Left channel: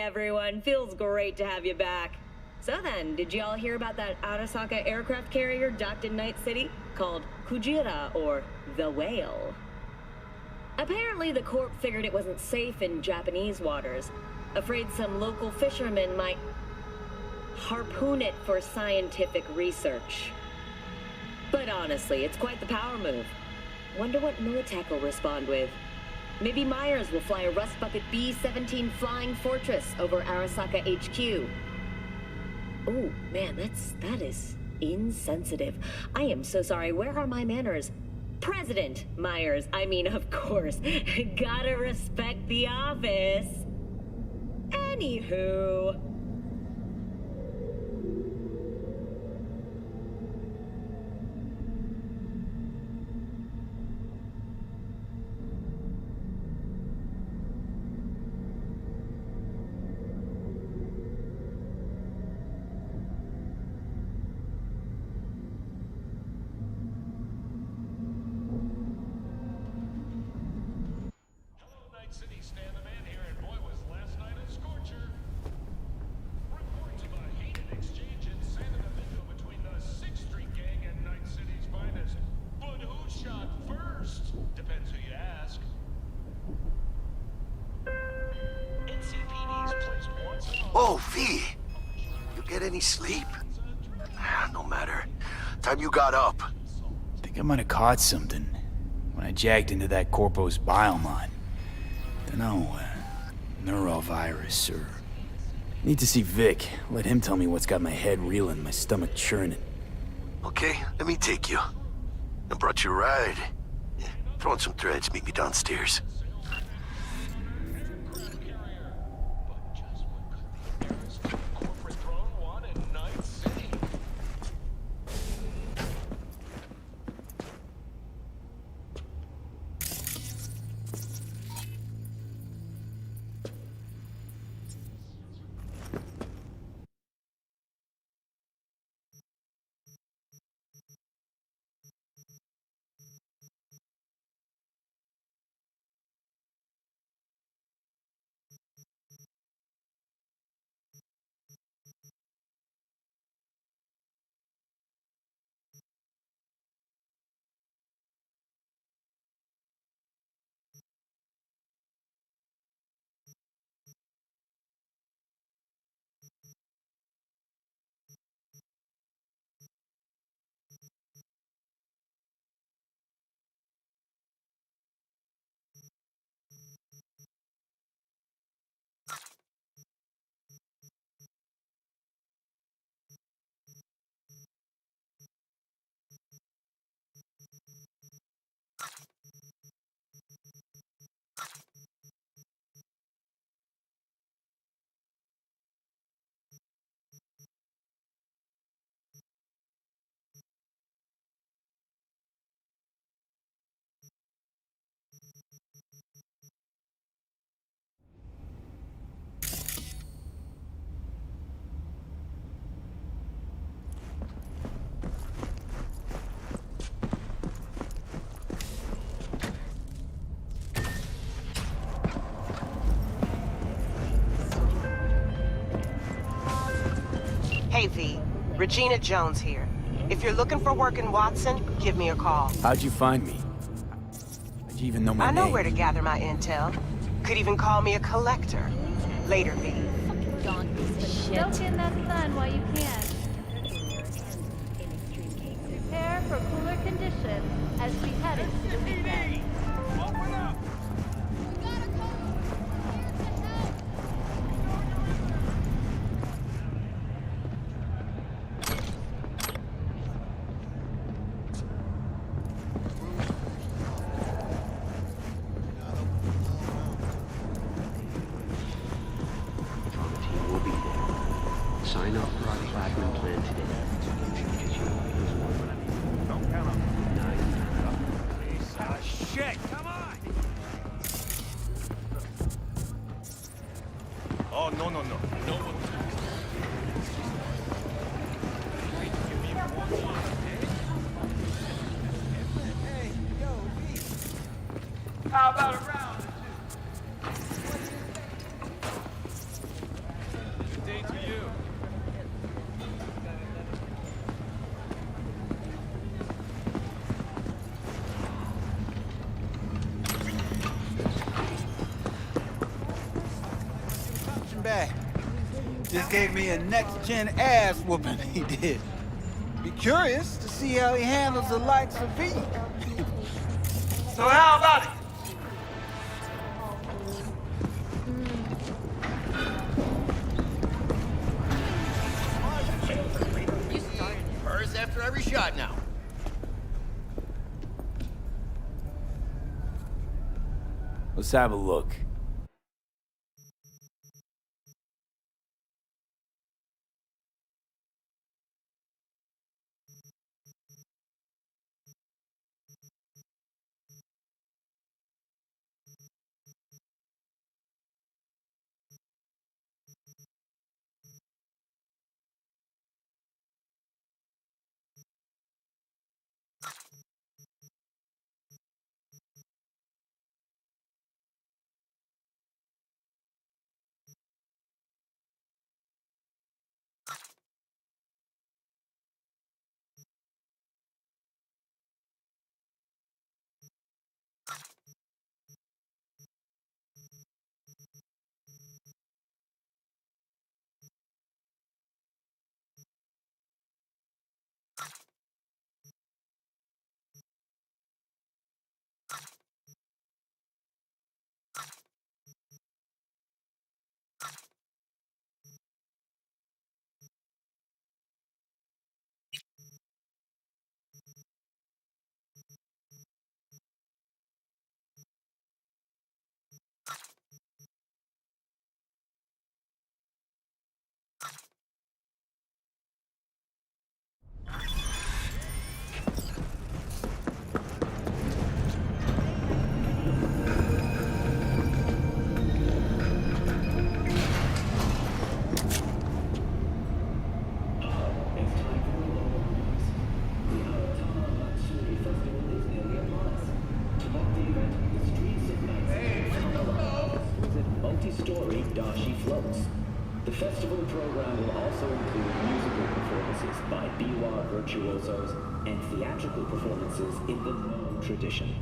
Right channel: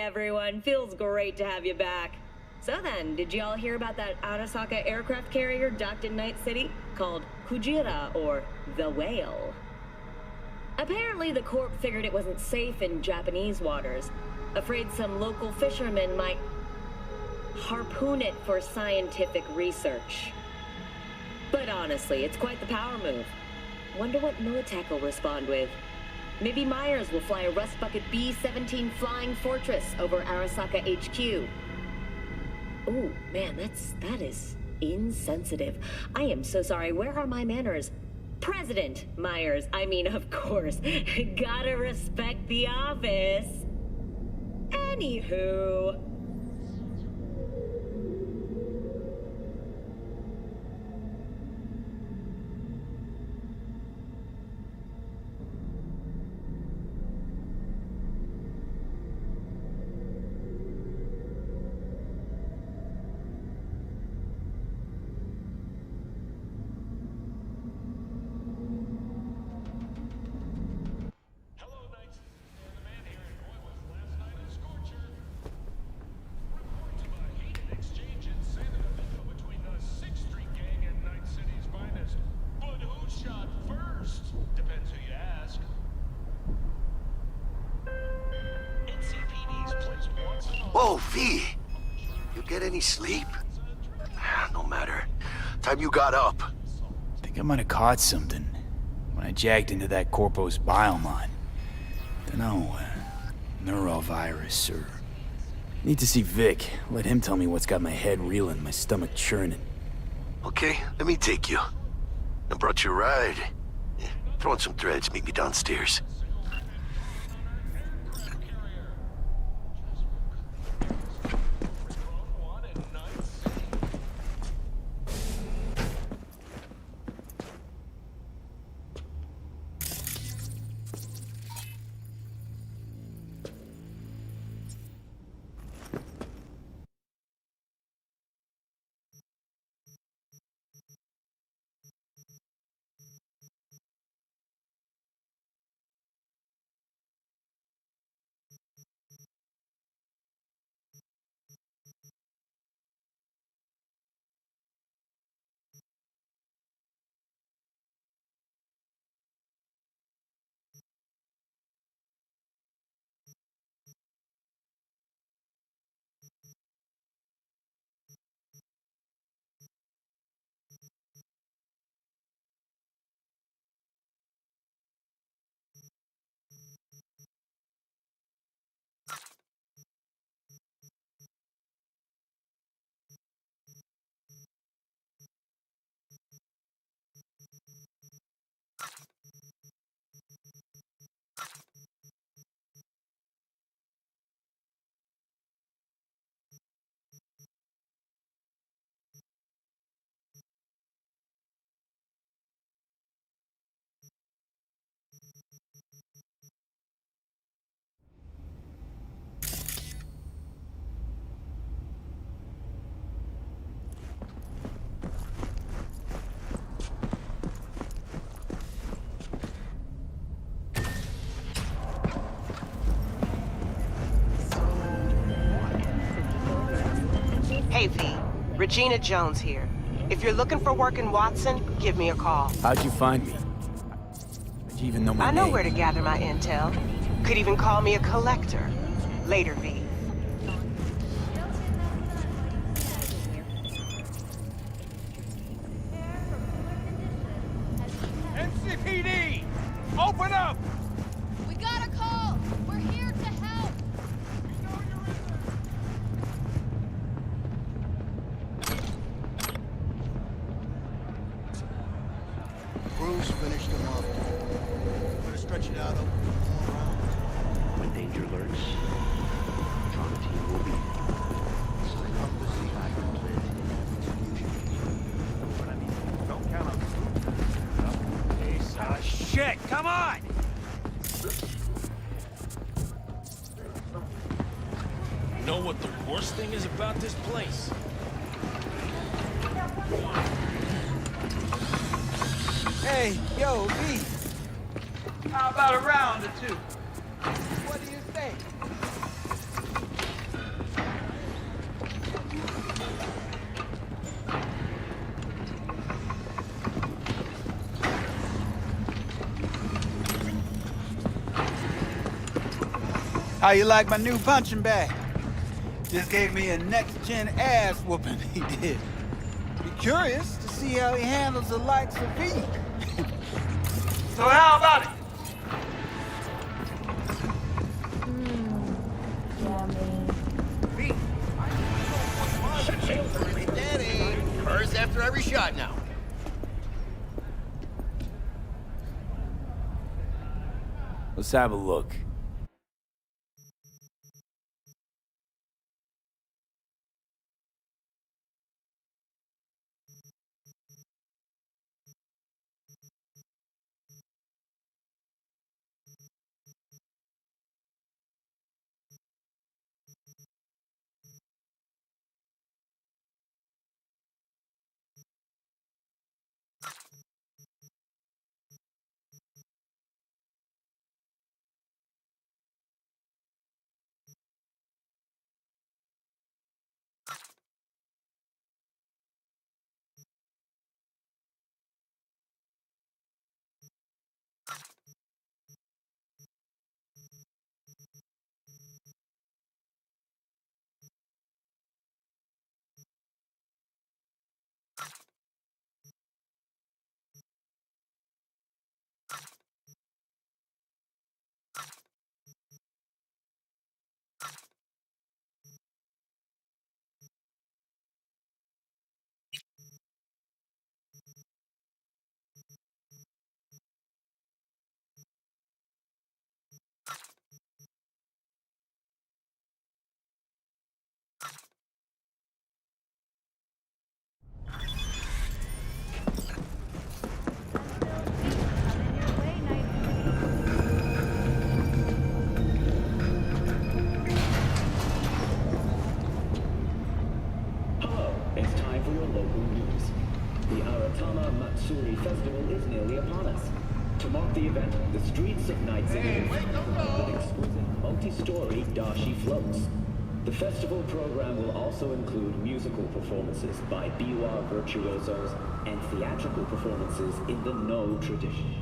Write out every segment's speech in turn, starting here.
everyone. Feels great to have you back. So then, did y'all hear about that Arasaka aircraft carrier docked in Night City? Called Kujira, or the Whale. Apparently the Corp figured it wasn't safe in Japanese waters. Afraid some local fishermen might harpoon it for scientific research. But honestly, it's quite the power move. Wonder what Militech will respond with. Maybe Myers will fly a Rust Bucket B-17 Flying Fortress over Arasaka HQ. Ooh, man, that is insensitive. I am so sorry. Where are my manners? President Myers, I mean, of course. Gotta respect the office. Anywho... Oh, V! You get any sleep? No matter. Time you got up. Think I might have caught something when I jacked into that Corpo's biomon. Dunno, neurovirus or... Need to see Vic. Let him tell me what's got my head reeling, my stomach churning. Okay, let me take you. I brought you a ride. Throw in some threads, meet me downstairs. Hey V, Regina Jones here. If you're looking for work in Watson, give me a call. How'd you find me? How'd you even know my name? I know where to gather my intel. Could even call me a collector. Later, V. Soak in that sun while you can. Prepare for cooler conditions as we head. NCPD! Open up! We got a call! We're here to help! Bruce finished him off. Stretch it out all around. When danger lurks, the trauma team will be there. Sign up for our platinum plan today. Don't count on me. Piece of shit! Come on! Oh, no. You know what the worst thing is about this place? Hey, yo, V. How about a round or two? What do you think? How you like my new punching bag? Just gave me a next-gen ass whooping, he did. Be curious to see how he handles the likes of V. So how about it? Hers after every shot now. Let's have a look. Festival is nearly upon us. To mark the event, the streets of Night City will exquisite multi-story dashi floats. The festival program will also include musical performances by biwa virtuosos and theatrical performances in the No tradition.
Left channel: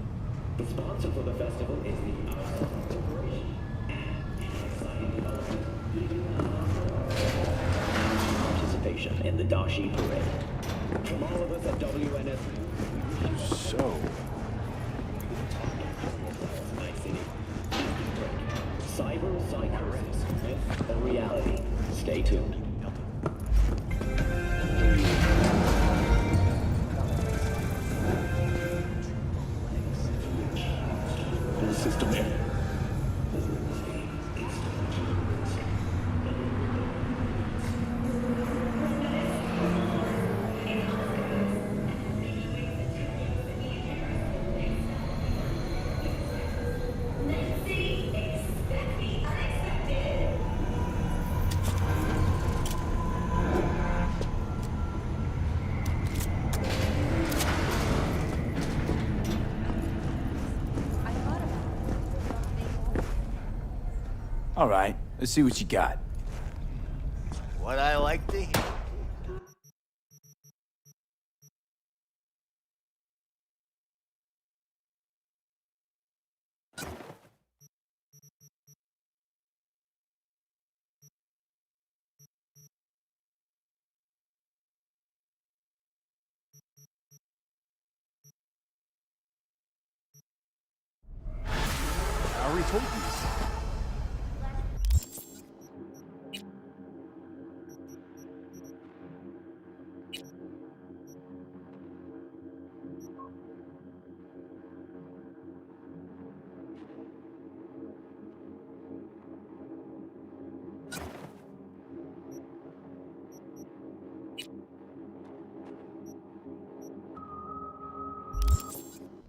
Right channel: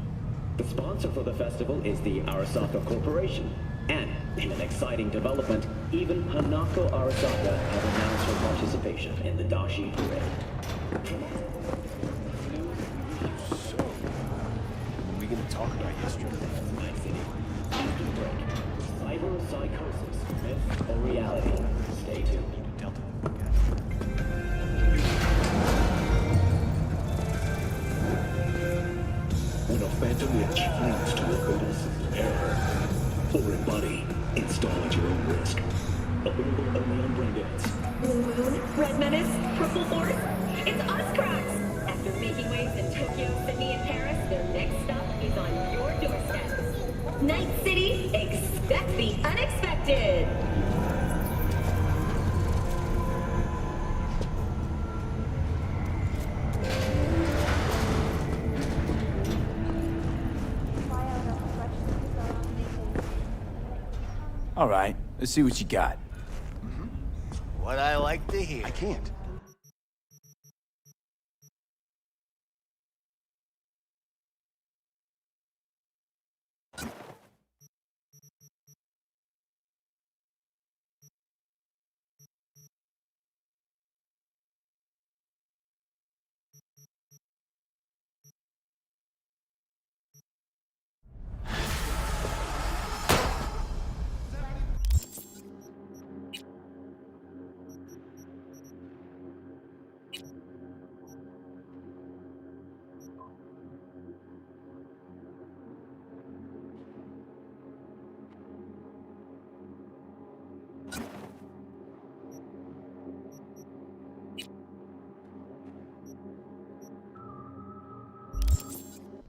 The sponsor for the festival is the Arasaka Corporation, and in an exciting development, even Hanako Arasaka has announced her participation in the dashi parade. From all of us at WNS News, So, when are we gonna talk about history? Night City. After the break. Cyber psychosis, myth or reality? Stay tuned. Delta. When a phantom witch leads to a global system error, or a body, install at your own risk. Available only on Braindance. Blue Moon, Red Menace, Purple Force, it's us cracks! After making waves in Tokyo, Sydney, and Paris, their next stop is on your doorstep. Night City, expect the unexpected! All right, let's see what you got. What I like to hear. I can't. I already told you.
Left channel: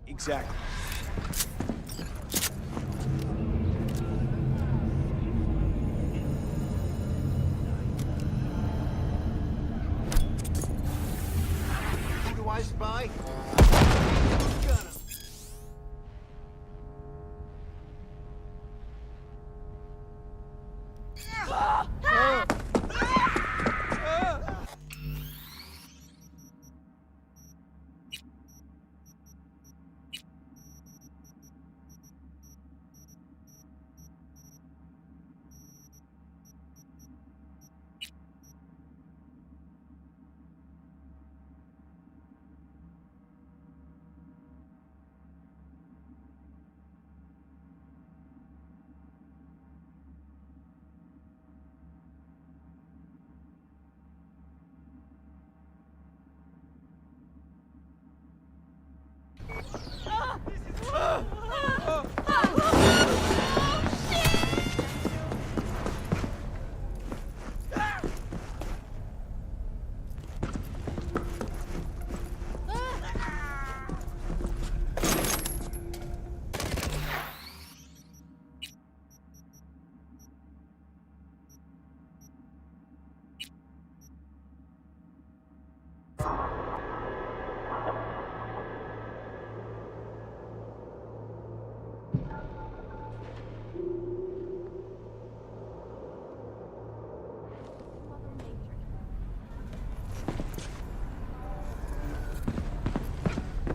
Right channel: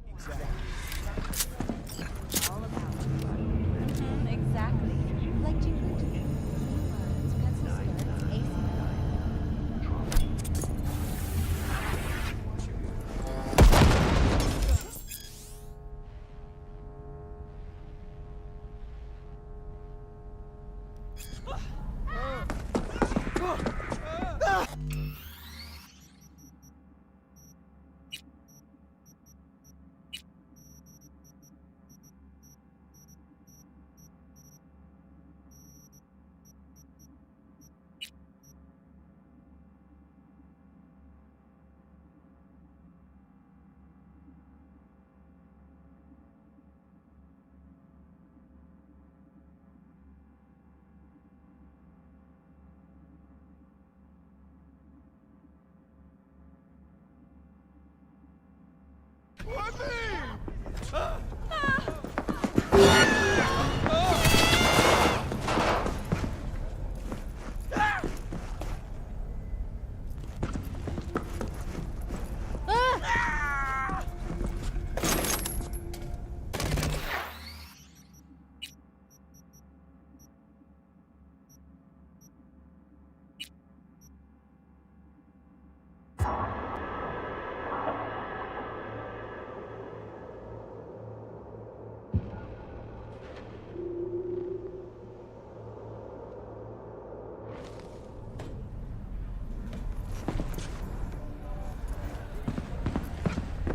Exactly. Do I spy?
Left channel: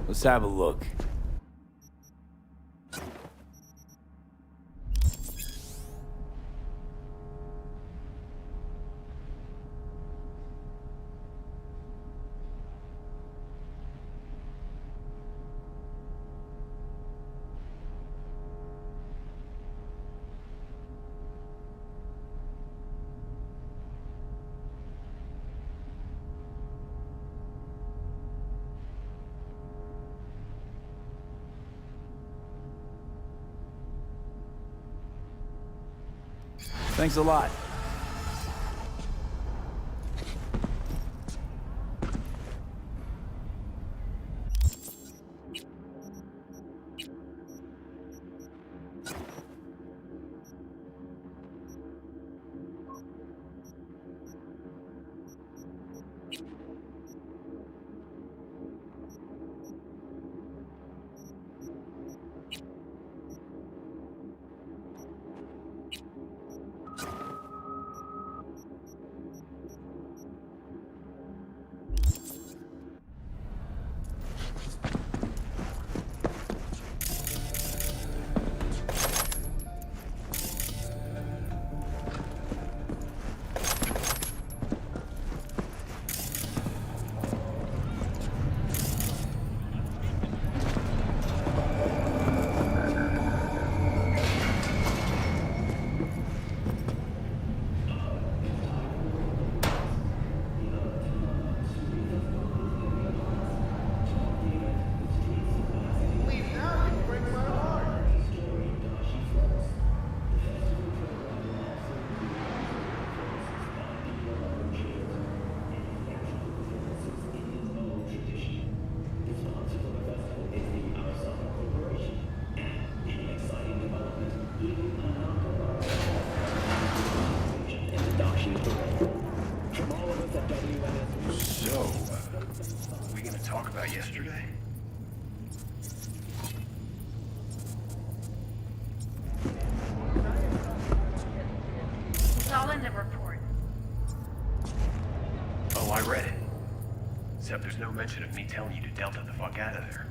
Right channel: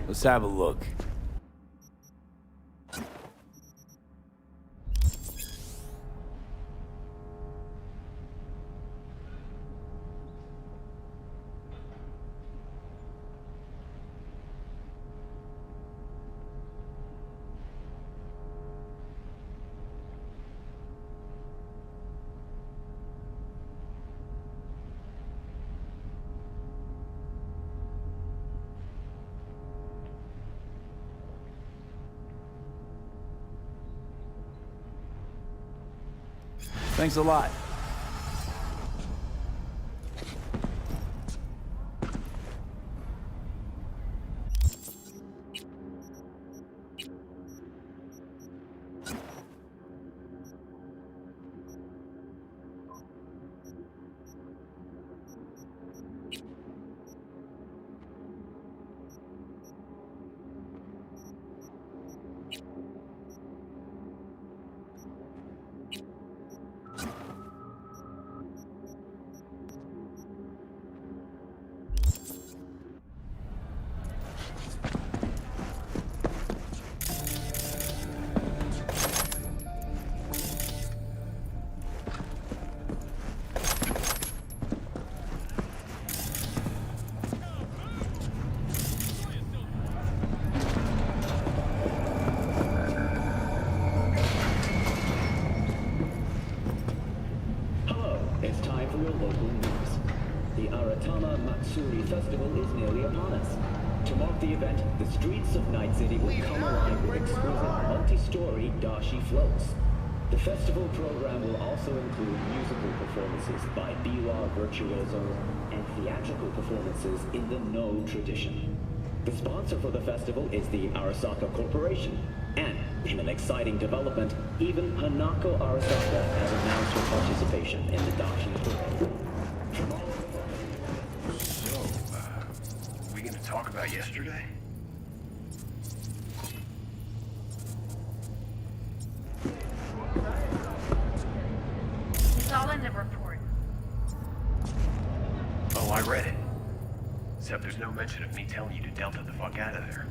Let's have a look. Thanks a lot. In the No tradition. The sponsor for the festival is the Arasaka Corporation, and in an exciting development, even Hanako Arasaka has announced her participation in the Dashi Parade. From all of us at WNS... So, we gonna talk about yesterday? It's all in the report. Oh, I read it. Except there's no mention of me telling you to Delta the fuck out of there.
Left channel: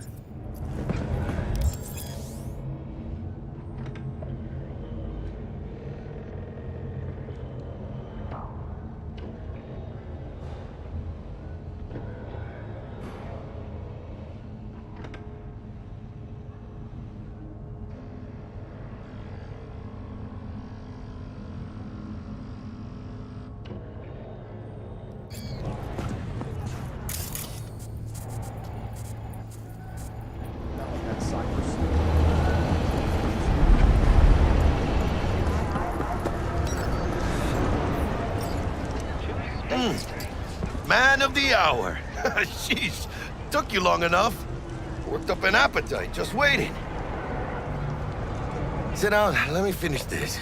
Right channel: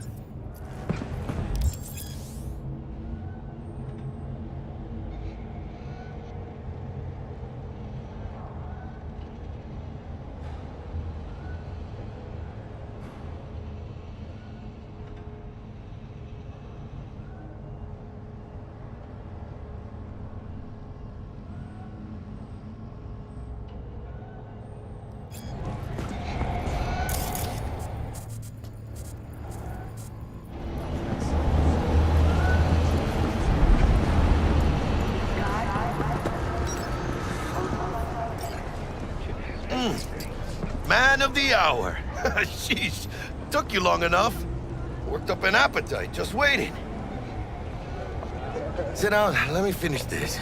Man of the hour. Sheesh, took you long enough. Worked up an appetite, just waiting. Sit down, let me finish this.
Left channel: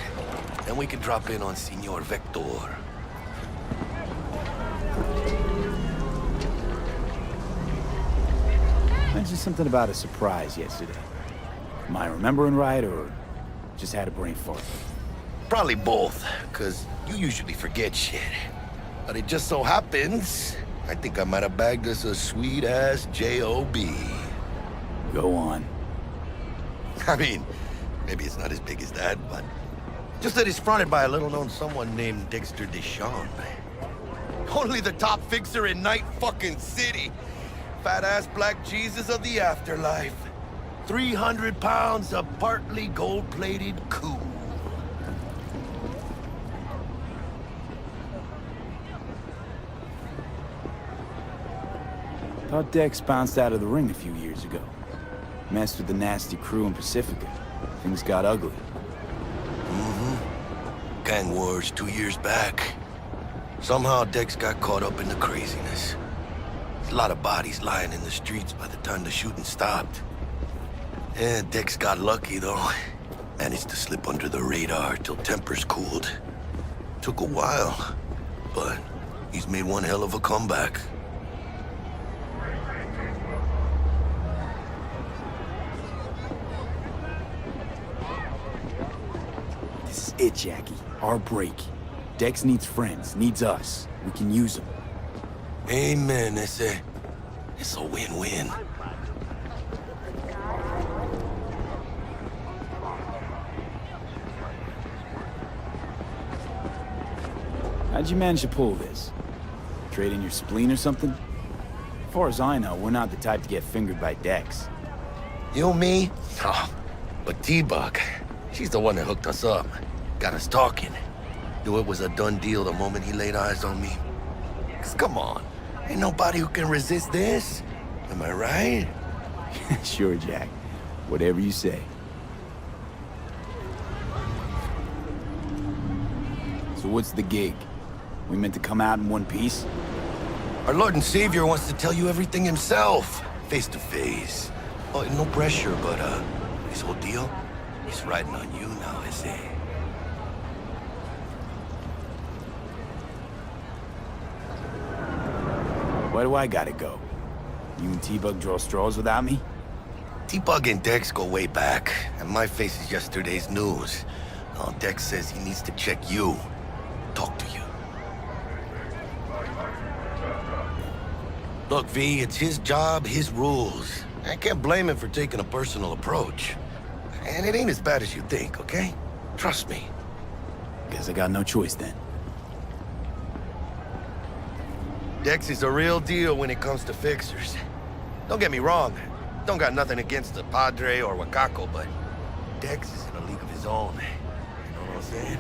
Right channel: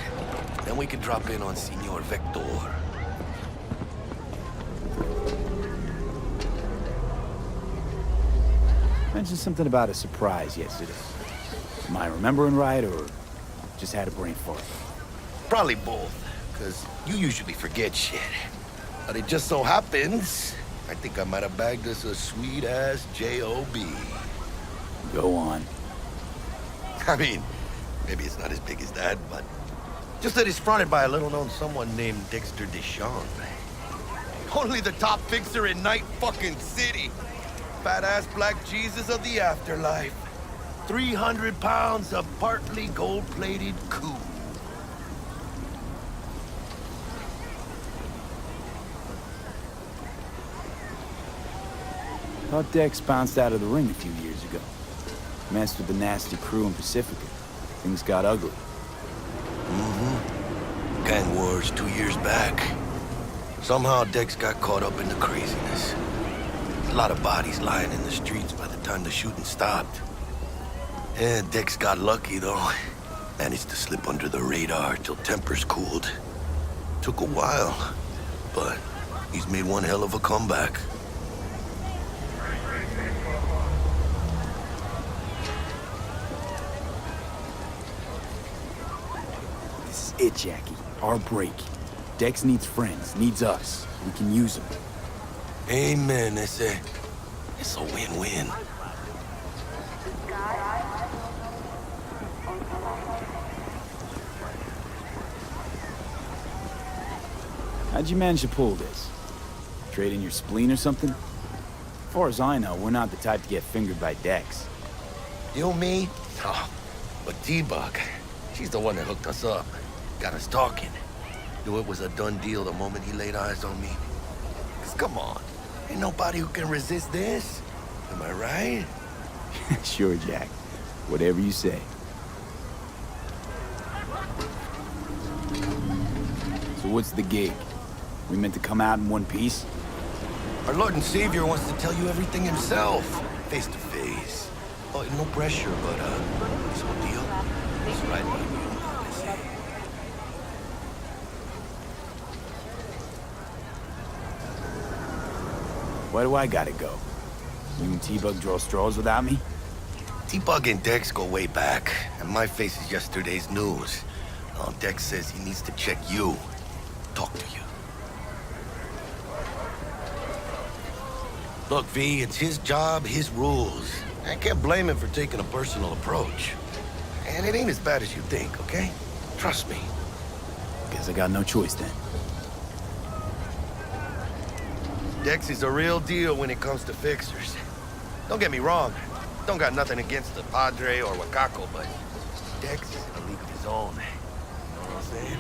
Then we can drop in on Senor Vector. Mentioned something about a surprise yesterday. Am I remembering right, or just had a brain fart? Probably both, because you usually forget shit. But it just so happens, I think I might have bagged us a sweet-ass J.O.B. Go on. I mean, maybe it's not as big as that, but... just that it's fronted by a little-known someone named Dexter Deshawn. Only the top fixer in Night fucking City. Fat-ass black Jesus of the afterlife. 300 pounds of partly gold-plated coup. Thought Dex bounced out of the ring a few years ago. Messed with the nasty crew in Pacifica. Things got ugly. Mm-hmm. Gang wars 2 years back. Somehow Dex got caught up in the craziness. A lot of bodies lying in the streets by the time the shooting stopped. And Dex got lucky, though. Managed to slip under the radar till tempers cooled. Took a while, but he's made one hell of a comeback. This is it, Jackie. Our break. Dex needs friends, needs us. We can use them. Amen, it's a win-win. How'd you manage to pull this? Trade in your spleen or something? As far as I know, we're not the type to get fingered by Dex. You, me? Oh, but T-Bug, she's the one that hooked us up. Got us talking. Knew it was a done deal the moment he laid eyes on me. 'Cause come on, ain't nobody who can resist this. Am I right? Sure, Jack. Whatever you say. So what's the gig? We meant to come out in one piece? Our Lord and Savior wants to tell you everything himself, face to face. Oh, no pressure, but this whole deal is riding on you now, I say. Why do I gotta go? You and T-Bug draw straws without me? T-Bug and Dex go way back, and my face is yesterday's news. Dex says he needs to check you, talk to you. Look, V, it's his job, his rules. I can't blame him for taking a personal approach. And it ain't as bad as you think, okay? Trust me. Guess I got no choice then. Dex is a real deal when it comes to fixers. Don't get me wrong. Don't got nothing against the Padre or Wakako, but Dex is in a league of his own. You know what I'm saying?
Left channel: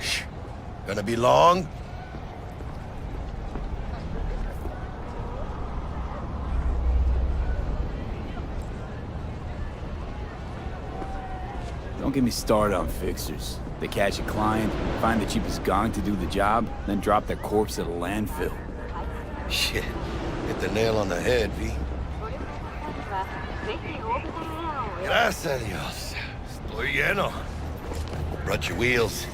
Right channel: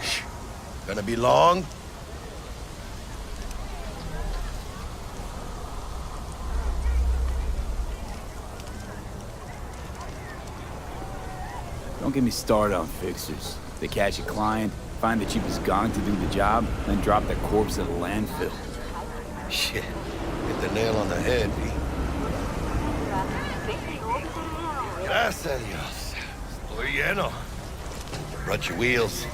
Shh. Gonna be long? Don't get me started on fixers. They catch a client, find the cheapest gong to do the job, then drop their corpse at a landfill. Shit. Hit the nail on the head, V. Gracias a Dios. Estoy lleno. Brought your wheels.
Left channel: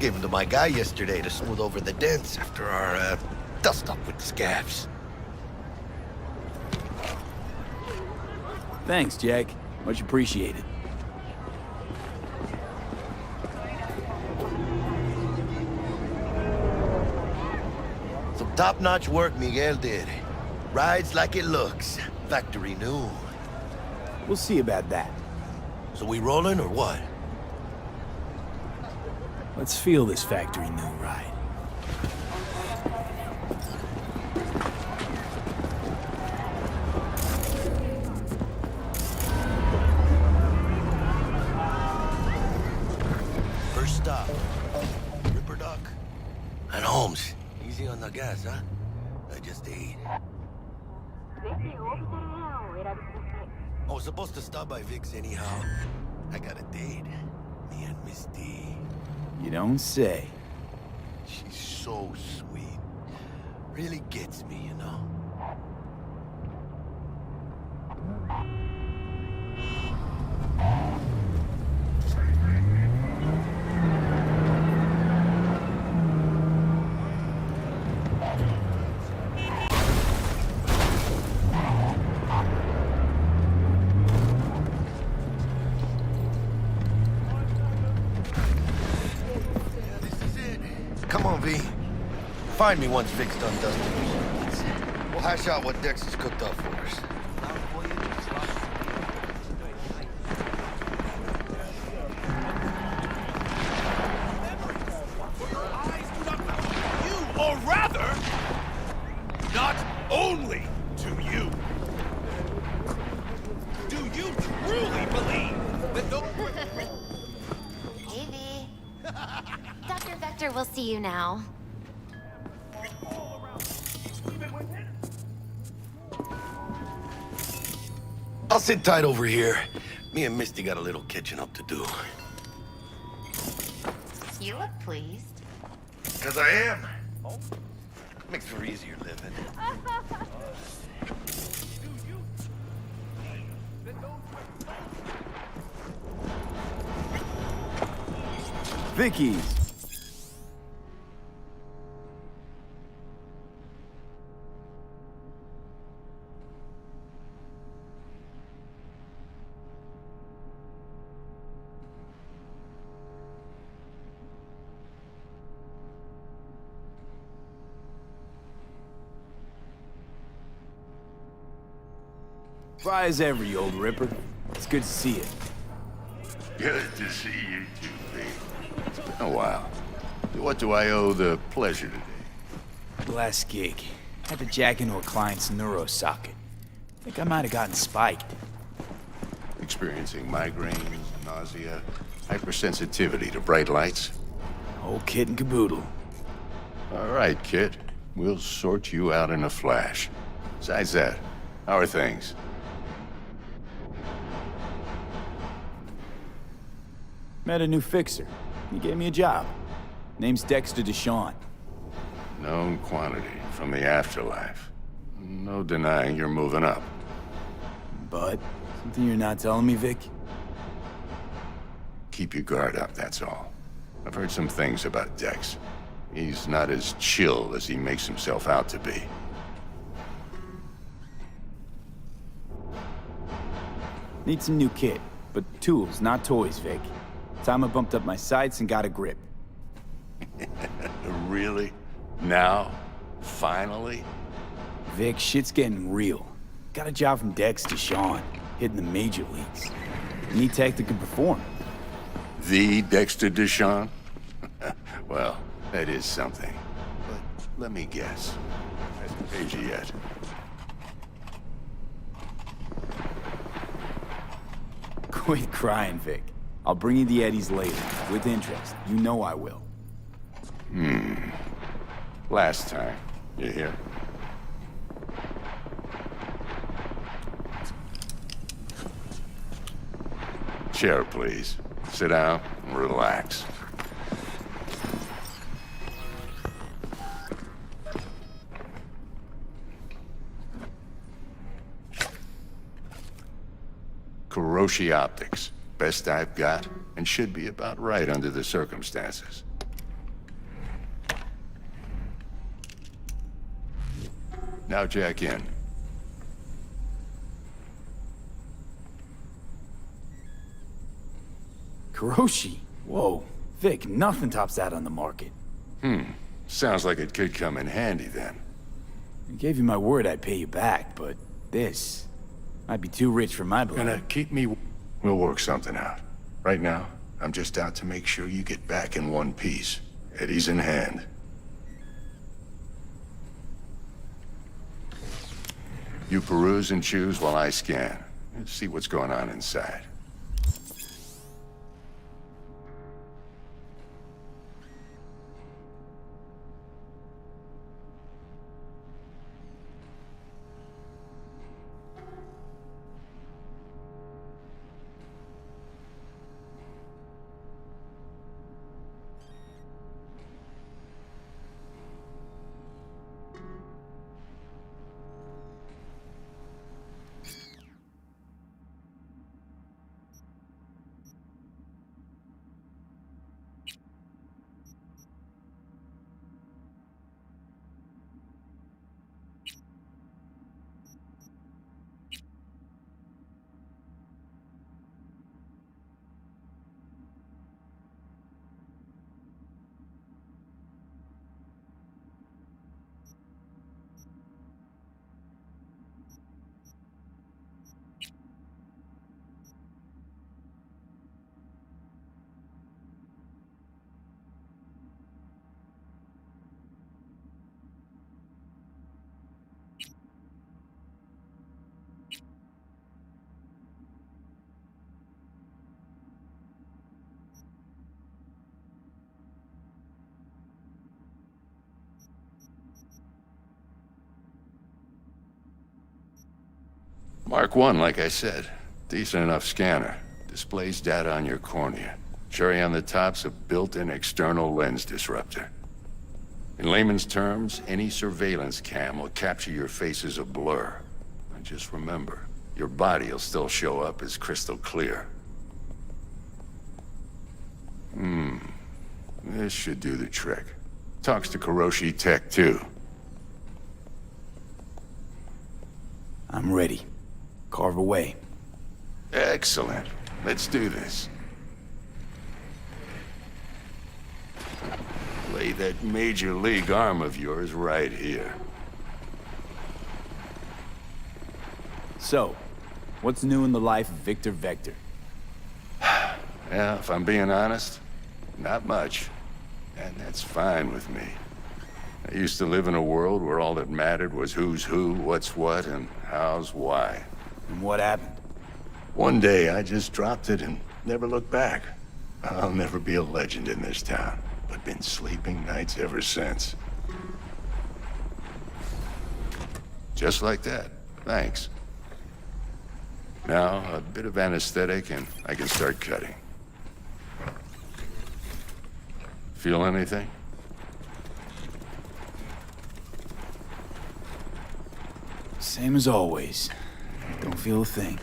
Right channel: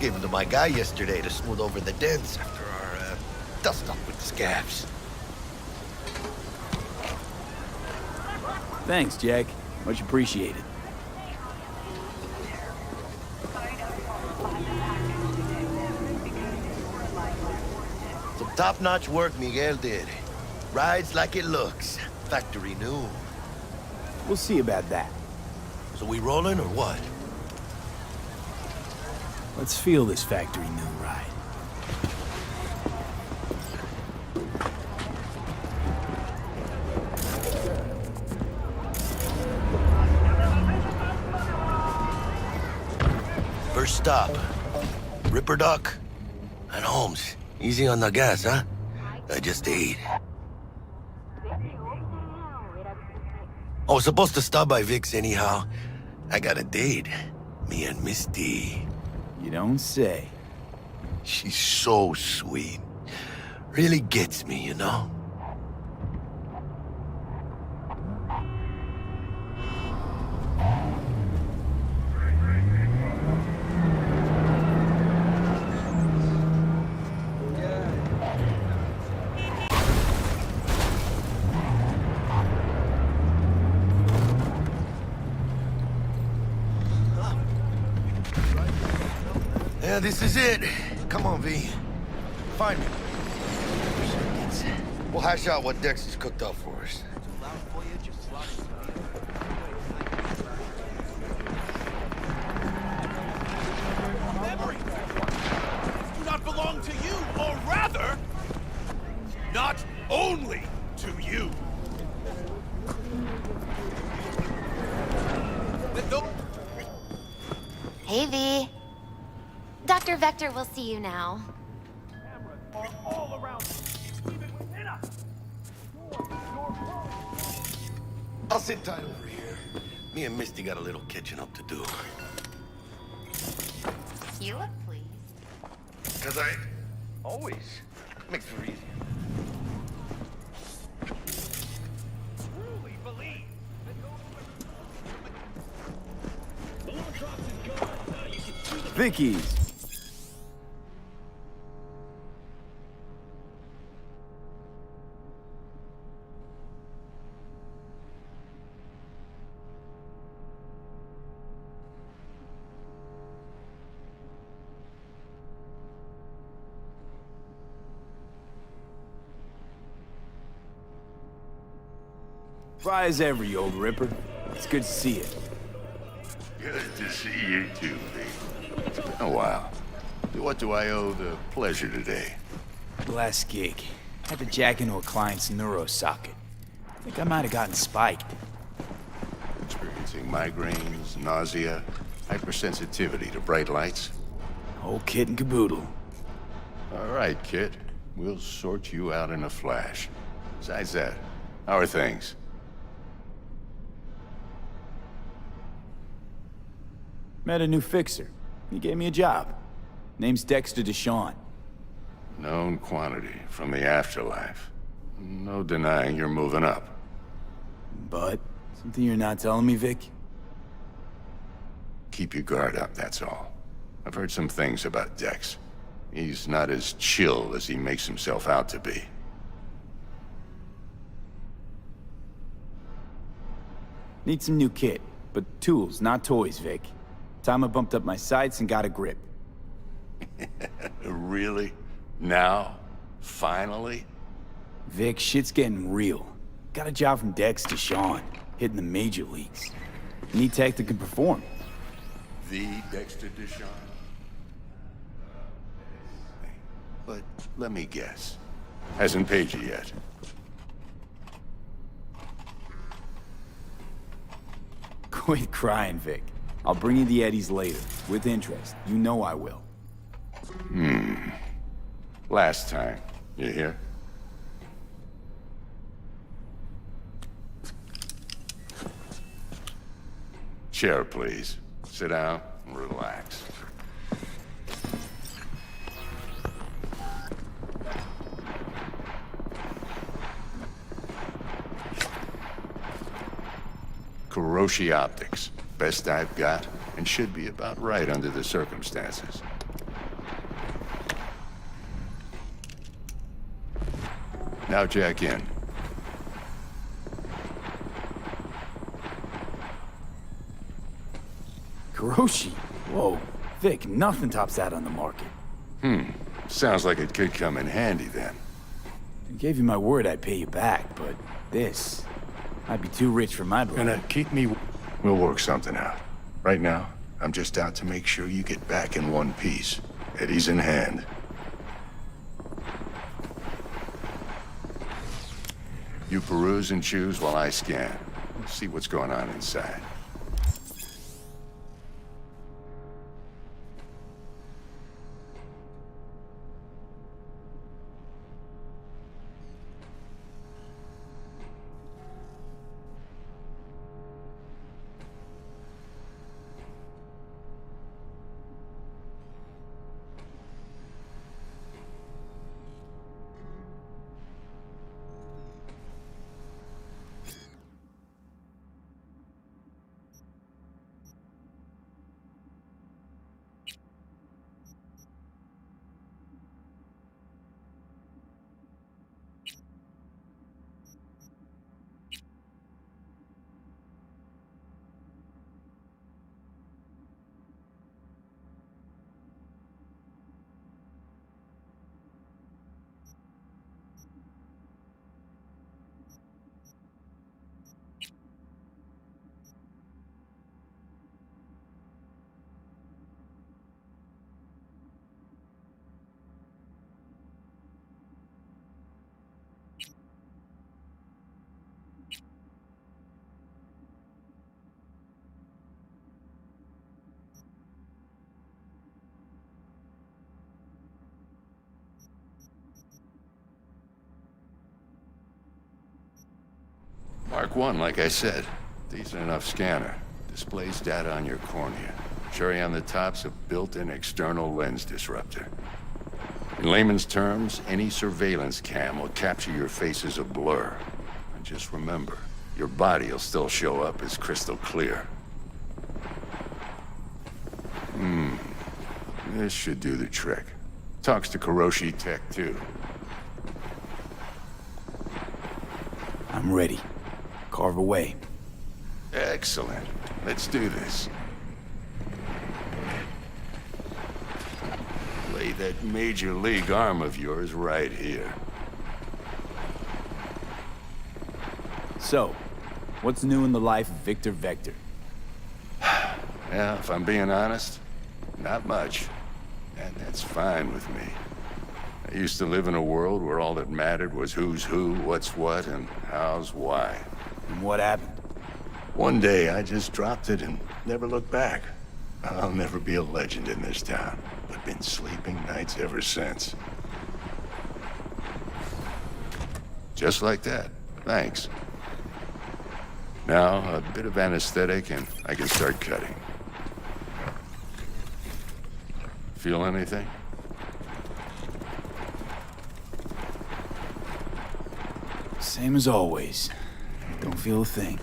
Gave them to my guy yesterday to smooth over the dents after our, dust-up with scabs. Thanks, Jack. Much appreciated. Some top-notch work Miguel did. Rides like it looks. Factory new. We'll see about that. So we rolling or what? Let's feel this factory new ride. First stop. Ripper Duck and Holmes. Easy on the gas, huh? I just ate. I was supposed to stop by Vic's anyhow. I got a date. Me and Misty. You don't say. She's so sweet. Really gets me, you know? Yeah, this is it. Come on, V. Find me one fixed up. We'll hash out what Dex has cooked up for us. Do not belong to you, or rather, not only to you. Do you truly believe that those... Hey, V. Dr. Vector will see you now. all around, even within us? I'll sit tight over here. Me and Misty got a little catching up to do. You look pleased. 'Cause I am. Always. Makes for easier living. Vicky's. Dry as ever, you old ripper. It's good to see you. Good to see you too, Pete. It's been a while. What do I owe the pleasure today? Last gig. Had to jack into a client's neuro socket. Think I might have gotten spiked. Experiencing migraines, nausea, hypersensitivity to bright lights? Whole kit and caboodle. All right, kid. We'll sort you out in a flash. Besides that, how are things? Met a new fixer. He gave me a job. Name's Dexter Deshawn. Known quantity from the afterlife. No denying you're moving up. But, something you're not telling me, Vic? Keep your guard up, that's all. I've heard some things about Dex. He's not as chill as he makes himself out to be. Need some new kit, but tools, not toys, Vic. Time I bumped up my sights and got a grip. Really? Now? Finally? Vic, shit's getting real. Got a job from Dex Deshawn, hitting the major leagues. Need tech that can perform. The Dexter Deshawn? Well, that is something. But let me guess. Hasn't paid you yet. Quit crying, Vic. I'll bring you the eddies later, with interest. You know I will. Last time. You hear? Chair, please. Sit down and relax. Kuroshi Optics. Best I've got, and should be about right under the circumstances. Now jack in. Kuroshi? Whoa. Vic, nothing tops that on the market. Sounds like it could come in handy then. I gave you my word I'd pay you back, but this might be too rich for my blood. Gonna keep me... We'll work something out. Right now, I'm just out to make sure you get back in one piece. Eddie's in hand. You peruse and choose while I scan. See what's going on inside. Mark 1, like I said. Decent enough scanner. Displays data on your cornea. Cherry on the top's a built-in external lens disruptor. In layman's terms, any surveillance cam will capture your face as a blur. And just remember, your body will still show up as crystal clear. This should do the trick. Talks to Kuroshi Tech, too. I'm ready. Carve away. Excellent. Let's do this. Lay that major league arm of yours right here. So, What's new in the life of Victor Vector? Yeah, if I'm being honest, not much. And that's fine with me. I used to live in a world where all that mattered was who's who, what's what, and how's why. And what happened? One day, I just dropped it and never looked back. I'll never be a legend in this town, but been sleeping nights ever since. Just like that. Thanks. Now, a bit of anesthetic and I can start cutting. Feel anything? Same as always. Don't feel a thing.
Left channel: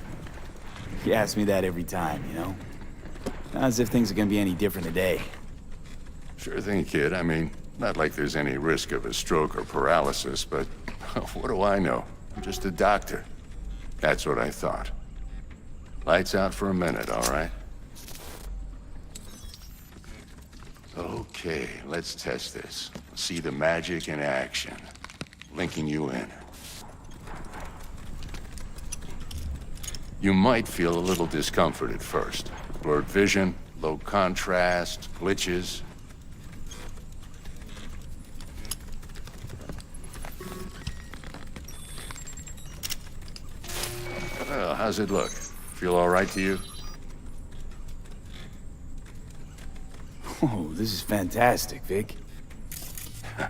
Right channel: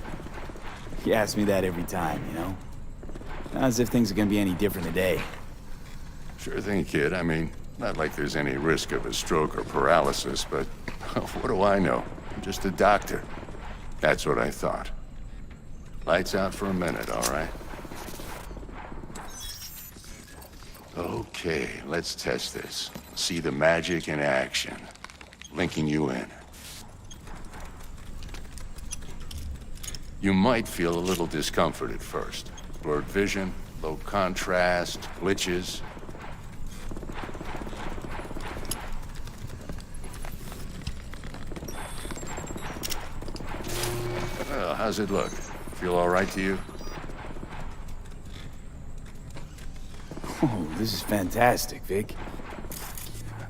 You ask me that every time, you know? Not as if things are gonna be any different today. Sure thing, kid. I mean, not like there's any risk of a stroke or paralysis, but what do I know? I'm just a doctor. That's what I thought. Lights out for a minute, all right? Okay, let's test this. See the magic in action. Linking you in. You might feel a little discomfort at first. Blurred vision, low contrast, glitches. Well, how's it look? Feel all right to you? Oh, this is fantastic, Vic.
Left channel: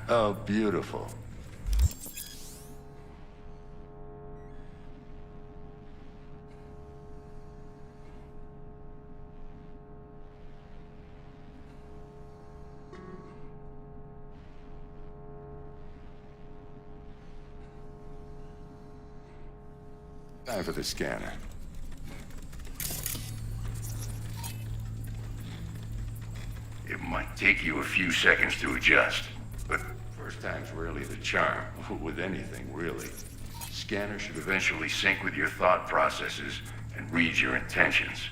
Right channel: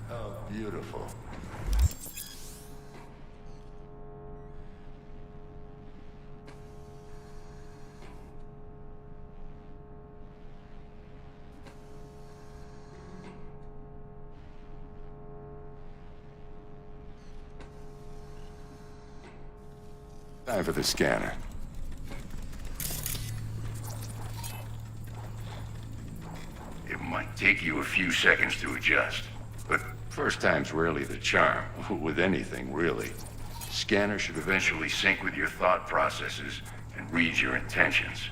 Oh, beautiful. Time for the scanner. It might take you a few seconds to adjust, but first time's rarely the charm, with anything, really. Scanner should eventually sync with your thought processes and read your intentions.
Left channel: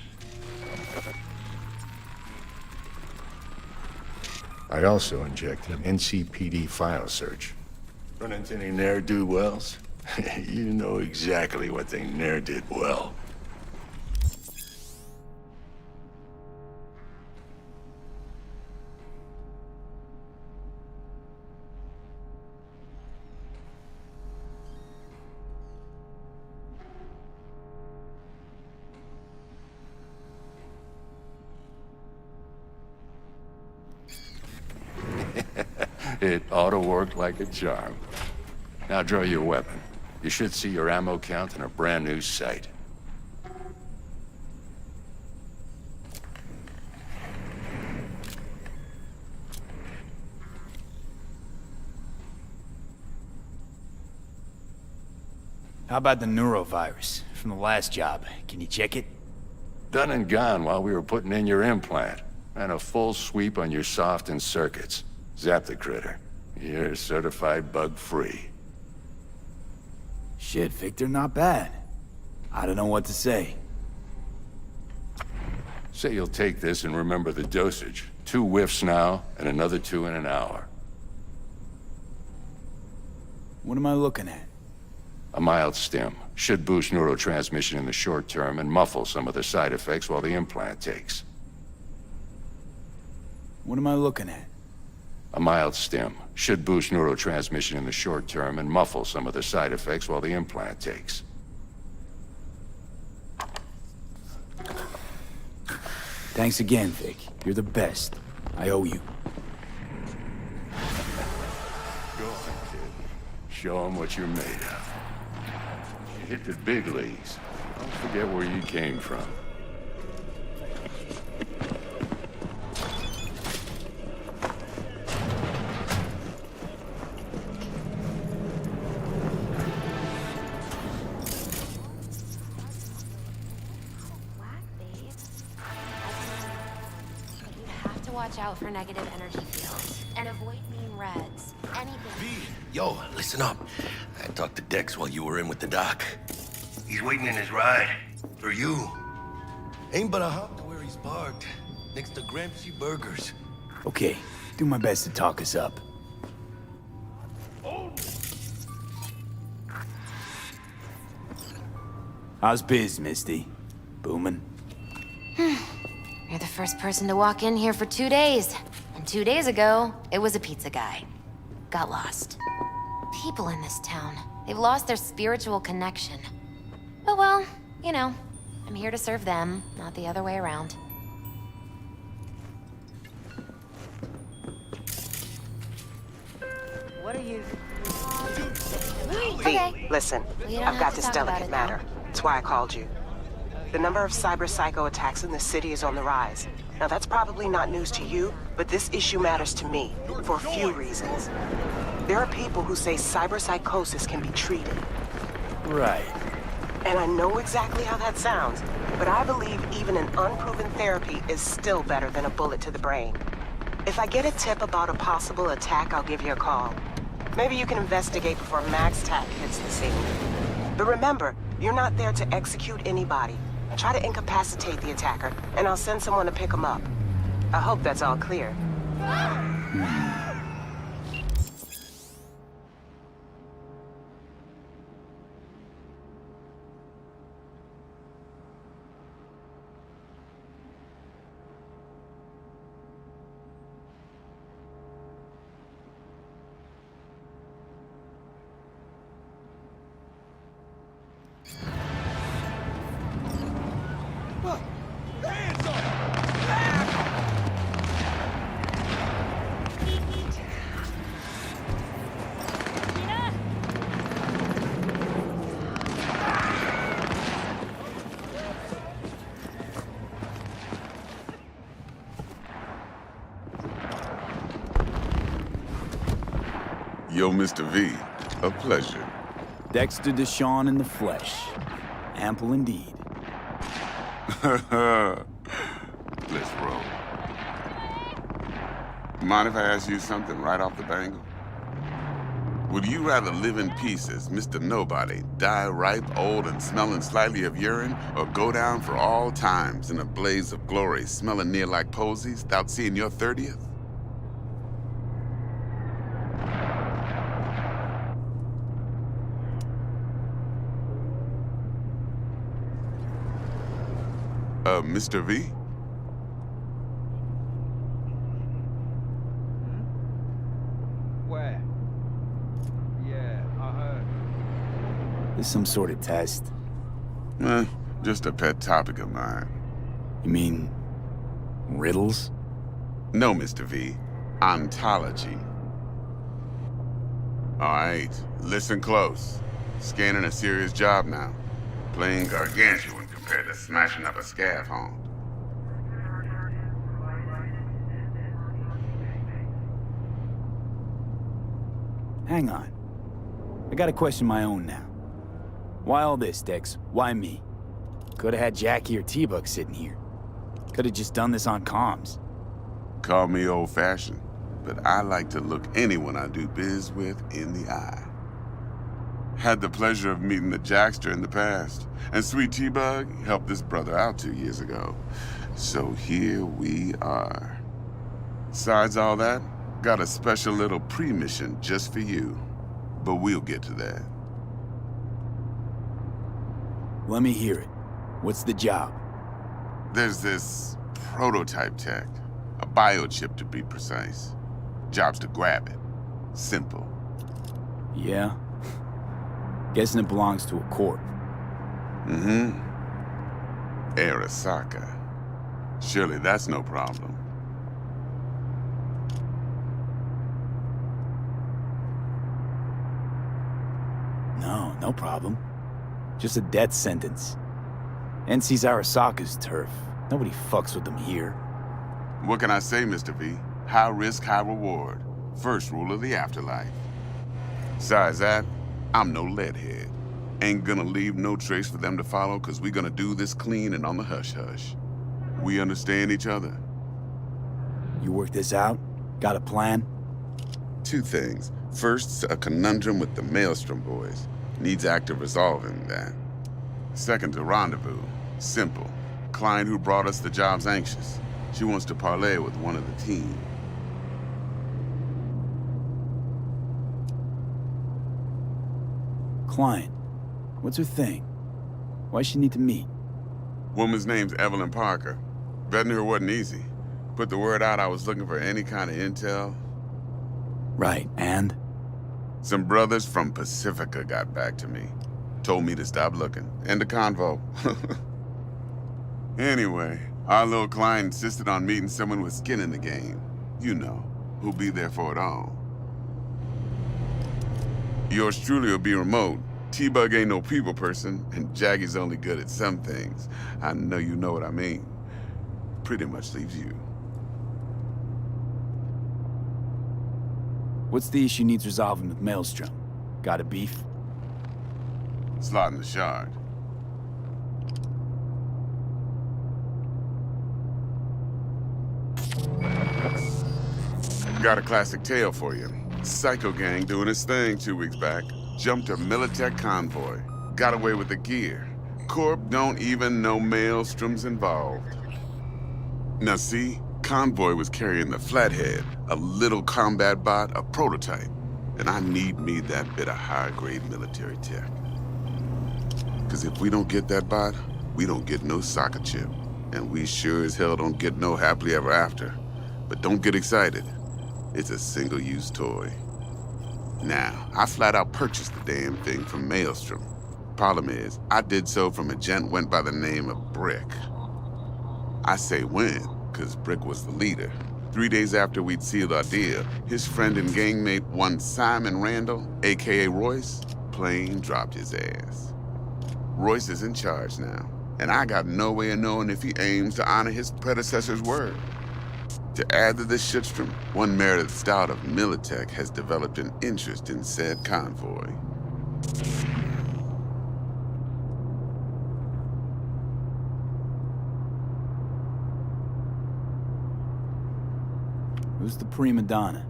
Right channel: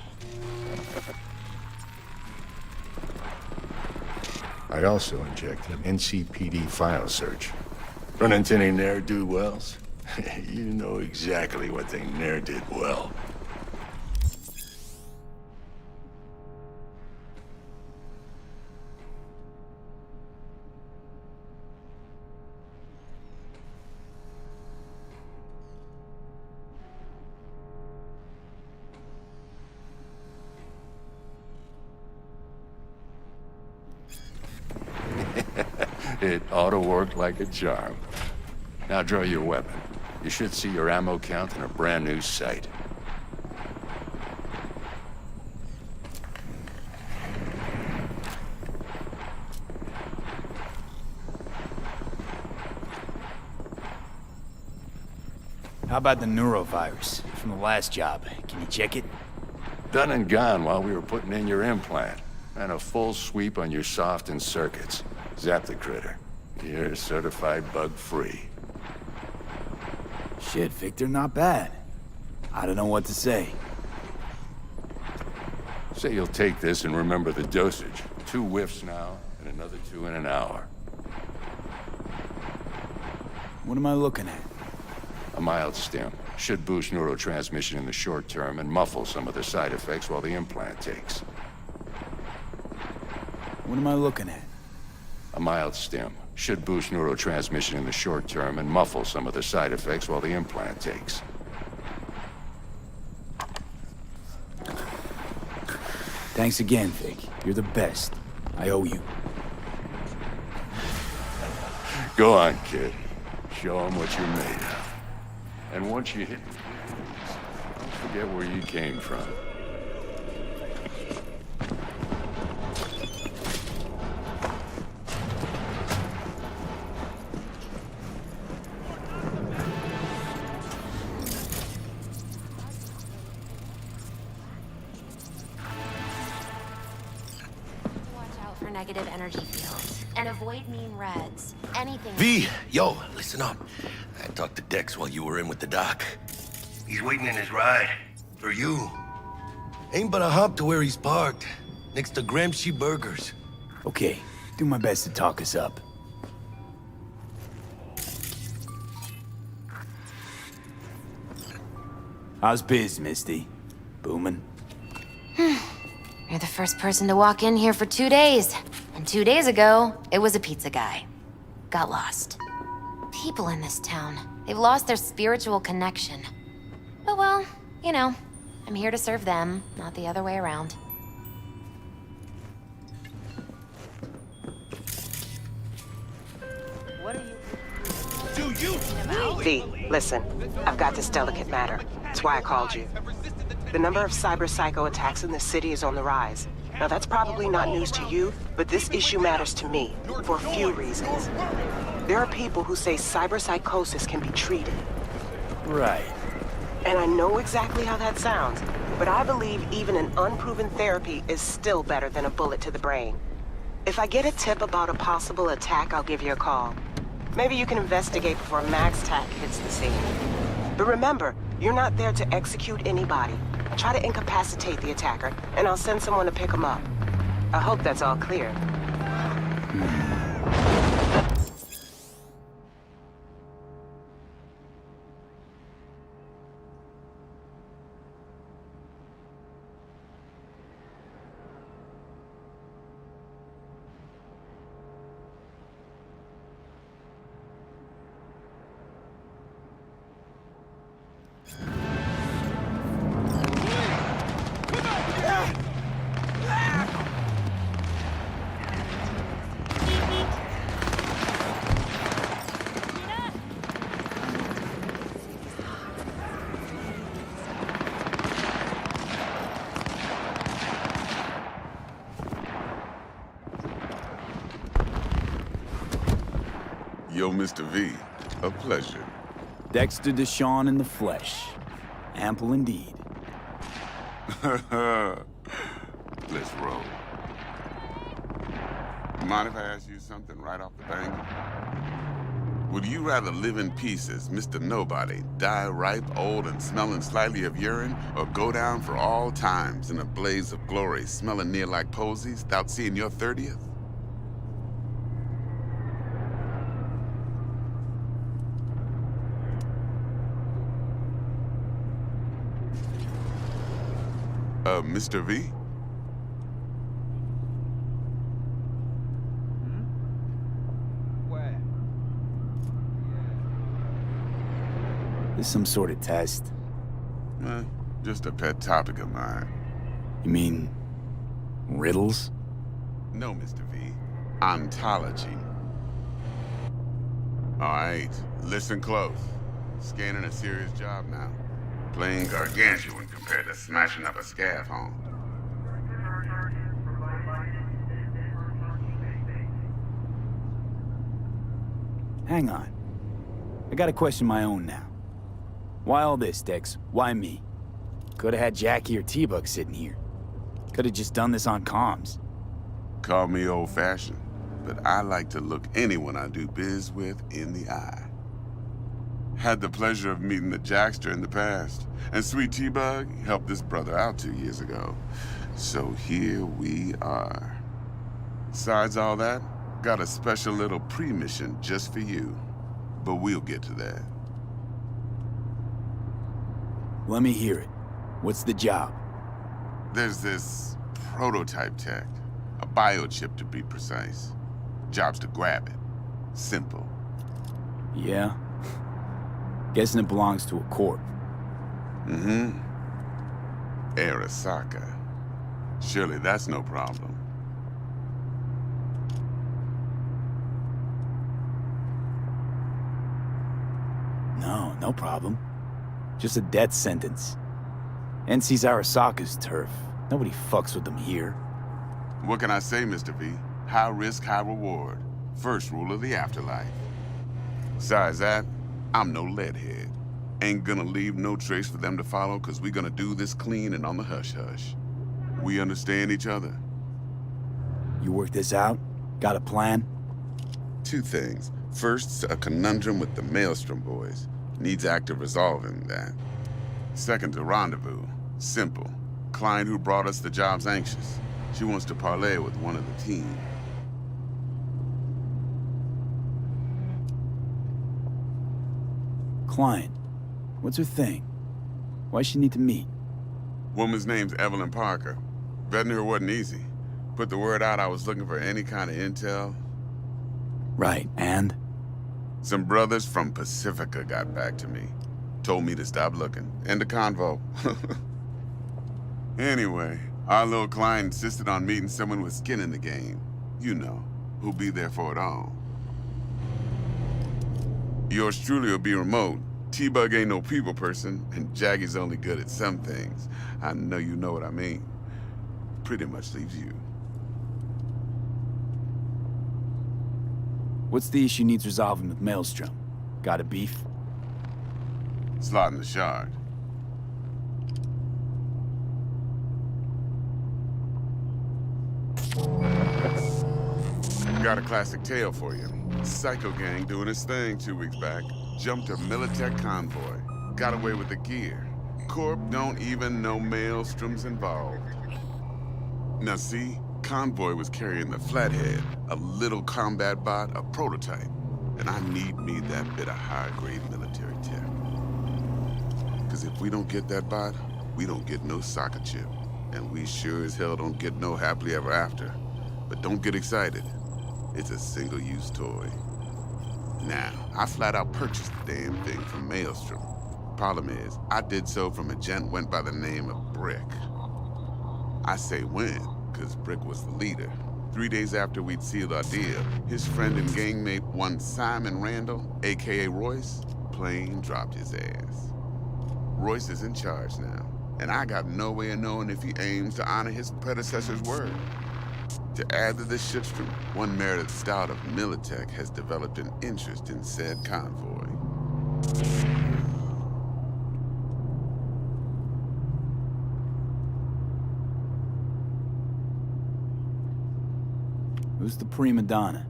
I also inject an NCPD file search. Run into any ne'er-do-wells? You know exactly what they ne'er did well. It ought to work like a charm. Now draw your weapon. You should see your ammo count in a brand new sight. How about the neurovirus from the last job? Can you check it? Done and gone while we were putting in your implant. And a full sweep on your soft and circuits. Zap the critter. You're certified bug-free. Shit, Victor, not bad. I don't know what to say. Say you'll take this and remember the dosage. 2 whiffs now, and another 2 in an hour. What am I looking at? A mild stim. Should boost neurotransmission in the short term and muffle some of the side effects while the implant takes. What am I looking at? A mild stim. Should boost neurotransmission in the short term and muffle some of the side effects while the implant takes. Thanks again, Vic. You're the best. I owe you. Go on, kid. Show them what you're made of. And once you hit the big leagues, don't forget where you came from. For negative energy fields and avoid mean reds. Anything. V, yo, listen up. I talked to Dex while you were in with the doc. He's waiting in his ride. For you. Ain't but a hop to where he's parked. Next to Gramsci Burgers. Okay, do my best to talk us up. How's biz, Misty? Booming? You're the first person to walk in here for 2 days. And 2 days ago, it was a pizza guy. Got lost. People in this town, they've lost their spiritual connection. But well, you know, I'm here to serve them, not the other way around. What are you... Do you really? Hey, listen, I've got this delicate matter. That's why I called you. The number of cyber psycho attacks in the city is on the rise. Now that's probably not news to you, but this issue matters to me for a few reasons. There are people who say cyber psychosis can be treated. Right. And I know exactly how that sounds, but I believe even an unproven therapy is still better than a bullet to the brain. If I get a tip about a possible attack, I'll give you a call. Maybe you can investigate before Max Tack hits the scene. But remember, you're not there to execute anybody. Try to incapacitate the attacker, and I'll send someone to pick him up. I hope that's all clear. Yo, Mr. V, a pleasure. Dexter Deshawn in the flesh. Ample indeed. Let's roll. Mind if I ask you something right off the bang? Would you rather live in peace as Mr. Nobody, die ripe, old, and smelling slightly of urine, or go down for all times in a blaze of glory, smelling near like posies, without seeing your 30th? Mr. V? Where? Yeah, I heard. This some sort of test? Just a pet topic of mine. You mean... riddles? No, Mr. V. Ontology. All right, listen close. Scanning a serious job now. Playing gargantuan compared to smashing up a scaffold. Hang on. I gotta question my own now. Why all this, Dex? Why me? Could've had Jackie or T-Bug sitting here. Could've just done this on comms. Call me old-fashioned, but I like to look anyone I do biz with in the eye. Had the pleasure of meeting the Jackster in the past, and Sweet T-Bug helped this brother out 2 years ago. So here we are. Besides all that, got a special little pre-mission just for you. But we'll get to that. Let me hear it. What's the job? There's this prototype tech, a biochip to be precise. Job's to grab it. Simple. Yeah? Guessing it belongs to a corp. Mm-hmm. Arasaka. Surely that's no problem. No, no problem. Just a death sentence. NC's Arasaka's turf. Nobody fucks with them here. What can I say, Mr. V? High risk, high reward. First rule of the afterlife. Besides that, I'm no leadhead. Ain't gonna leave no trace for them to follow, cause we gonna do this clean and on the hush-hush. We understand each other. You work this out? Got a plan? 2 things. First, a conundrum with the Maelstrom boys. Needs active resolving that. Second, a rendezvous. Simple. Client who brought us the job's anxious. She wants to parlay with one of the team. Client. What's her thing? Why she need to meet? Woman's name's Evelyn Parker. Vetting her wasn't easy. Put the word out I was looking for any kind of intel. Right, and? Some brothers from Pacifica got back to me. Told me to stop looking. End the convo. Anyway, our little client insisted on meeting someone with skin in the game. You know, who'll be there for it all. Yours truly will be remote. T-Bug ain't no people person, and Jaggy's only good at some things. I know you know what I mean. Pretty much leaves you. What's the issue needs resolving with Maelstrom? Got a beef? Slotting the shard. Got a classic tale for you. Psycho gang doing his thing 2 weeks back. Jumped a Militech convoy. Got away with the gear. Corp don't even know Maelstrom's involved. Now see, convoy was carrying the Flathead, a little combat bot, a prototype. And I need me that bit of high-grade military tech. Cause if we don't get that bot, we don't get no soccer chip. And we sure as hell don't get no happily ever after. But don't get excited. It's a single-use toy. Now, I flat out purchased the damn thing from Maelstrom. Problem is, I did so from a gent went by the name of Brick. I say when, cause Brick was the leader. 3 days after we'd sealed our deal, his friend and gangmate, one Simon Randall, aka Royce, plain dropped his ass. Royce is in charge now, and I got no way of knowing if he aims to honor his predecessor's word. To add to this shitstorm, one merited stout of Militech has developed an interest in said convoy. Who's the prima donna?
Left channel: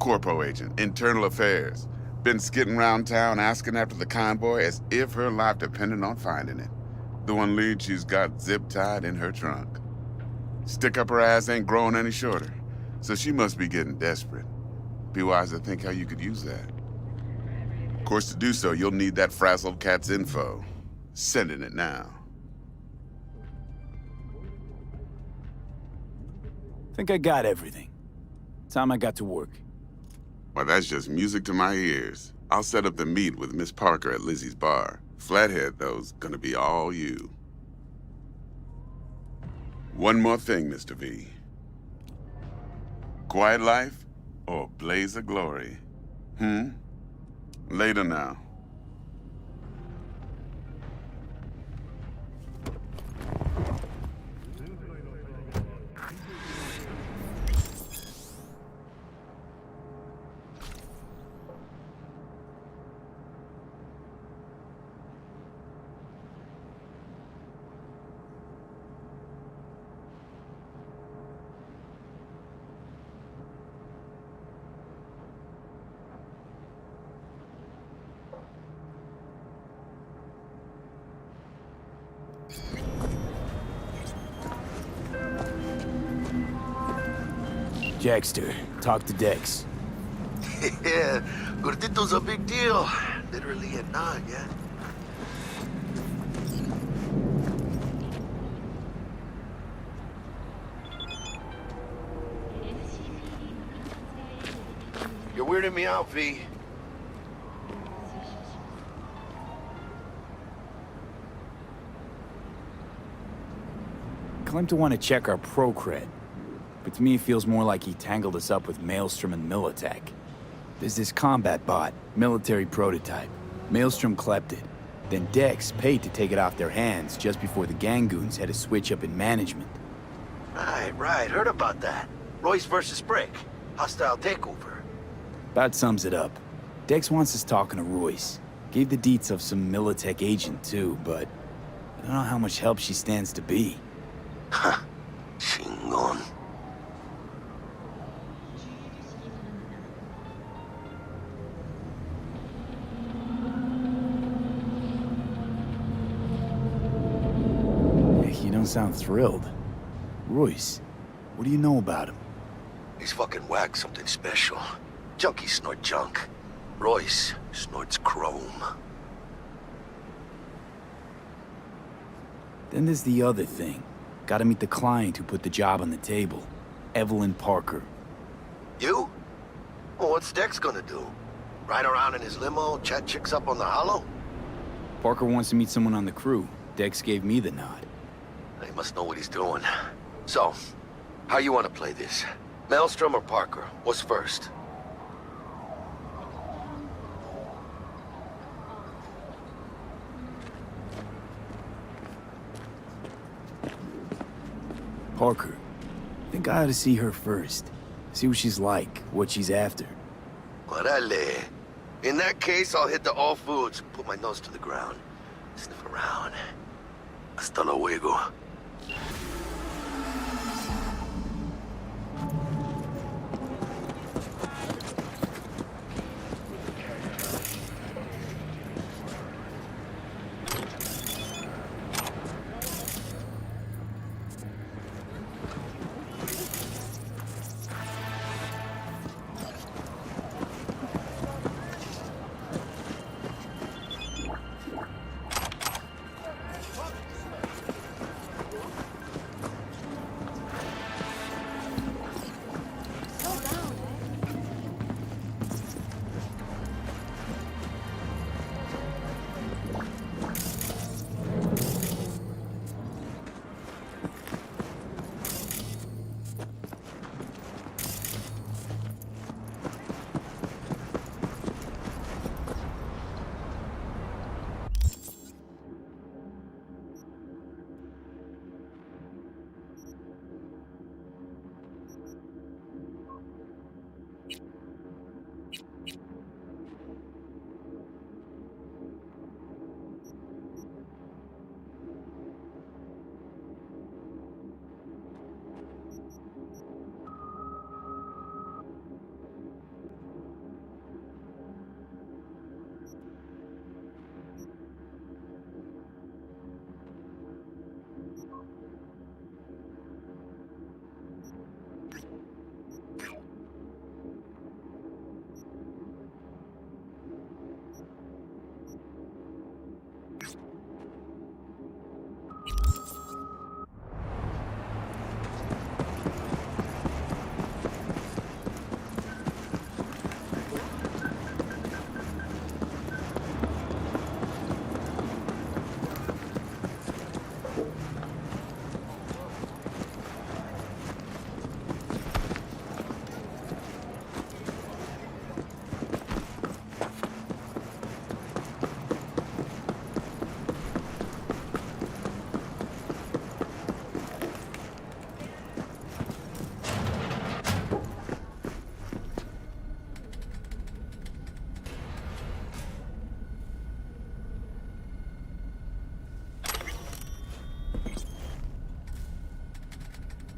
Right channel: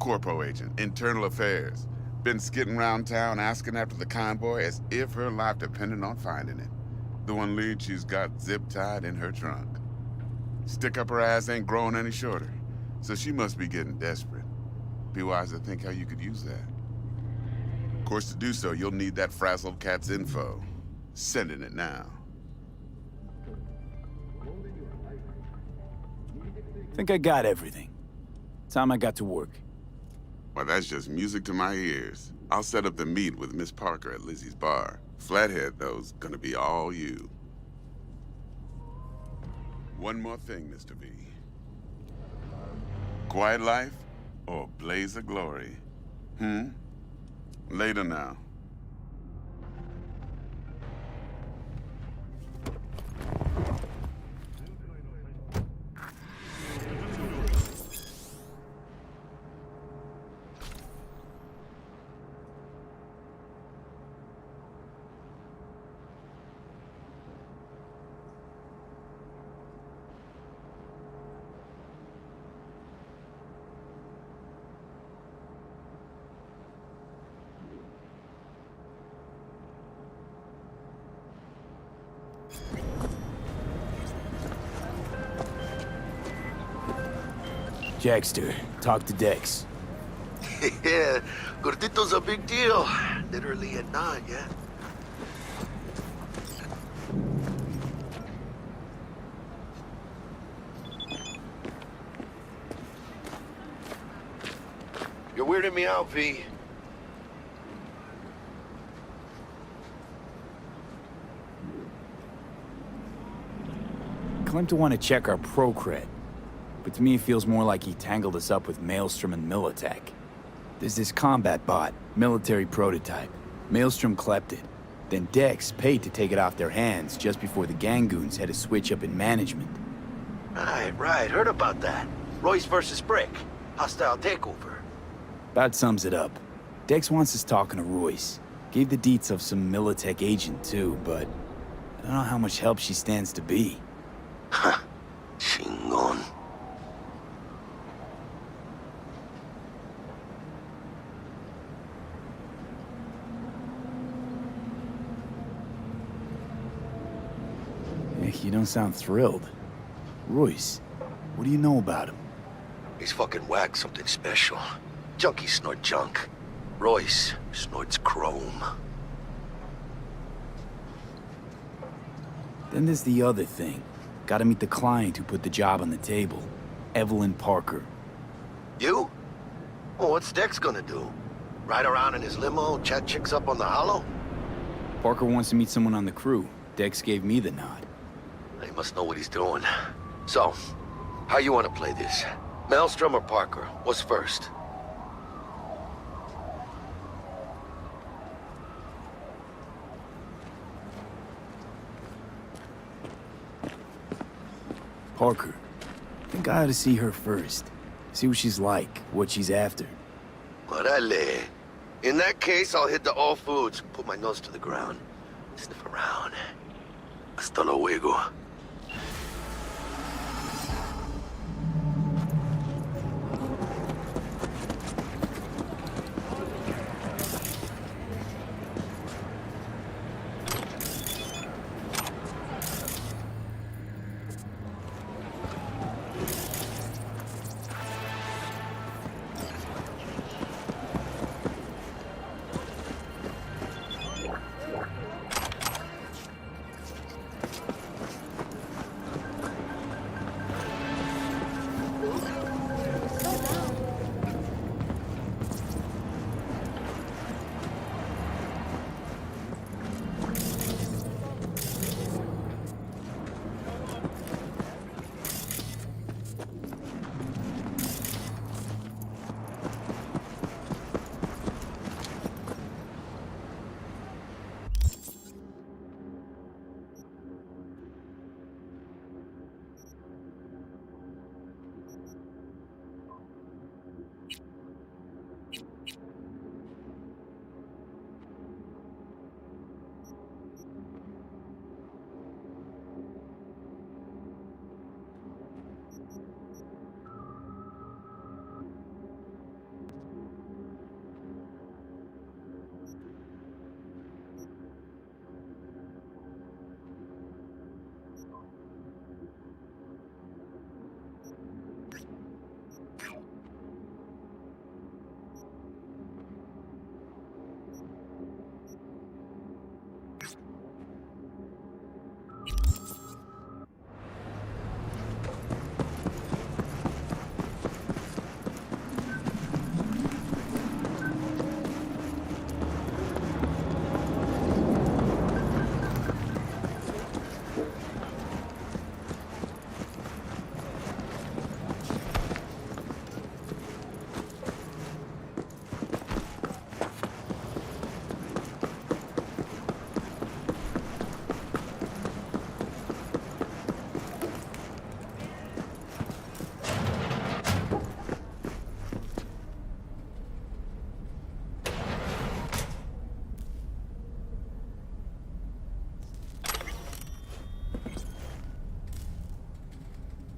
Corpo agent, internal affairs. Been skidding around town asking after the convoy as if her life depended on finding it. The one lead she's got zip-tied in her trunk. Stick up her ass ain't growing any shorter, so she must be getting desperate. Be wise to think how you could use that. Of course, to do so, you'll need that frazzled cat's info. Sending it now. Think I got everything. Time I got to work. Well, that's just music to my ears. I'll set up the meet with Miss Parker at Lizzie's bar. Flathead, though's gonna be all you. One more thing, Mr. V. Quiet life or blaze of glory? Later now. Jackster, talk to Dex. Yeah, Cortito's a big deal. Literally a nod, yeah? You're weirding me out, V. Claimed to want to check our pro cred. But to me, it feels more like he tangled us up with Maelstrom and Militech. There's this combat bot, military prototype. Maelstrom clept it. Then Dex paid to take it off their hands just before the Gangoons had a switch up in management. Right, heard about that. Royce versus Brick. Hostile takeover. About sums it up. Dex wants us talking to Royce. Gave the deets of some Militech agent too, but I don't know how much help she stands to be. Ha. Chingon. You don't sound thrilled. Royce, what do you know about him? He's fucking whack, something special. Junkies snort junk. Royce snorts chrome. Then there's the other thing. Gotta meet the client who put the job on the table. Evelyn Parker. You? Well, what's Dex gonna do? Ride around in his limo, chat chicks up on the hollow? Parker wants to meet someone on the crew. Dex gave me the nod. He must know what he's doing. So, how you want to play this? Maelstrom or Parker? What's first? Parker. Think I ought to see her first. See what she's like, what she's after. Orale. In that case, I'll hit the all foods, put my nose to the ground, sniff around. Hasta luego.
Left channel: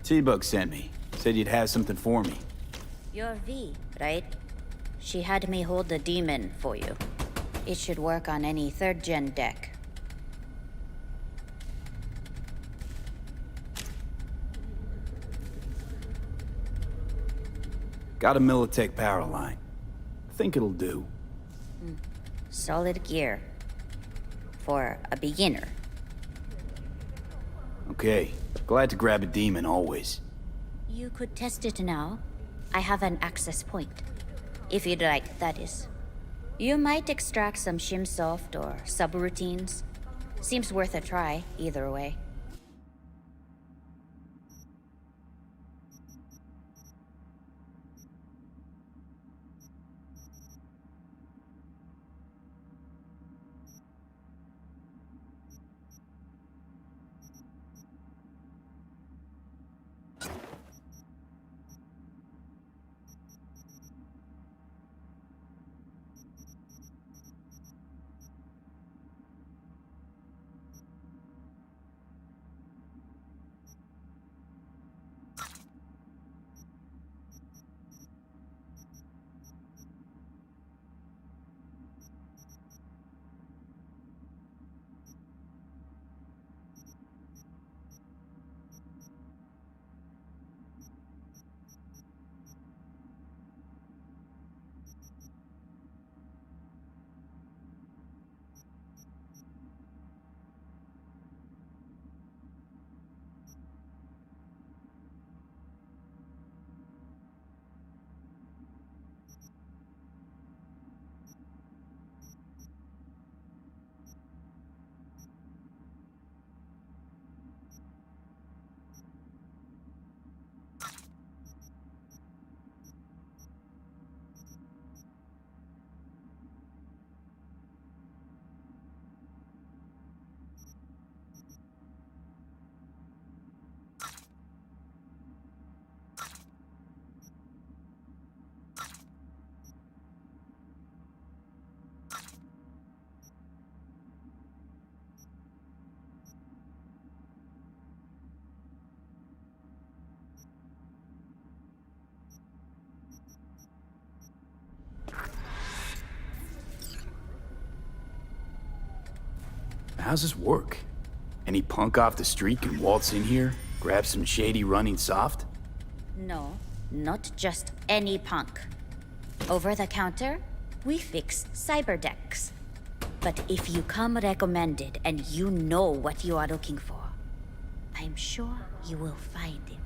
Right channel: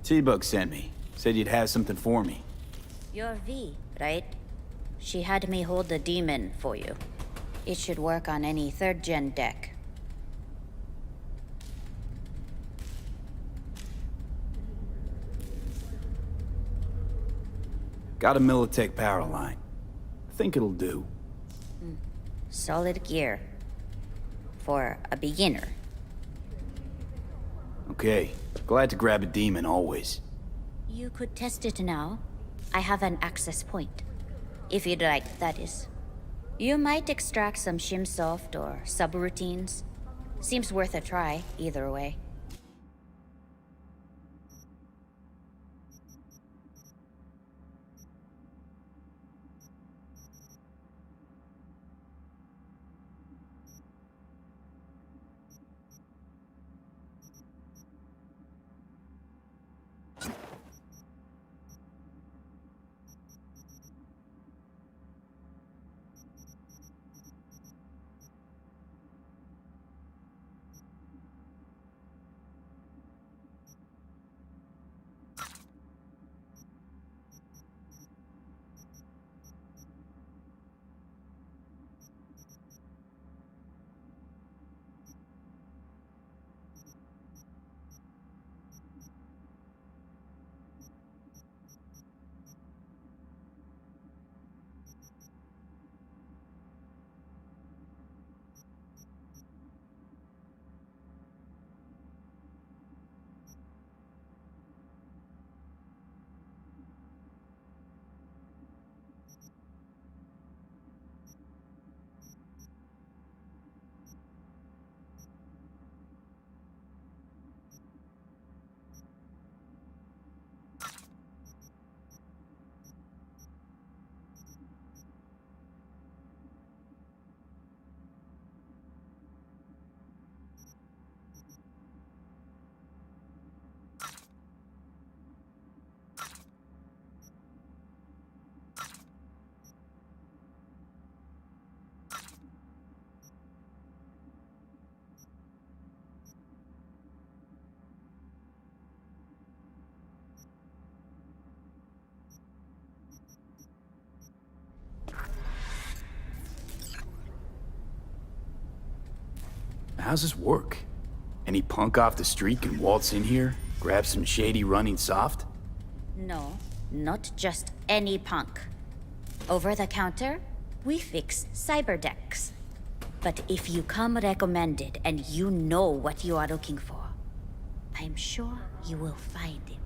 T-Bug sent me. Said you'd have something for me. You're V, right? She had me hold the demon for you. It should work on any 3rd-gen deck. Got a Militech power line. Think it'll do. Solid gear. For a beginner. Okay. Glad to grab a demon, always. You could test it now. I have an access point. If you'd like, that is. You might extract some shimsoft or subroutines. Seems worth a try, either way. How's this work? Any punk off the street can waltz in here, grab some shady running soft? No, not just any punk. Over the counter, we fix cyberdecks. But if you come recommended and you know what you are looking for, I'm sure you will find it.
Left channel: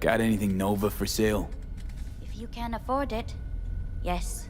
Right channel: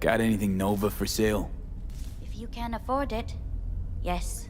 Got anything Nova for sale? If you can afford it, yes.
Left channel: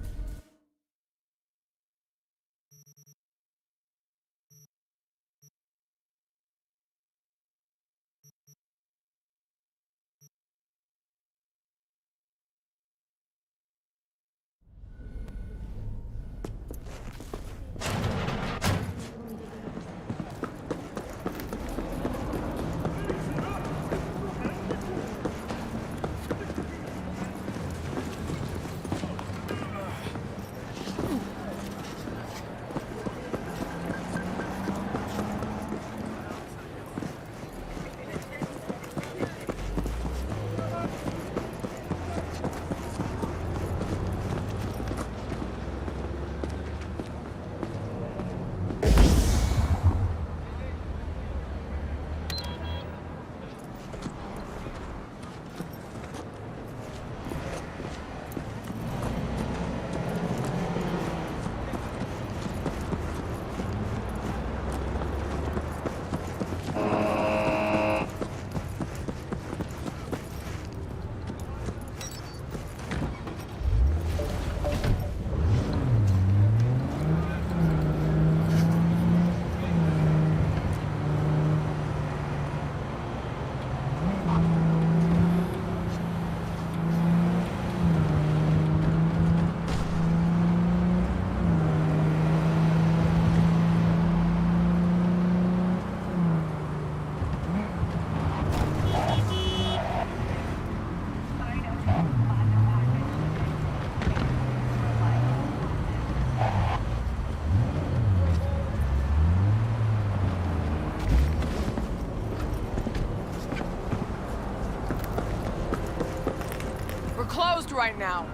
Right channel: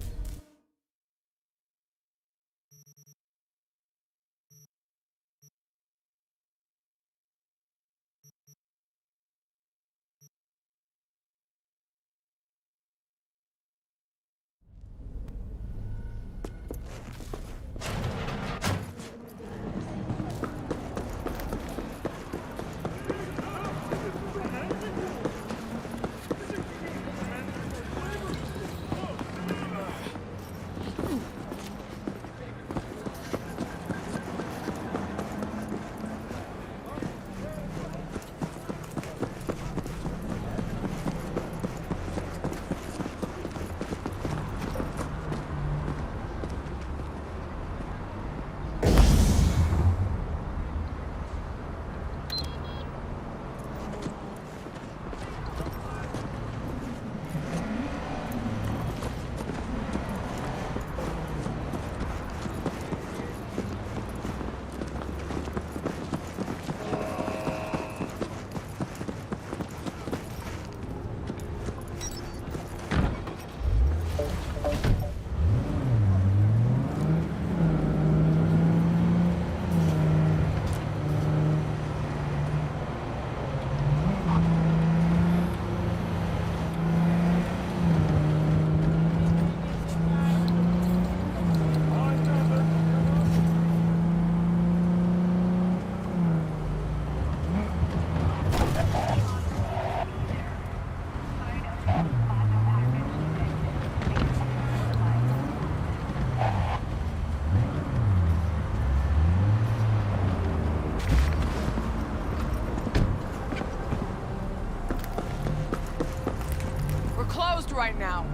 Closed right now.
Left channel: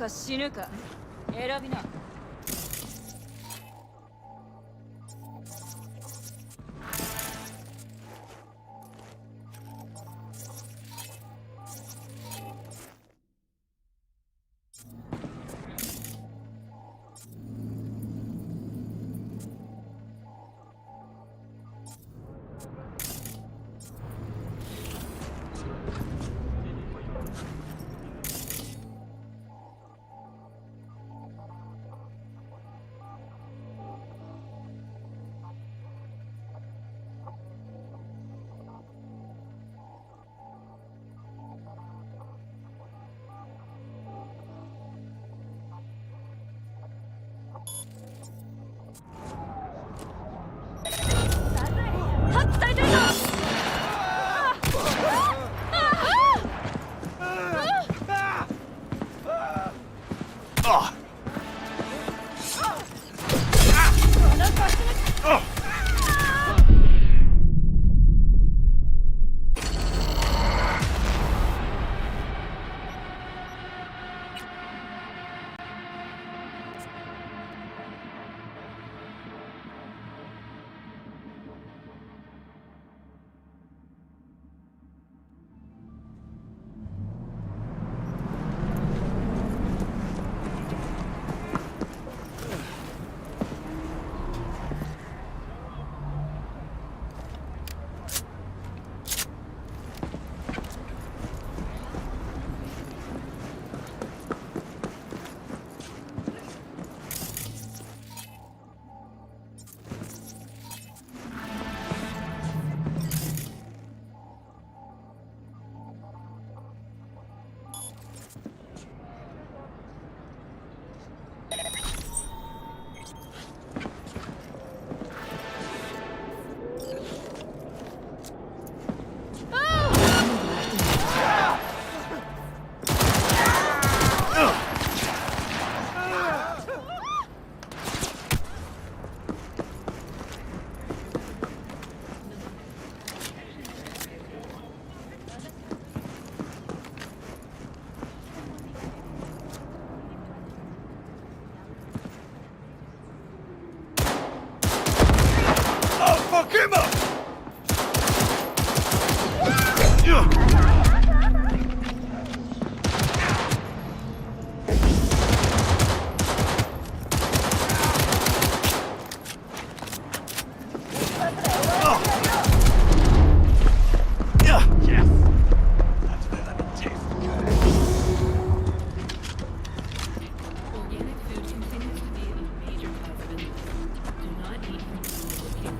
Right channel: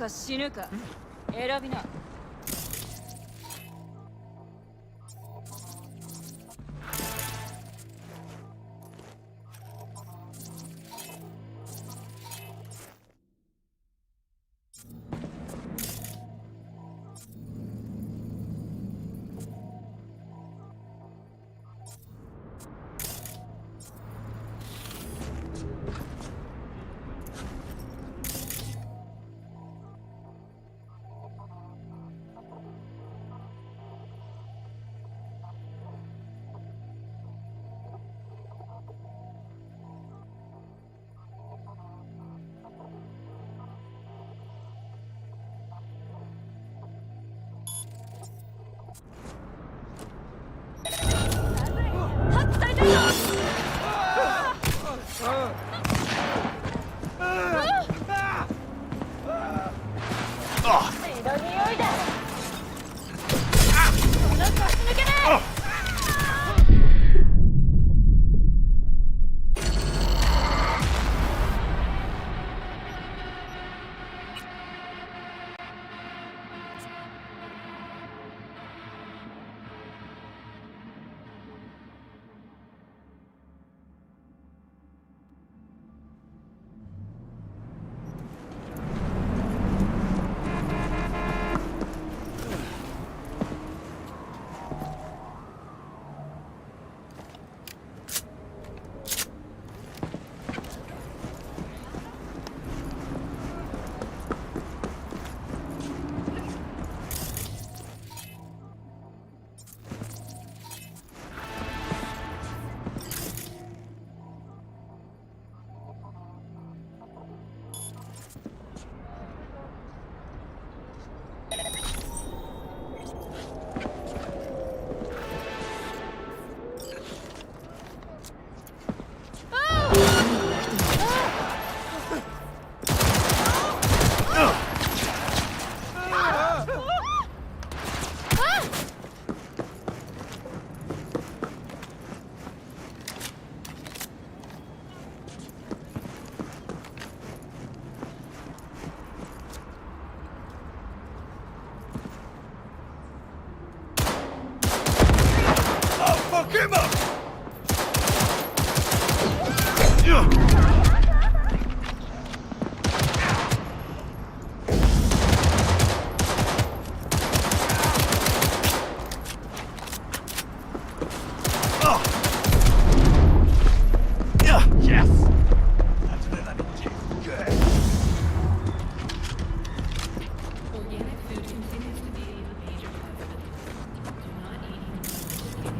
か死ぬか選びな。Fuck him up! Yes! That's where that tastes good. Organic food continues to be a major cause of illness. Do not eat from food located.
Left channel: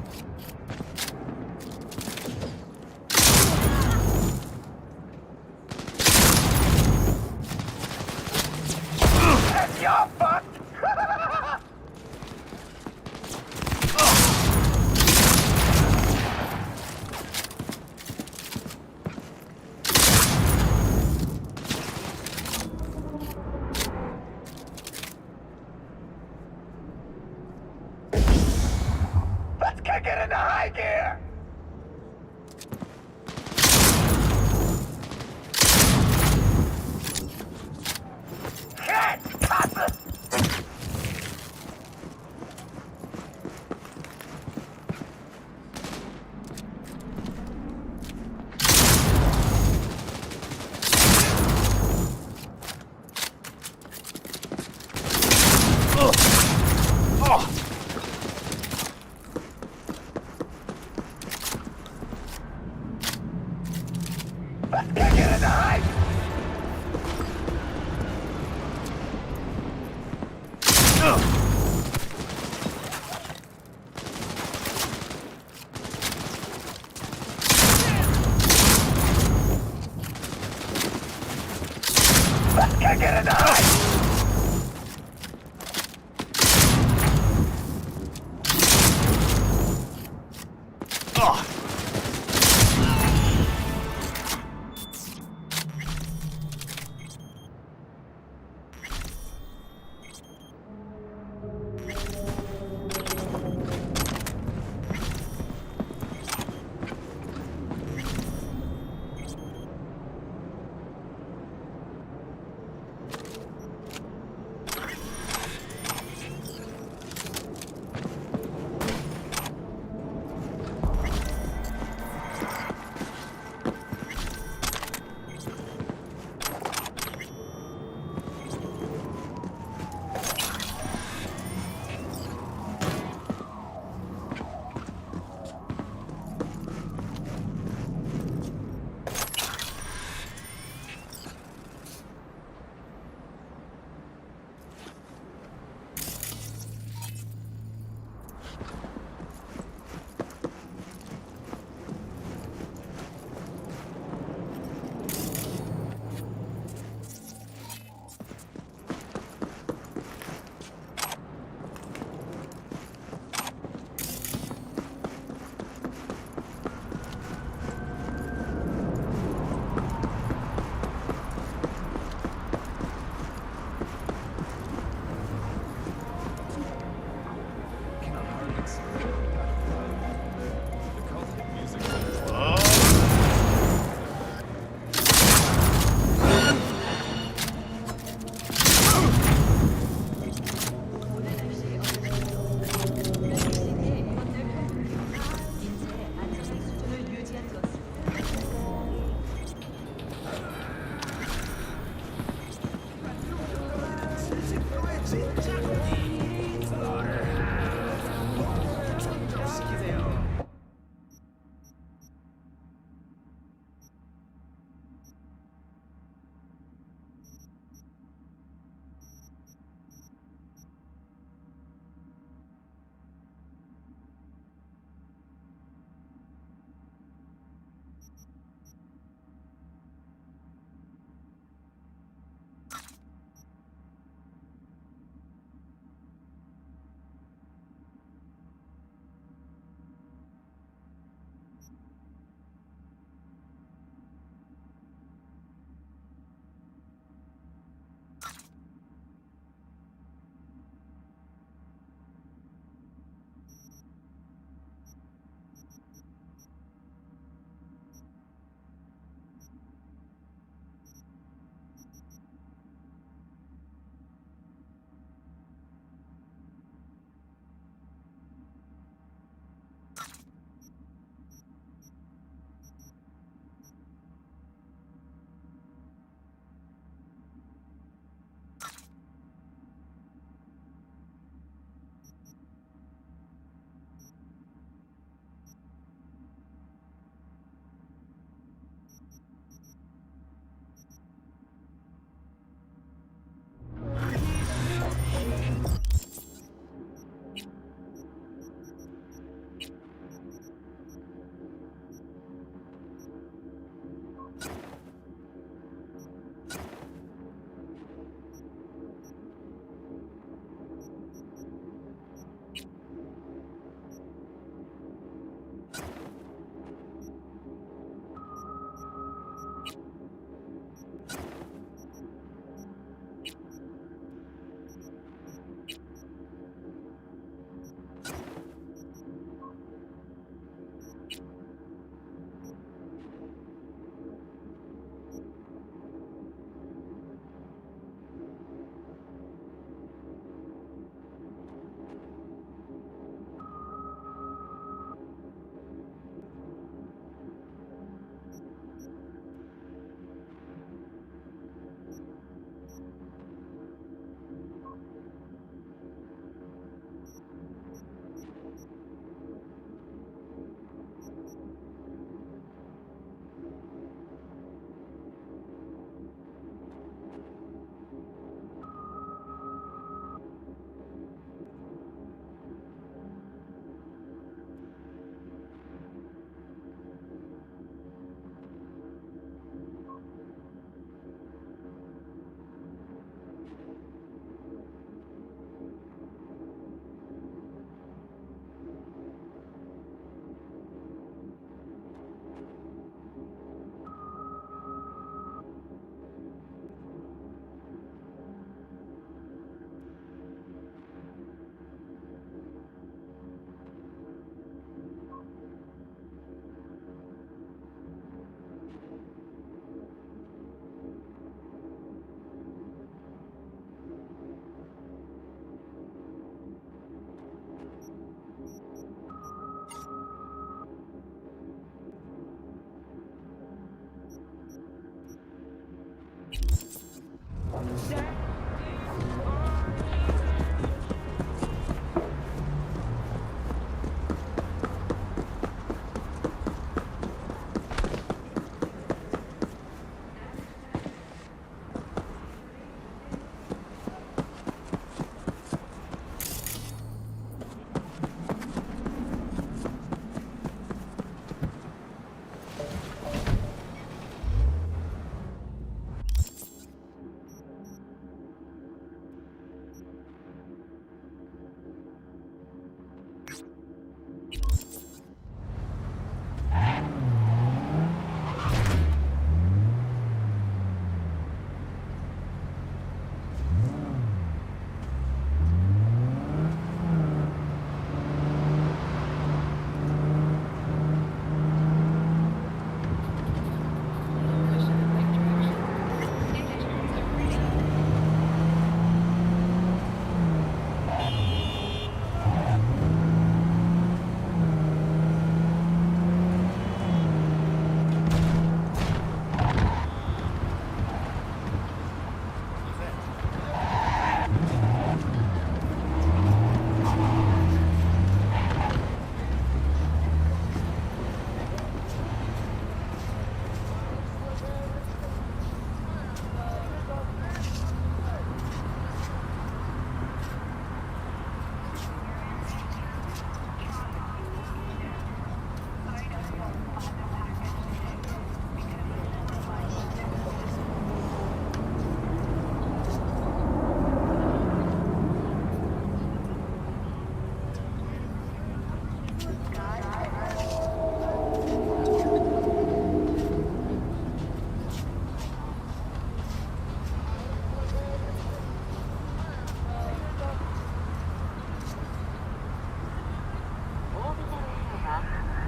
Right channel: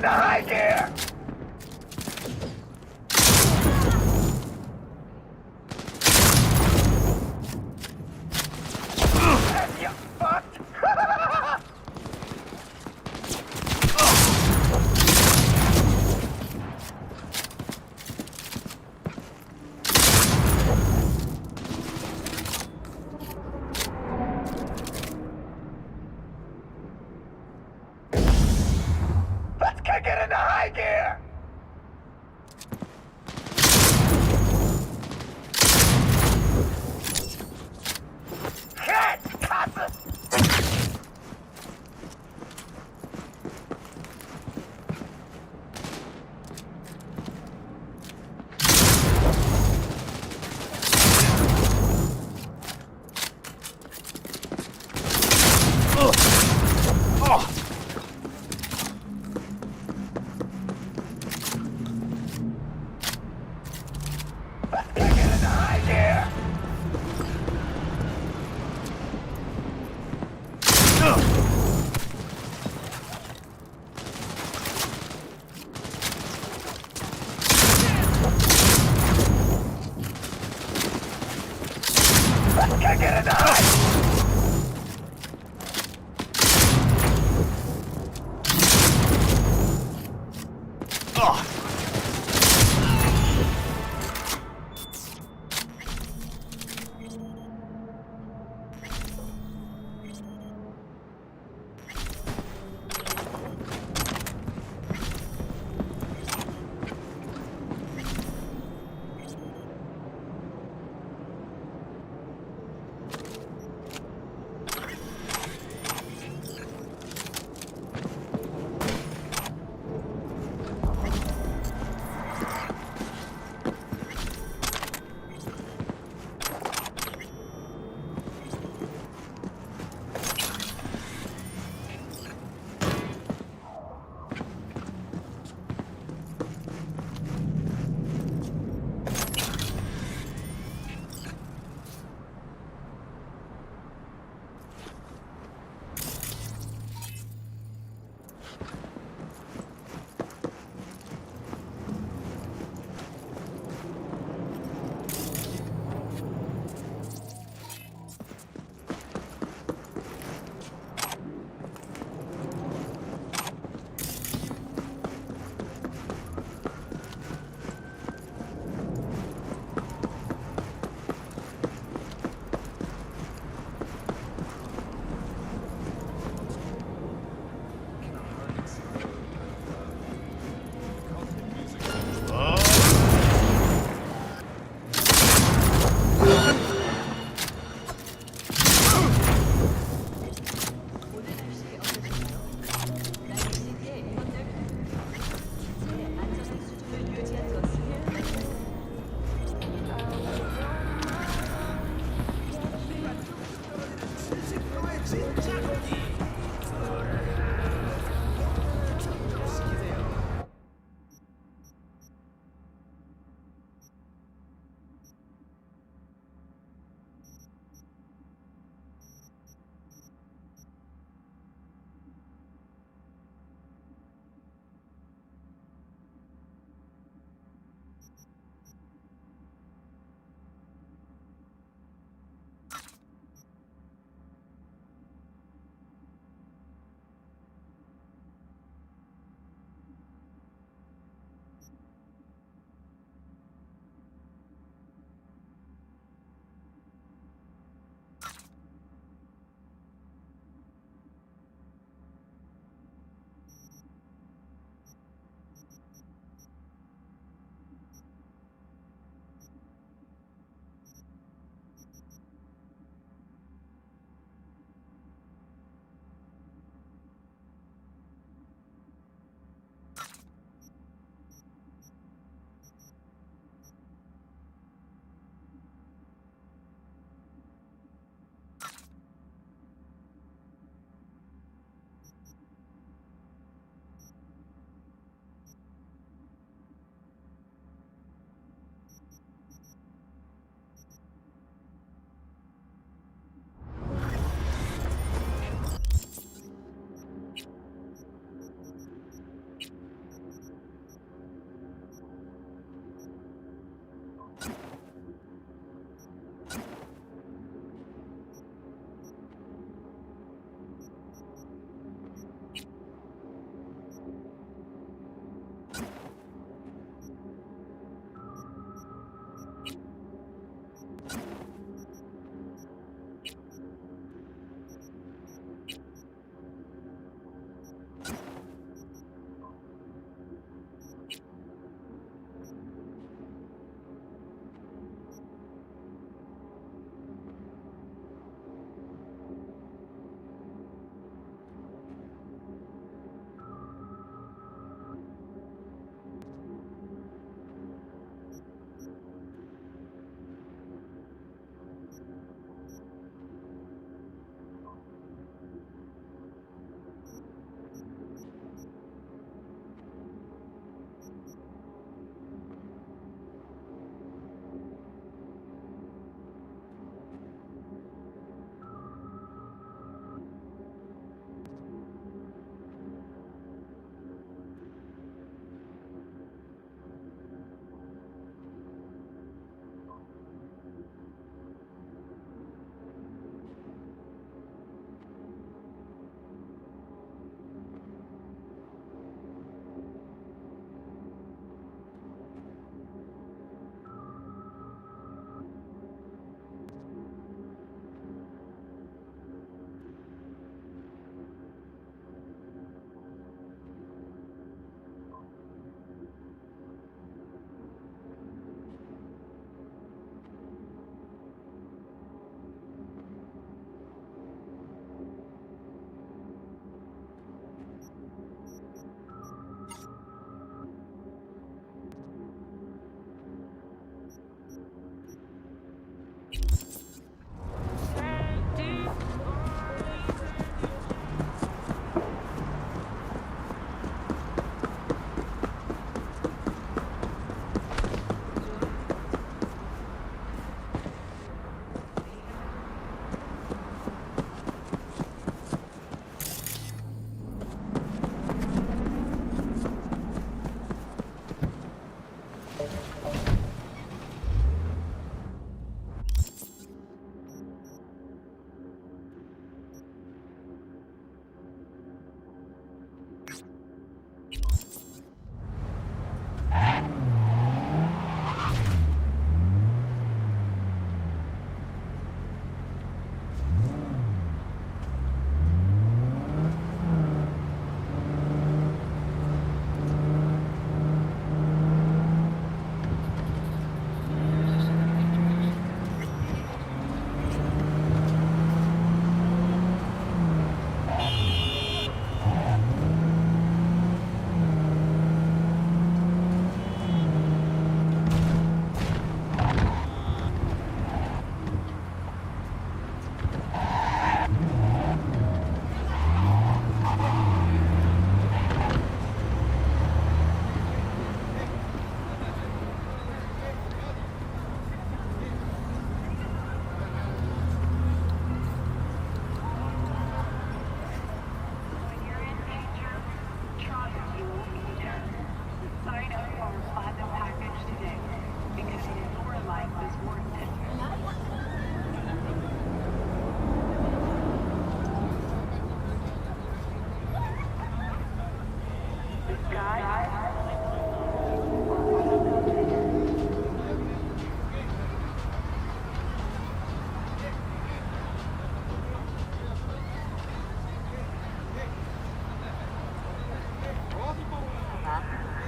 into high gear! And you're fucked! Let's kick it into high gear! Shit! Cut it! Let's kick it into high gear! Let's kick it into high!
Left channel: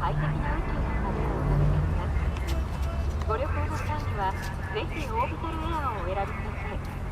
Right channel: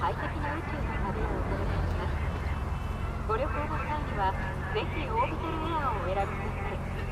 快適な宇宙の旅をお届けします。ご旅行の際にはぜひオービタルエアーをお選びください。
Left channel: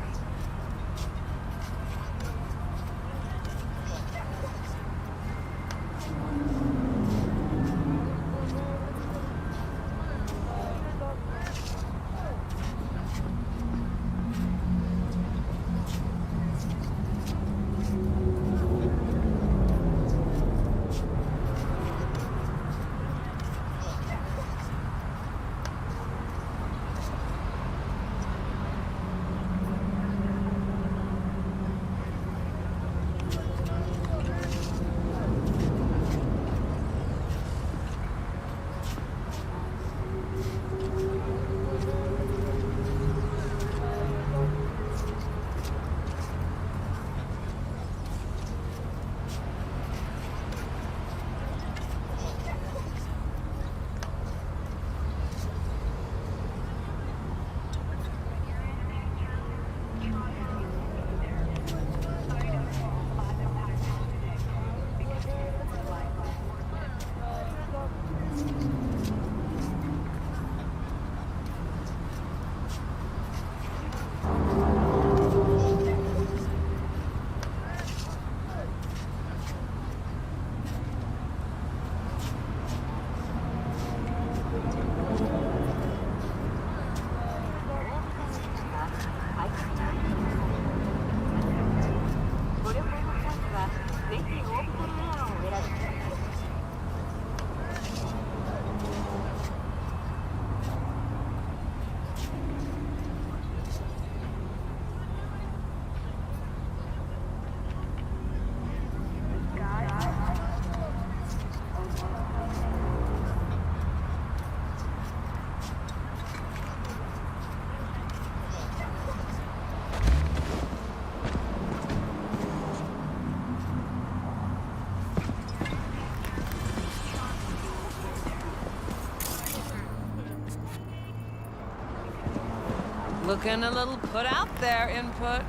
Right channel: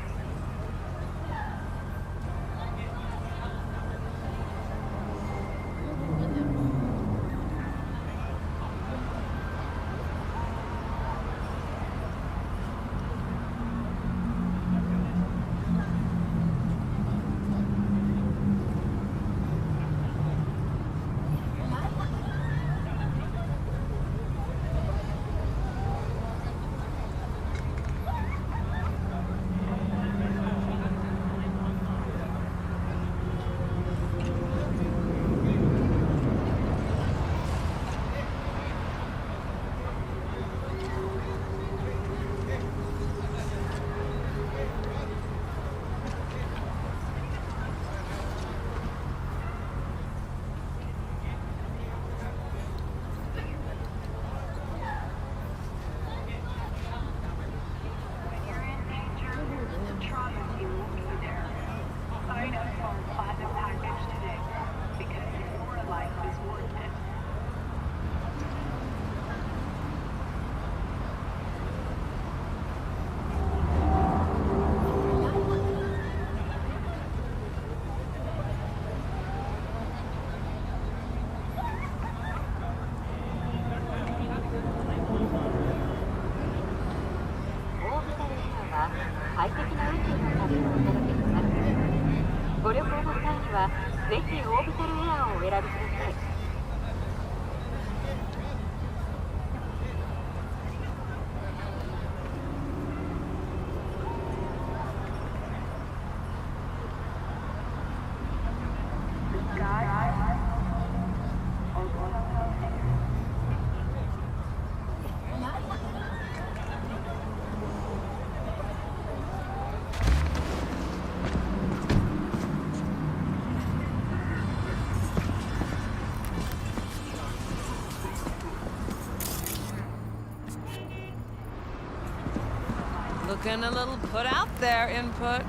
Looking a little put out there, Input.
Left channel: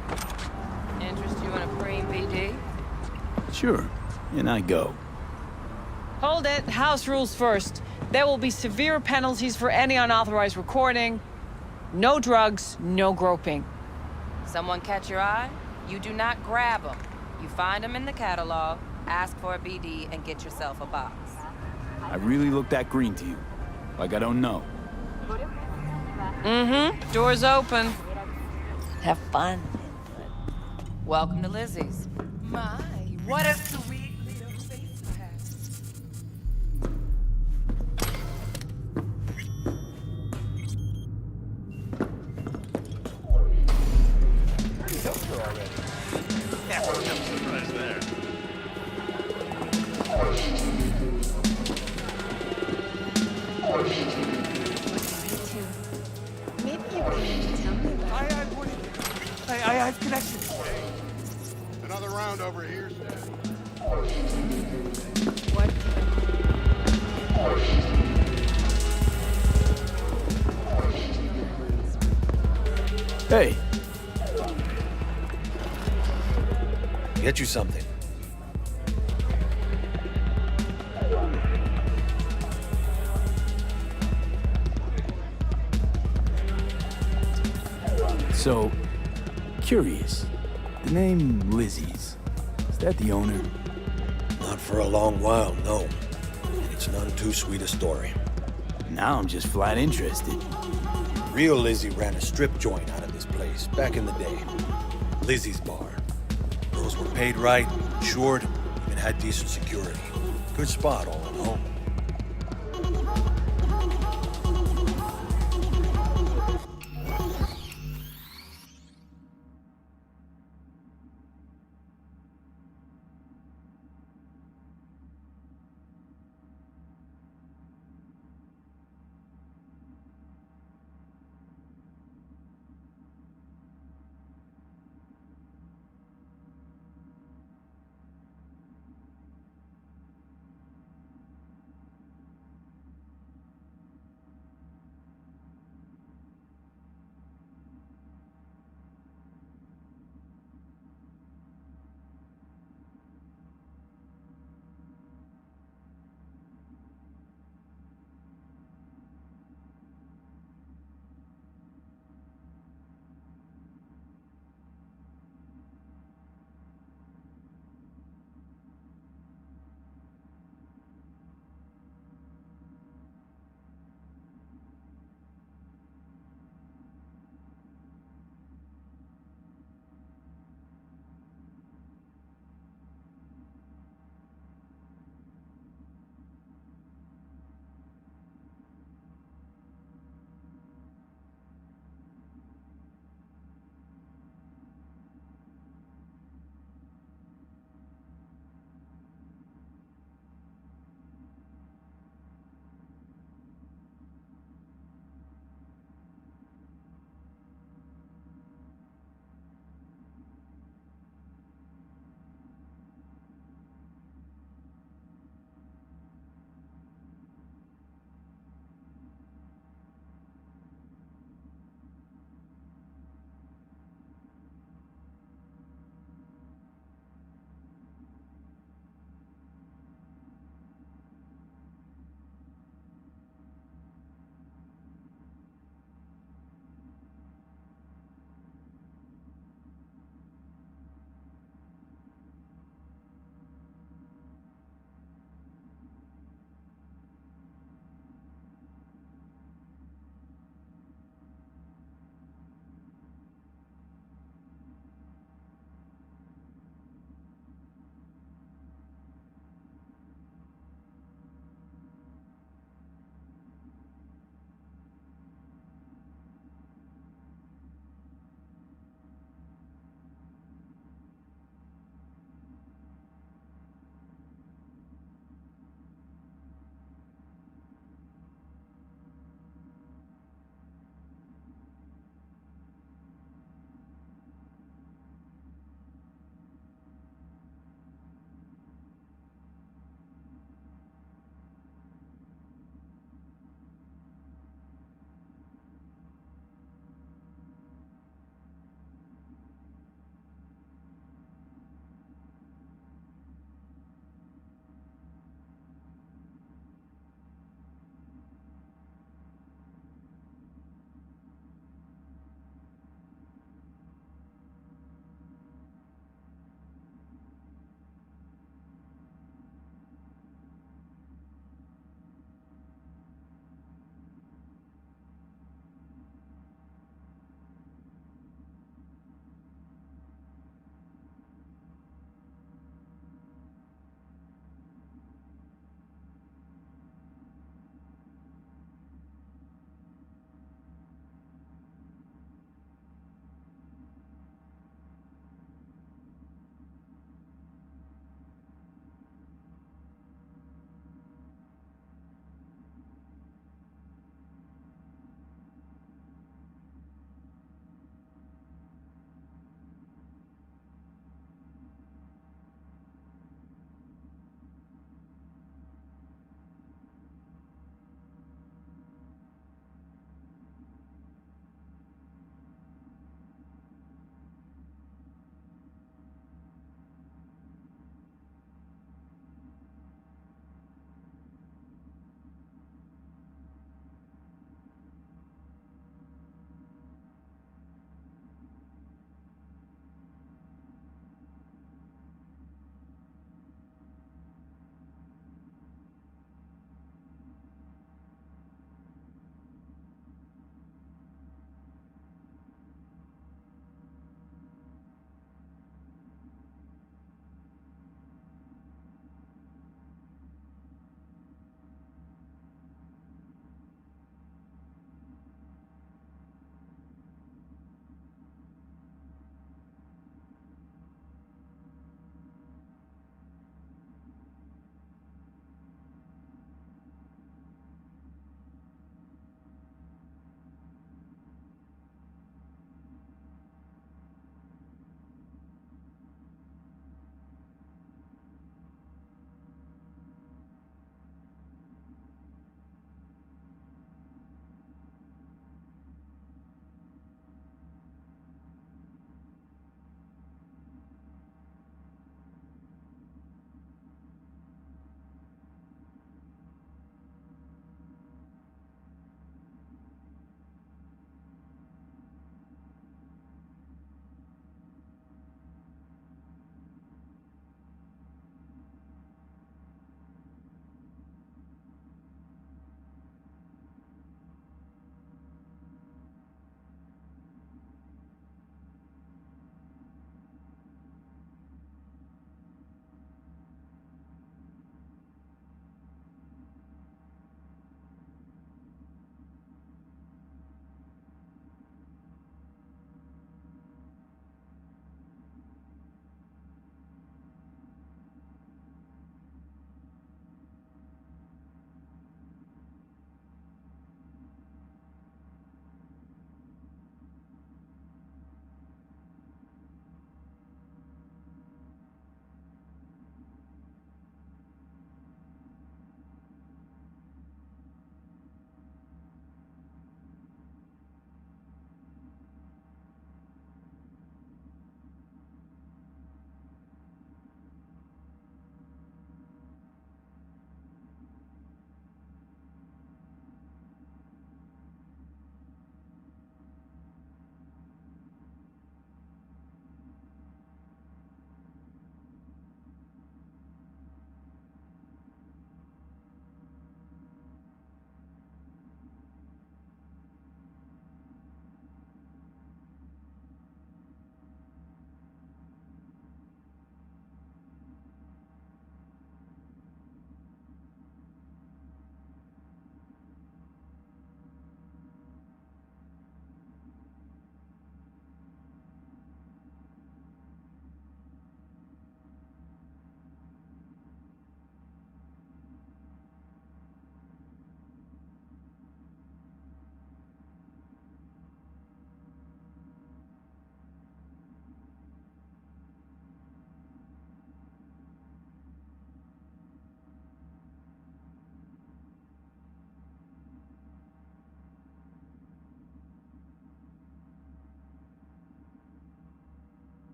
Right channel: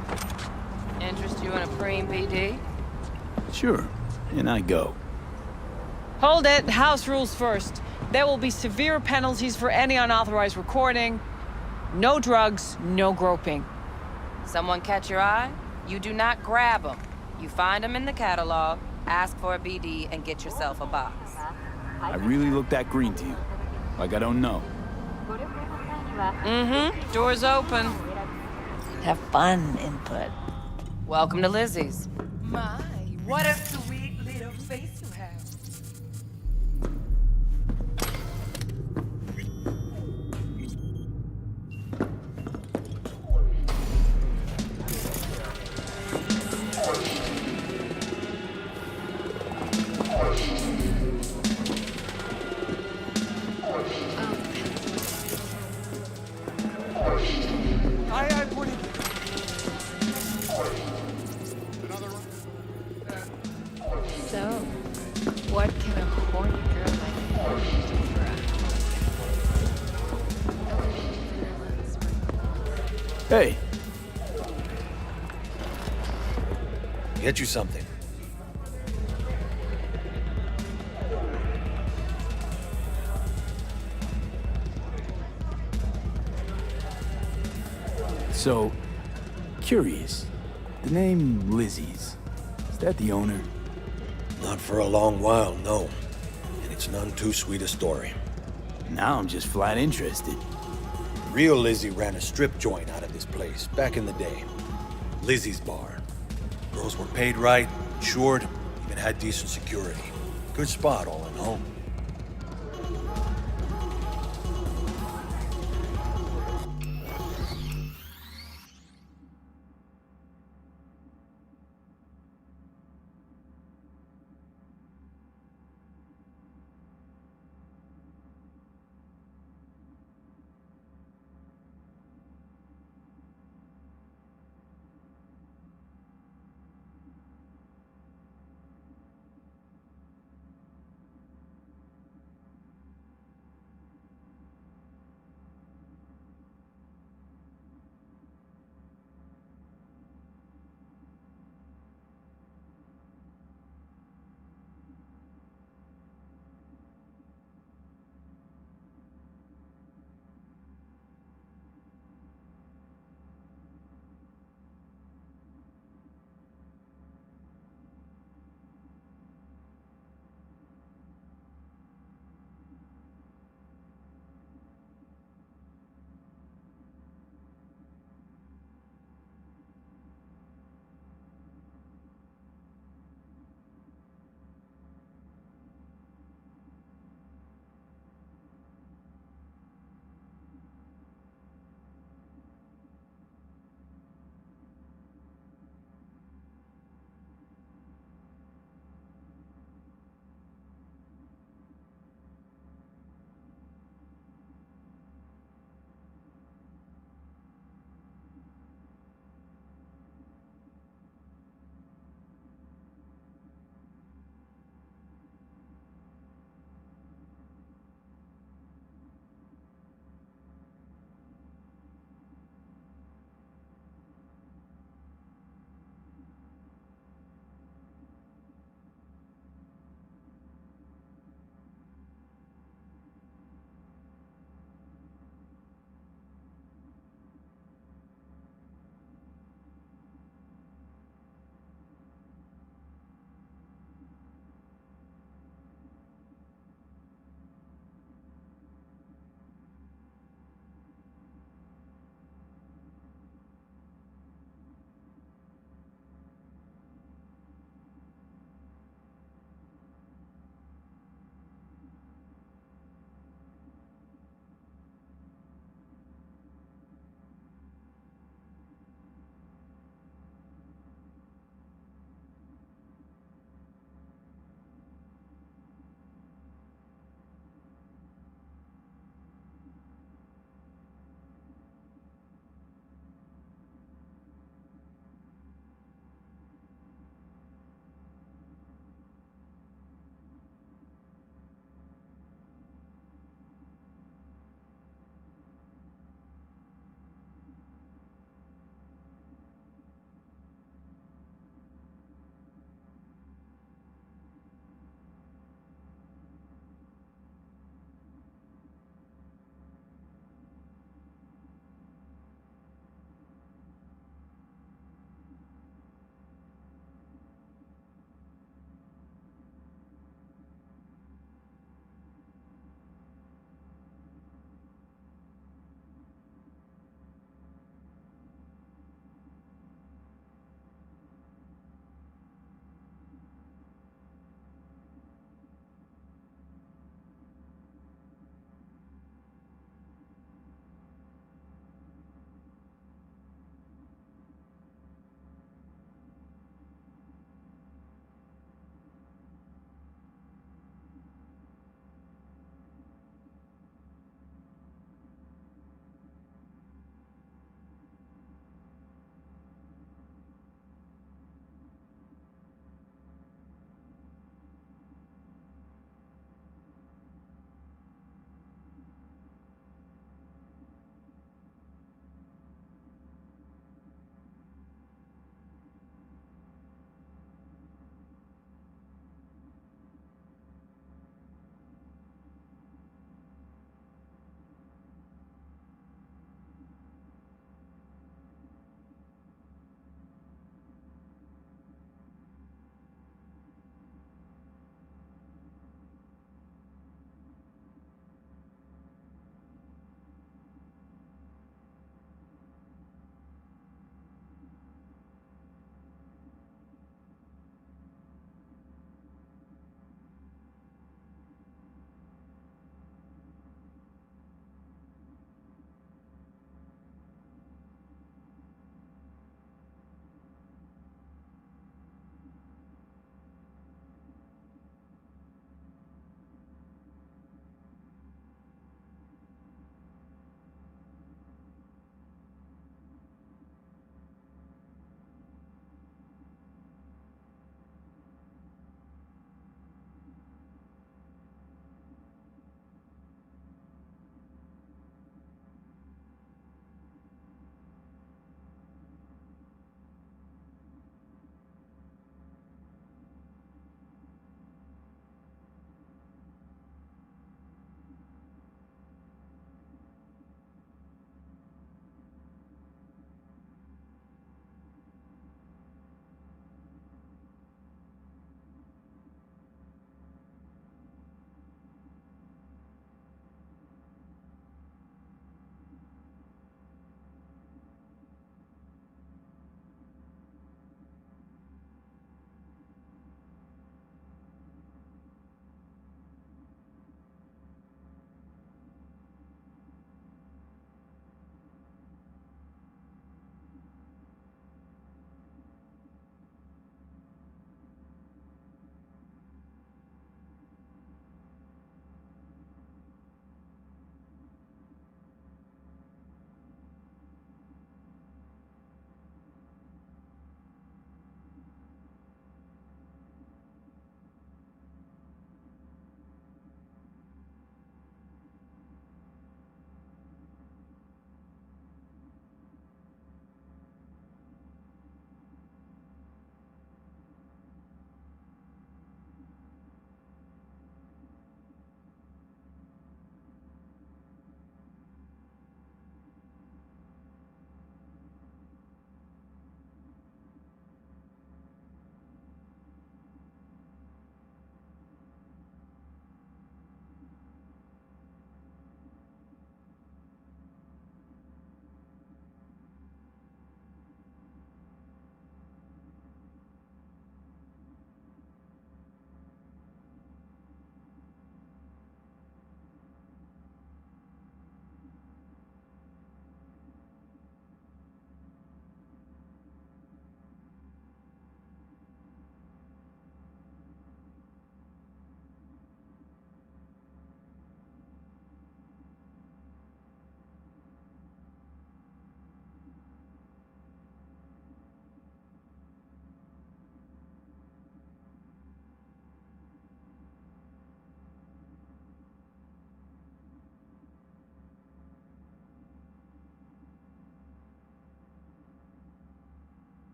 Interest you in a preem BD? Sure, and I go. Hold it. House rules first. There will be severe penalties for any unauthorized recording. No drugs, no groping. Someone catch your eye? You do not grab them. You find them in the catalog, ask for a BD, and get yourself a box. I really look that green to you. Like I don't know. Mm-hmm. Door's open. Have fun, Input. Welcome to Lizzie's. My, what a sweet little face you have. I have connection. Another round over here, Seth. So, what can Hey. Get you something. So, curious. The name Lizzie's. Is that the owner? Not for a long while, no. And it's none too sweet a story. Now I'm just flat interested. Real Lizzie ran a strip joint out of this place back in the day. Lizzie's Bar. Girls were paid right, insured, even had decent security. Good spot, all in all.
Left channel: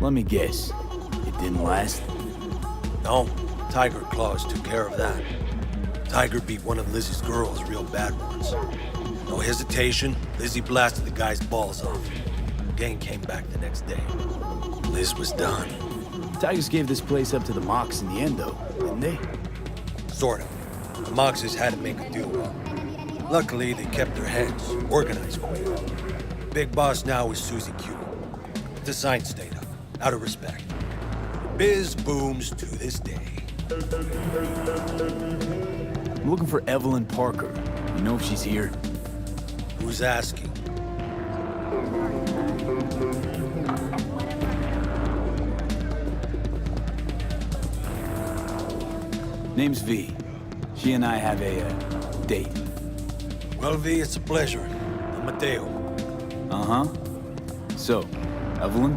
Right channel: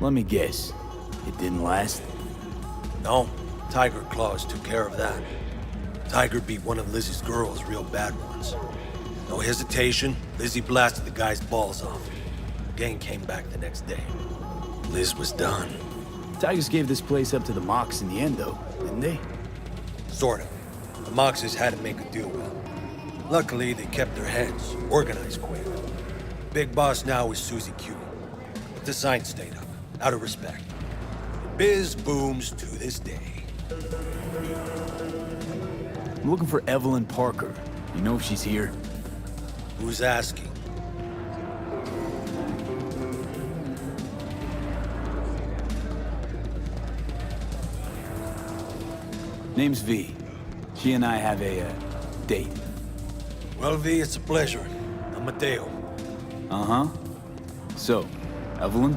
Let me guess. It didn't last? No, Tiger Claws took care of that. Tiger beat one of Lizzie's girls real bad once. No hesitation, Lizzie blasted the guy's balls off. Gang came back the next day. Liz was done. Tigers gave this place up to the Mox in the end, though, didn't they? Sort of. The Moxes had to make a deal with them. Luckily, they kept their heads, organized quick. Big boss now is Susie Q. But the sign stayed up, out of respect. Biz booms to this day. I'm looking for Evelyn Parker. You know if she's here? Who's asking? Name's V. She and I have a, date. Well, V, it's a pleasure. I'm Mateo. Uh-huh. So, Evelyn?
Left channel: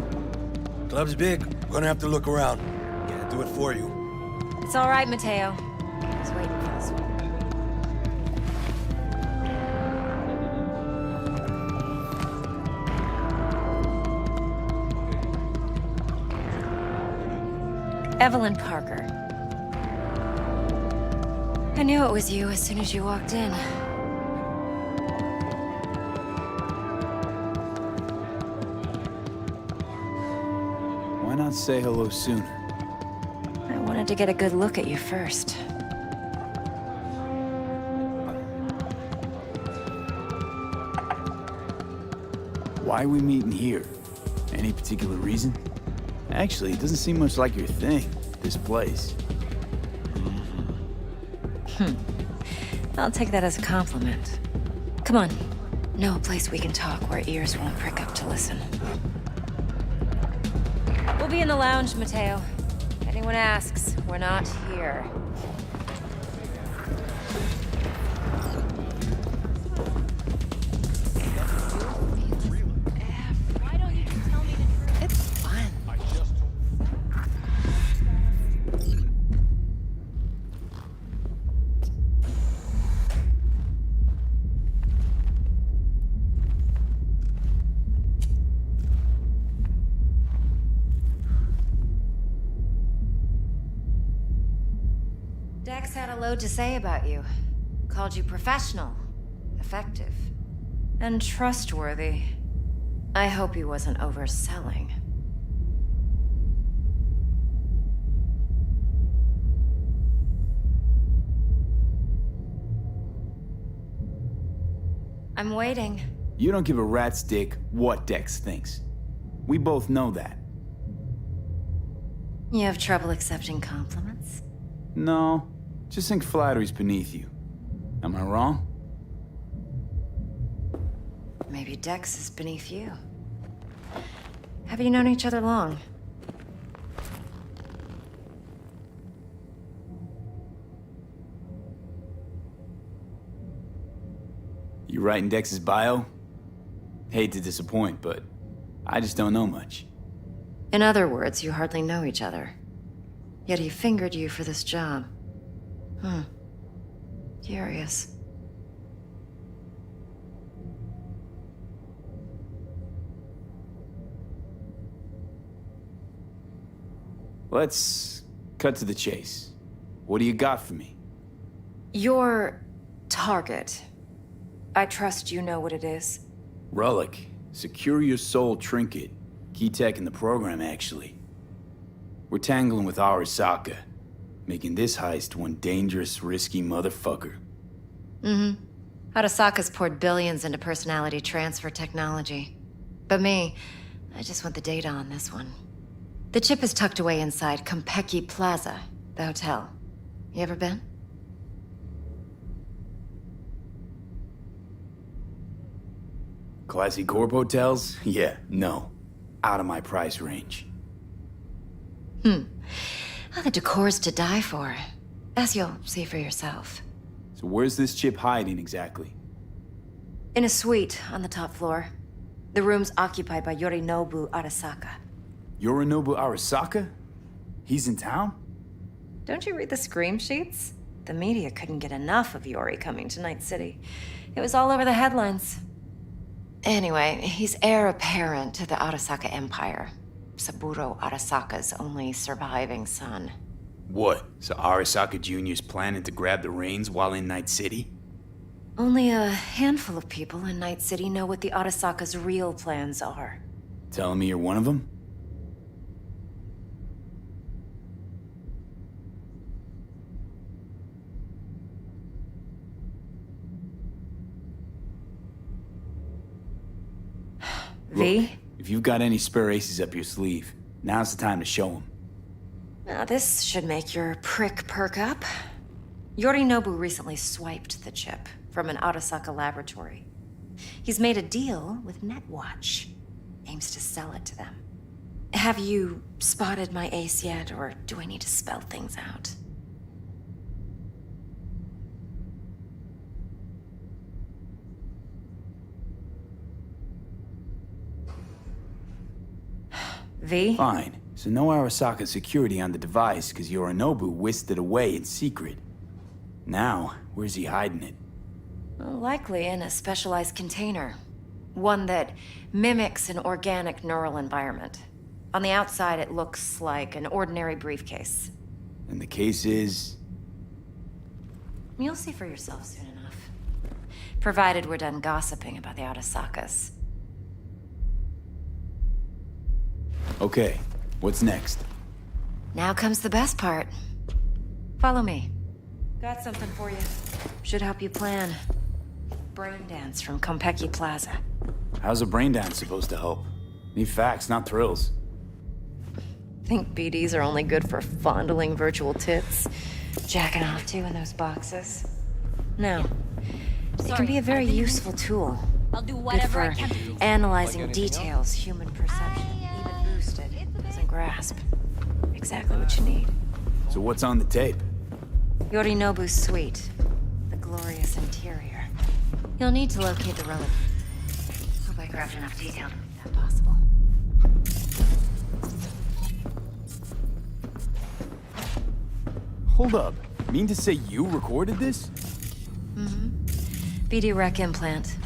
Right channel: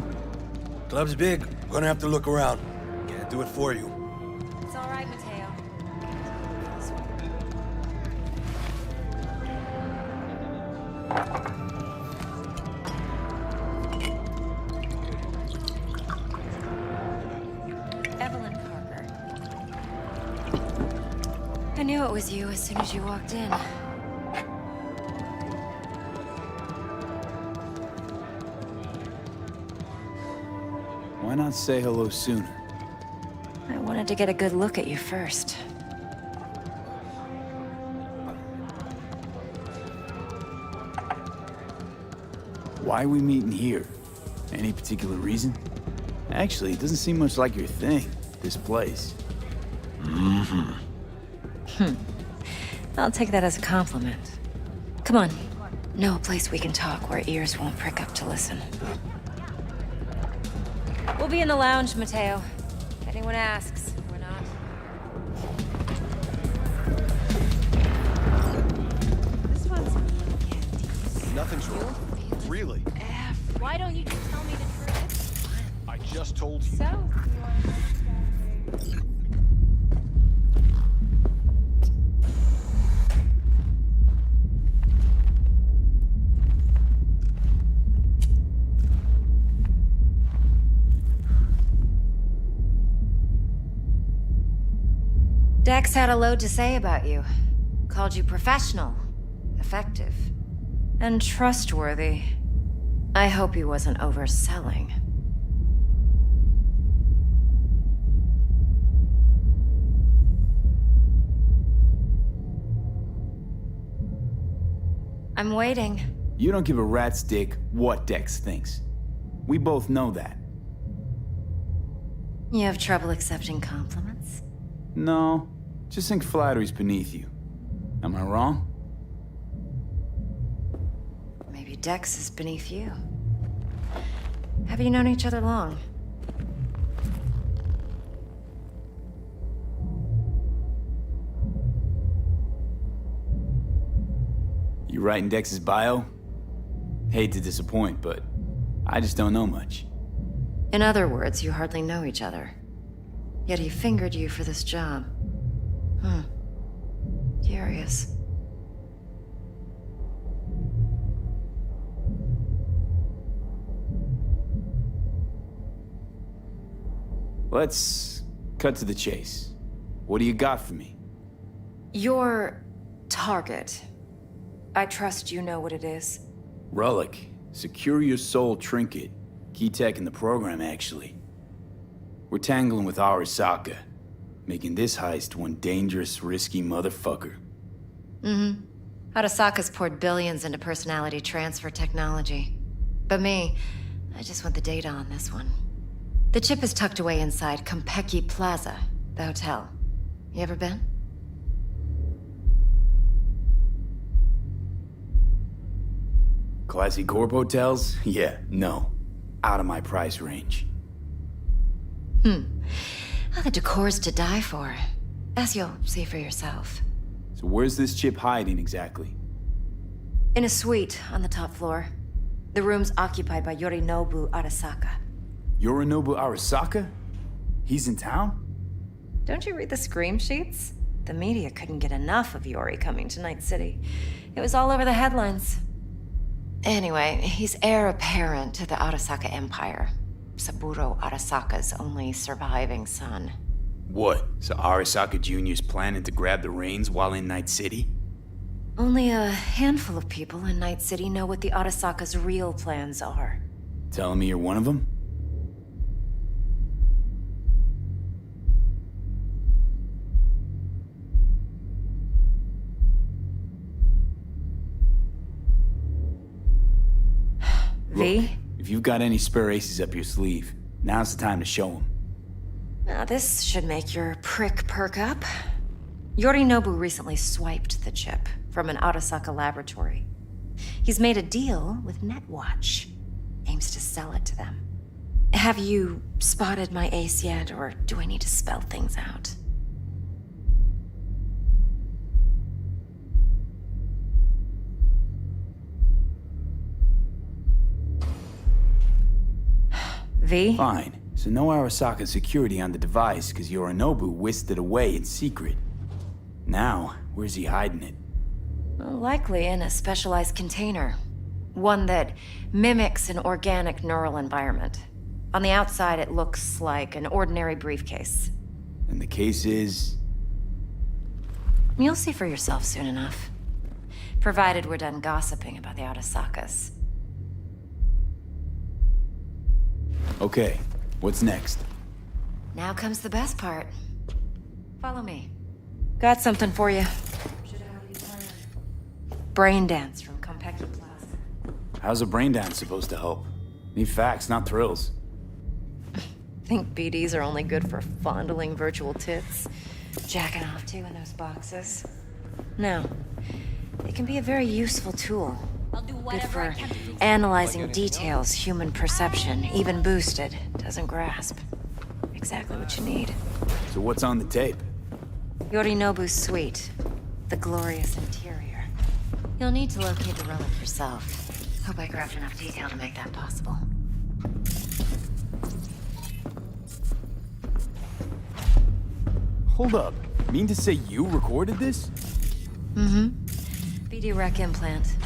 Club's big. Gonna have to look around. Can't do it for you. It's all right, Mateo. I was waiting for this one. Evelyn Parker. I knew it was you as soon as you walked in. Why not say hello sooner? I wanted to get a good look at you first. Why are we meeting here? Any particular reason? Actually, it doesn't seem much like your thing, this place. I'll take that as a compliment. Come on. Know a place we can talk where ears won't prick up to listen. We'll be in the lounge, Mateo. If anyone asks, we're not here. Nothing's wrong. Really? Why don't you just tell me the truth? It's fun. I just told you. So? Dex had a load to say about you. Called you professional, effective, and trustworthy. I hope he wasn't overselling. I'm waiting. You don't give a rat's dick what Dex thinks. We both know that. You have trouble accepting compliments? No, just think flattery's beneath you. Am I wrong? Maybe Dex is beneath you. Have you known each other long? You writing Dex's bio? Hate to disappoint, but I just don't know much. In other words, you hardly know each other. Yet he fingered you for this job. Curious. Let's cut to the chase. What do you got for me? Your target. I trust you know what it is. Relic. Secure your soul trinket. Key tech in the program, actually. We're tangling with Arasaka, making this heist one dangerous, risky motherfucker. Arasaka's poured billions into personality transfer technology. But me, I just want the data on this one. The chip is tucked away inside Konpeki Plaza, the hotel. You ever been? Classy corp hotels? Yeah, no. Out of my price range. Oh, the decor's to die for. As you'll see for yourself. So where's this chip hiding exactly? In a suite on the top floor. The room's occupied by Yorinobu Arasaka. Yorinobu Arasaka? He's in town? Don't you read the scream sheets? The media couldn't get enough of Yori coming to Night City. It was all over the headlines. Anyway, he's heir apparent to the Arasaka Empire. Saburo Arasaka's only surviving son. What? So Arasaka Jr.'s planning to grab the reins while in Night City? Only a handful of people in Night City know what the Arasaka's real plans are. Telling me you're one of them? V? Look, if you've got any spare aces up your sleeve, now's the time to show them. Now this should make your prick perk up. Yorinobu recently swiped the chip from an Arasaka laboratory. He's made a deal with Netwatch. Aims to sell it to them. Have you spotted my ace yet, or do I need to spell things out? V? Fine. So no Arasaka security on the device, because Yorinobu whisked it away in secret. Now, where's he hiding it? Well, likely in a specialized container. One that mimics an organic neural environment. On the outside, it looks like an ordinary briefcase. And the case is... You'll see for yourself soon enough. Provided we're done gossiping about the Arasakas. Okay, what's next? Now comes the best part. Follow me. Got something for you. Should help you plan. Brain dance from Konpeki Plaza. How's a brain dance supposed to help? Need facts, not thrills. Think BDs are only good for fondling virtual tits? Jacking off to in those boxes? No. They can be a very useful tool. I'll do Good whatever I for can to do. analyzing details human perception, even boosted, doesn't grasp. Exactly what you need. So what's on the tape? Yorinobu's suite. The glorious interior. You'll need to locate the relic yourself. Hope I grabbed enough detail to make that possible. Hold up. Mean to say you recorded this? Mm-hmm. BD rec implant.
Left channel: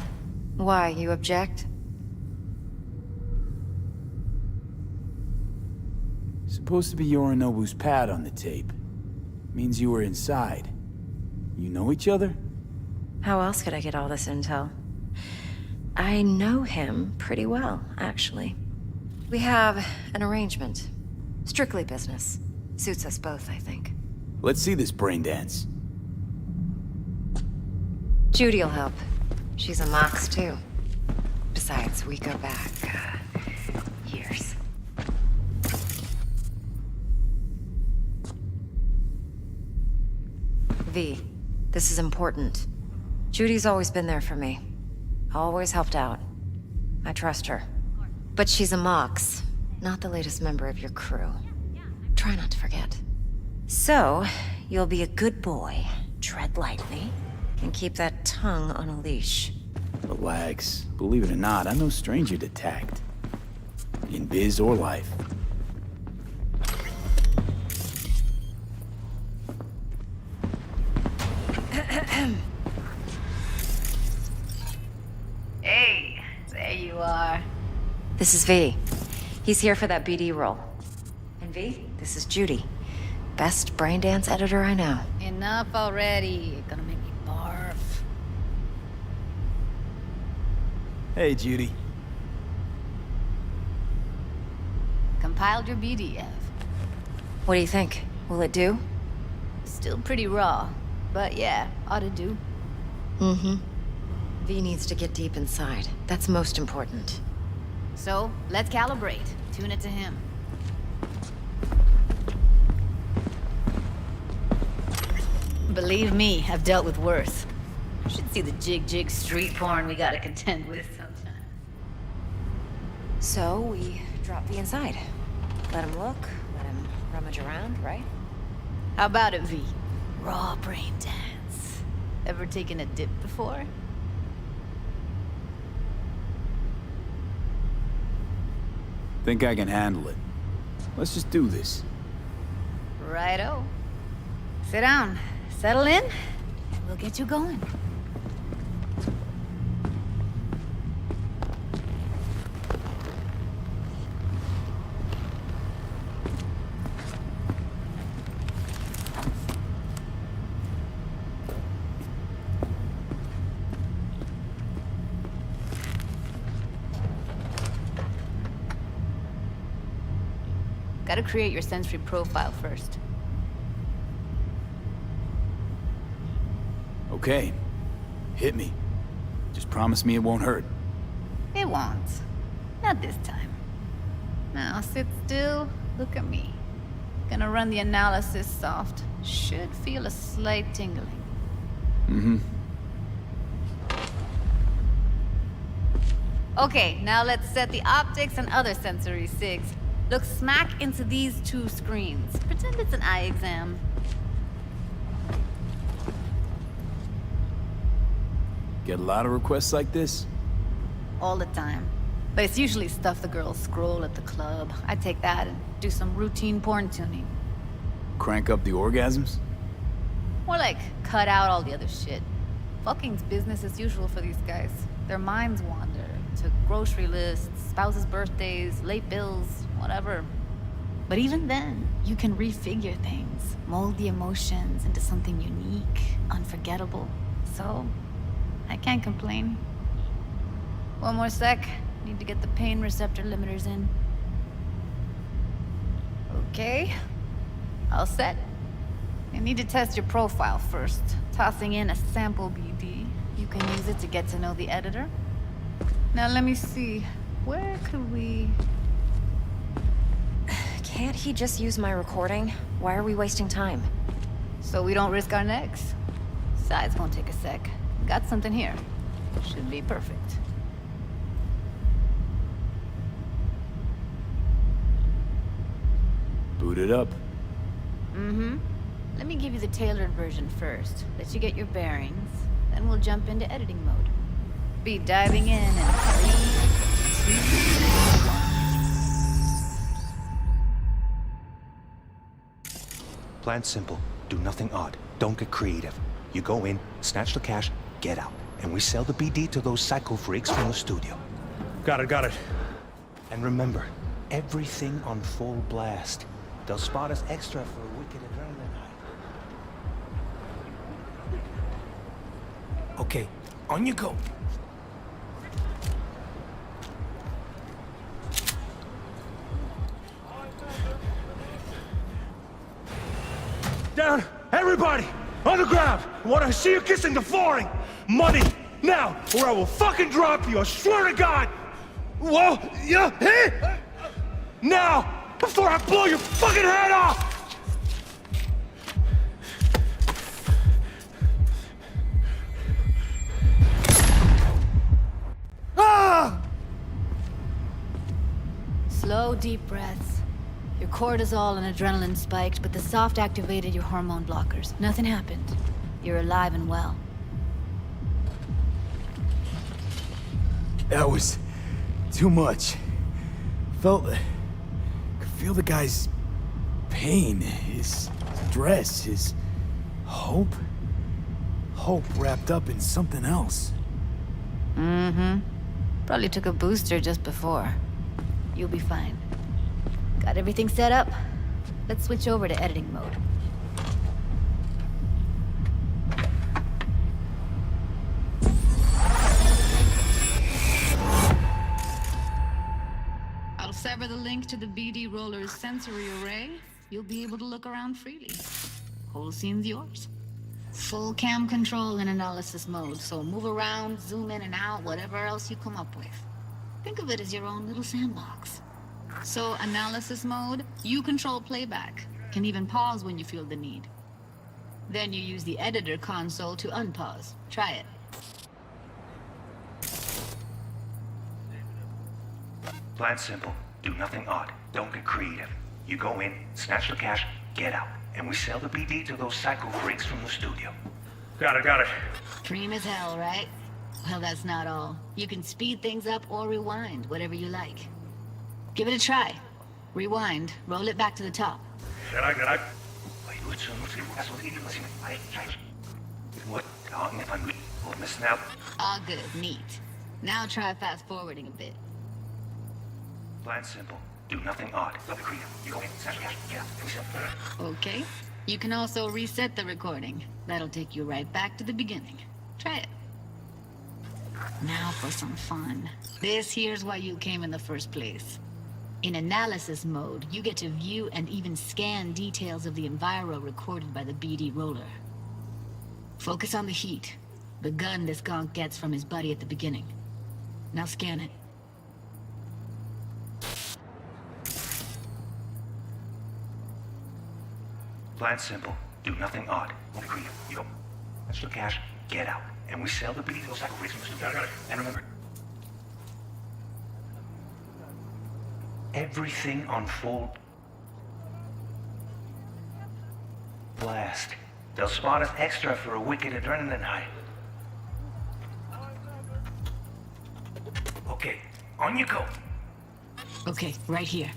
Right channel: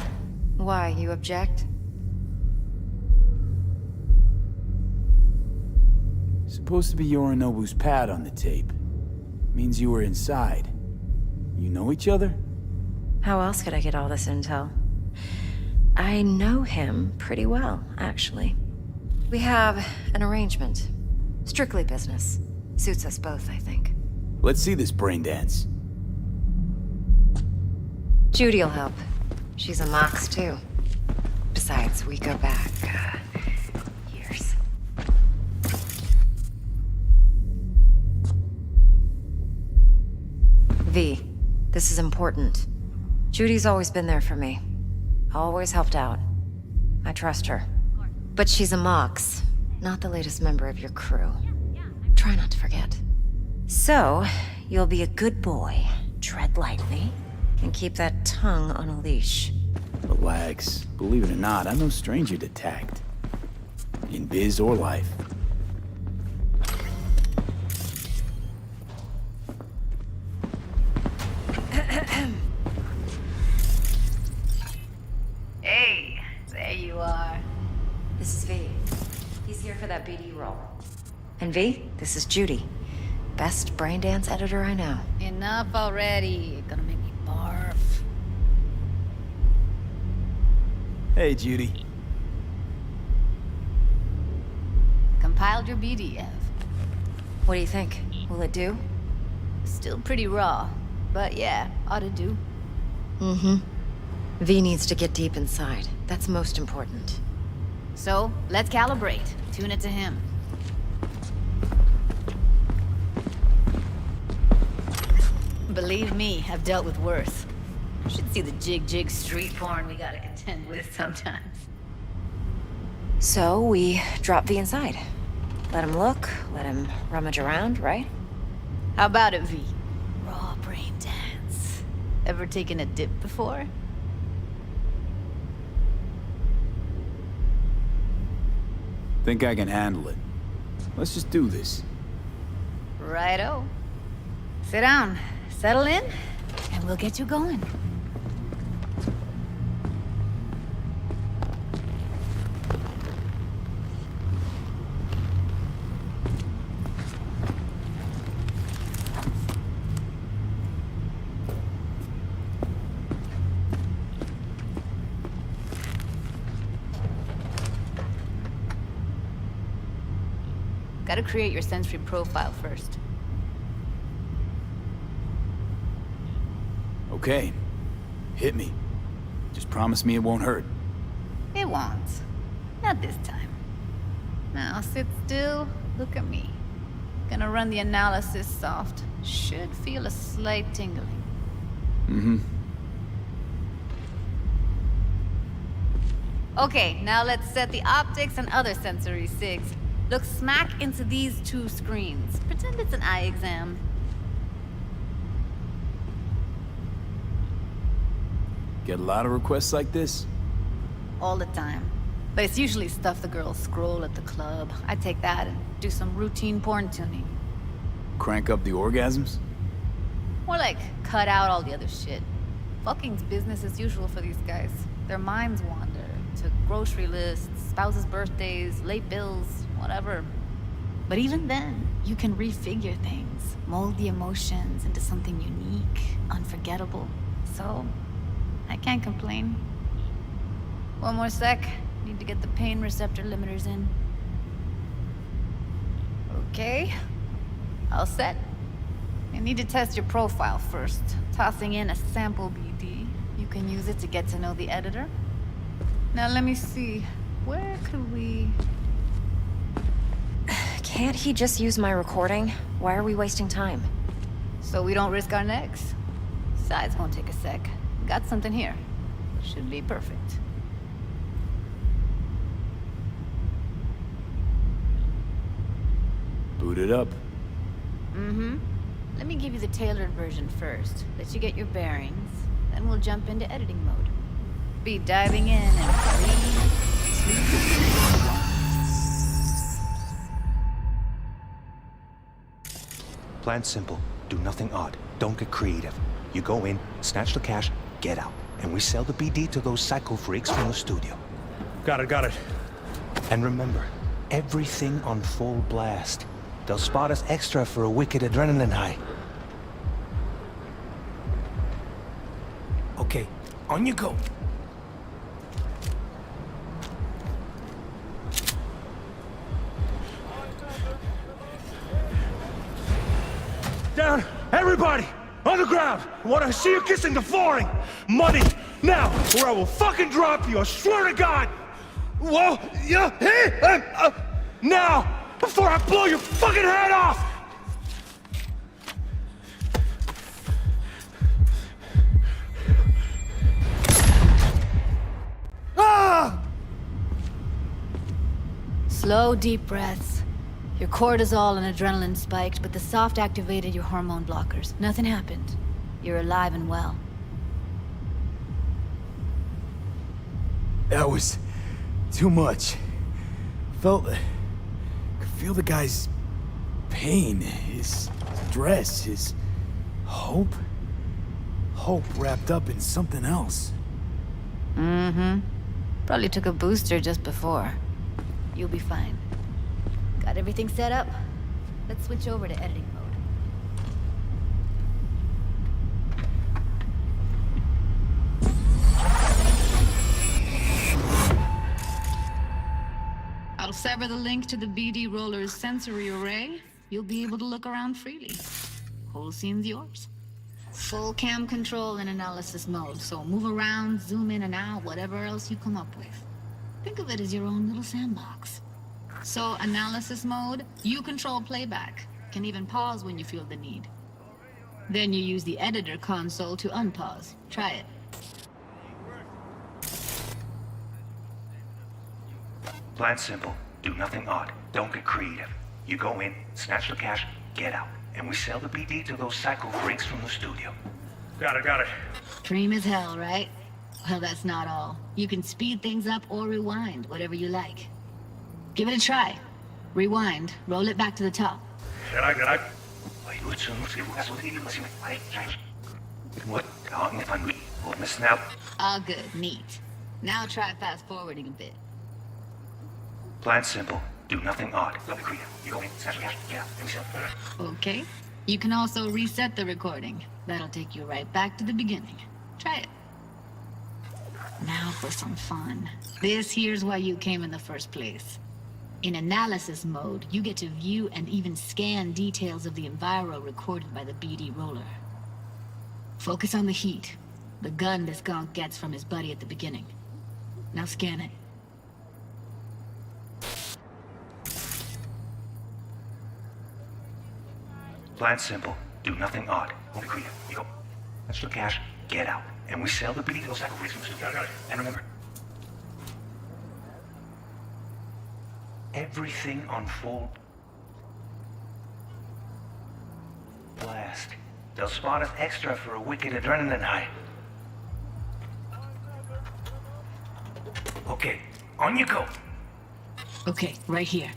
Why, you object? Supposed to be Yorinobu's pad on the tape. Means you were inside. You know each other? How else could I get all this intel? I know him pretty well, actually. We have an arrangement. Strictly business. Suits us both, I think. Let's see this brain dance. Judy'll help. She's a Mox, too. Besides, we go back, years. V, this is important. Judy's always been there for me. Always helped out. I trust her. But she's a Mox, not the latest member of your crew. Try not to forget. So, you'll be a good boy, tread lightly, and keep that tongue on a leash. Relax. Believe it or not, I'm no stranger to tact. In biz or life. Hey, there you are. This is V. He's here for that BD role. And V, this is Judy. Best brain dance editor I know. Enough already. You're gonna make me barf. Hey, Judy. Compiled your BDF. What do you think? Will it do? Still pretty raw, but yeah, ought to do. Mm-hmm. V needs to get deep inside. That's most important. So, let's calibrate. Tune it to him. Believe me, I've dealt with worse. You should see the jig street porn we gotta contend with sometimes. So, we drop V inside. Let him look, let him rummage around, right? How about it, V? Raw brain dance. Ever taken a dip before? Think I can handle it. Let's just do this. Righto. Sit down, settle in, and we'll get you going. Gotta create your sensory profile first. Okay. Hit me. Just promise me it won't hurt. It won't. Not this time. Now sit still, look at me. Gonna run the analysis soft. Should feel a slight tingling. Mm-hmm. Okay, now let's set the optics and other sensory sigs. Look smack into these two screens. Pretend it's an eye exam. Get a lot of requests like this? All the time. But it's usually stuff the girls scroll at the club. I take that and do some routine porn tuning. Crank up the orgasms? More like, cut out all the other shit. Fucking's business as usual for these guys. Their minds wander to grocery lists, spouses' birthdays, late bills, whatever. But even then, you can refigure things, mold the emotions into something unique, unforgettable. So, I can't complain. One more sec. Need to get the pain receptor limiters in. Okay. All set. I need to test your profile first. Tossing in a sample BD. You can use it to get to know the editor. Now let me see. Where could we... Can't he just use my recording? Why are we wasting time? So we don't risk our necks. Besides, won't take a sec. Got something here. Should be perfect. Boot it up. Mm-hmm. Let me give you the tailored version first. Let you get your bearings. Then we'll jump into editing mode. Be diving in 3, 2, 1. Plan simple. Do nothing odd. Don't get creative. You go in, snatch the cash, get out. And we sell the BD to those psycho freaks from the studio. Got it. And remember, everything on full blast. They'll spot us extra for a wicked adrenaline high. Okay, on you go. Down! Everybody! On the ground! I want to see you kissing the flooring! Money! Now! Or I will fucking drop you! I swear to God! Whoa! Yeah! Hey! Now! Before I blow your fucking head off! Ah! Slow, deep breaths. Your cortisol and adrenaline spiked, but the soft activated your hormone blockers. Nothing happened. You're alive and well. That was too much. Could feel the guy's pain, his stress, his hope. Hope wrapped up in something else. Mm-hmm. Probably took a booster just before. You'll be fine. Got everything set up? Let's switch over to editing mode. I'll sever the link to the BD Roller's sensory array. You'll be able to look around freely. Whole scene's yours. Full cam control in analysis mode, so move around, zoom in and out, whatever else you come up with. Think of it as your own little sandbox. So, analysis mode, you control playback. Can even pause when you feel the need. Then you use the editor console to unpause. Try it. Plan simple. Do nothing odd. Don't get creative. You go in, snatch the cash, get out. And we sell the BD to those psycho freaks from the studio. Got it. Dream as hell, right? Well, that's not all. You can speed things up or rewind, whatever you like. Give it a try. Rewind, roll it back to the top. All good, neat. Now try fast forwarding a bit. Plan simple. Do nothing odd. Don't be creative. You go in, snatch the cash, get out, and we sell. Okay. You can also reset the recording. That'll take you right back to the beginning. Try it. Now for some fun. This here's why you came in the first place. In analysis mode, you get to view and even scan details of the enviro recorded by the BD roller. Focus on the heat, the gun this gonk gets from his buddy at the beginning. Now scan it. Plan simple. Do nothing odd. Don't be creative. You go. That's the cash. Get out. And we sell the BD to those sacrifices. And remember, everything on full blast. They'll spot us extra for a wicked adrenaline high. Okay, on you go. Okay, right here.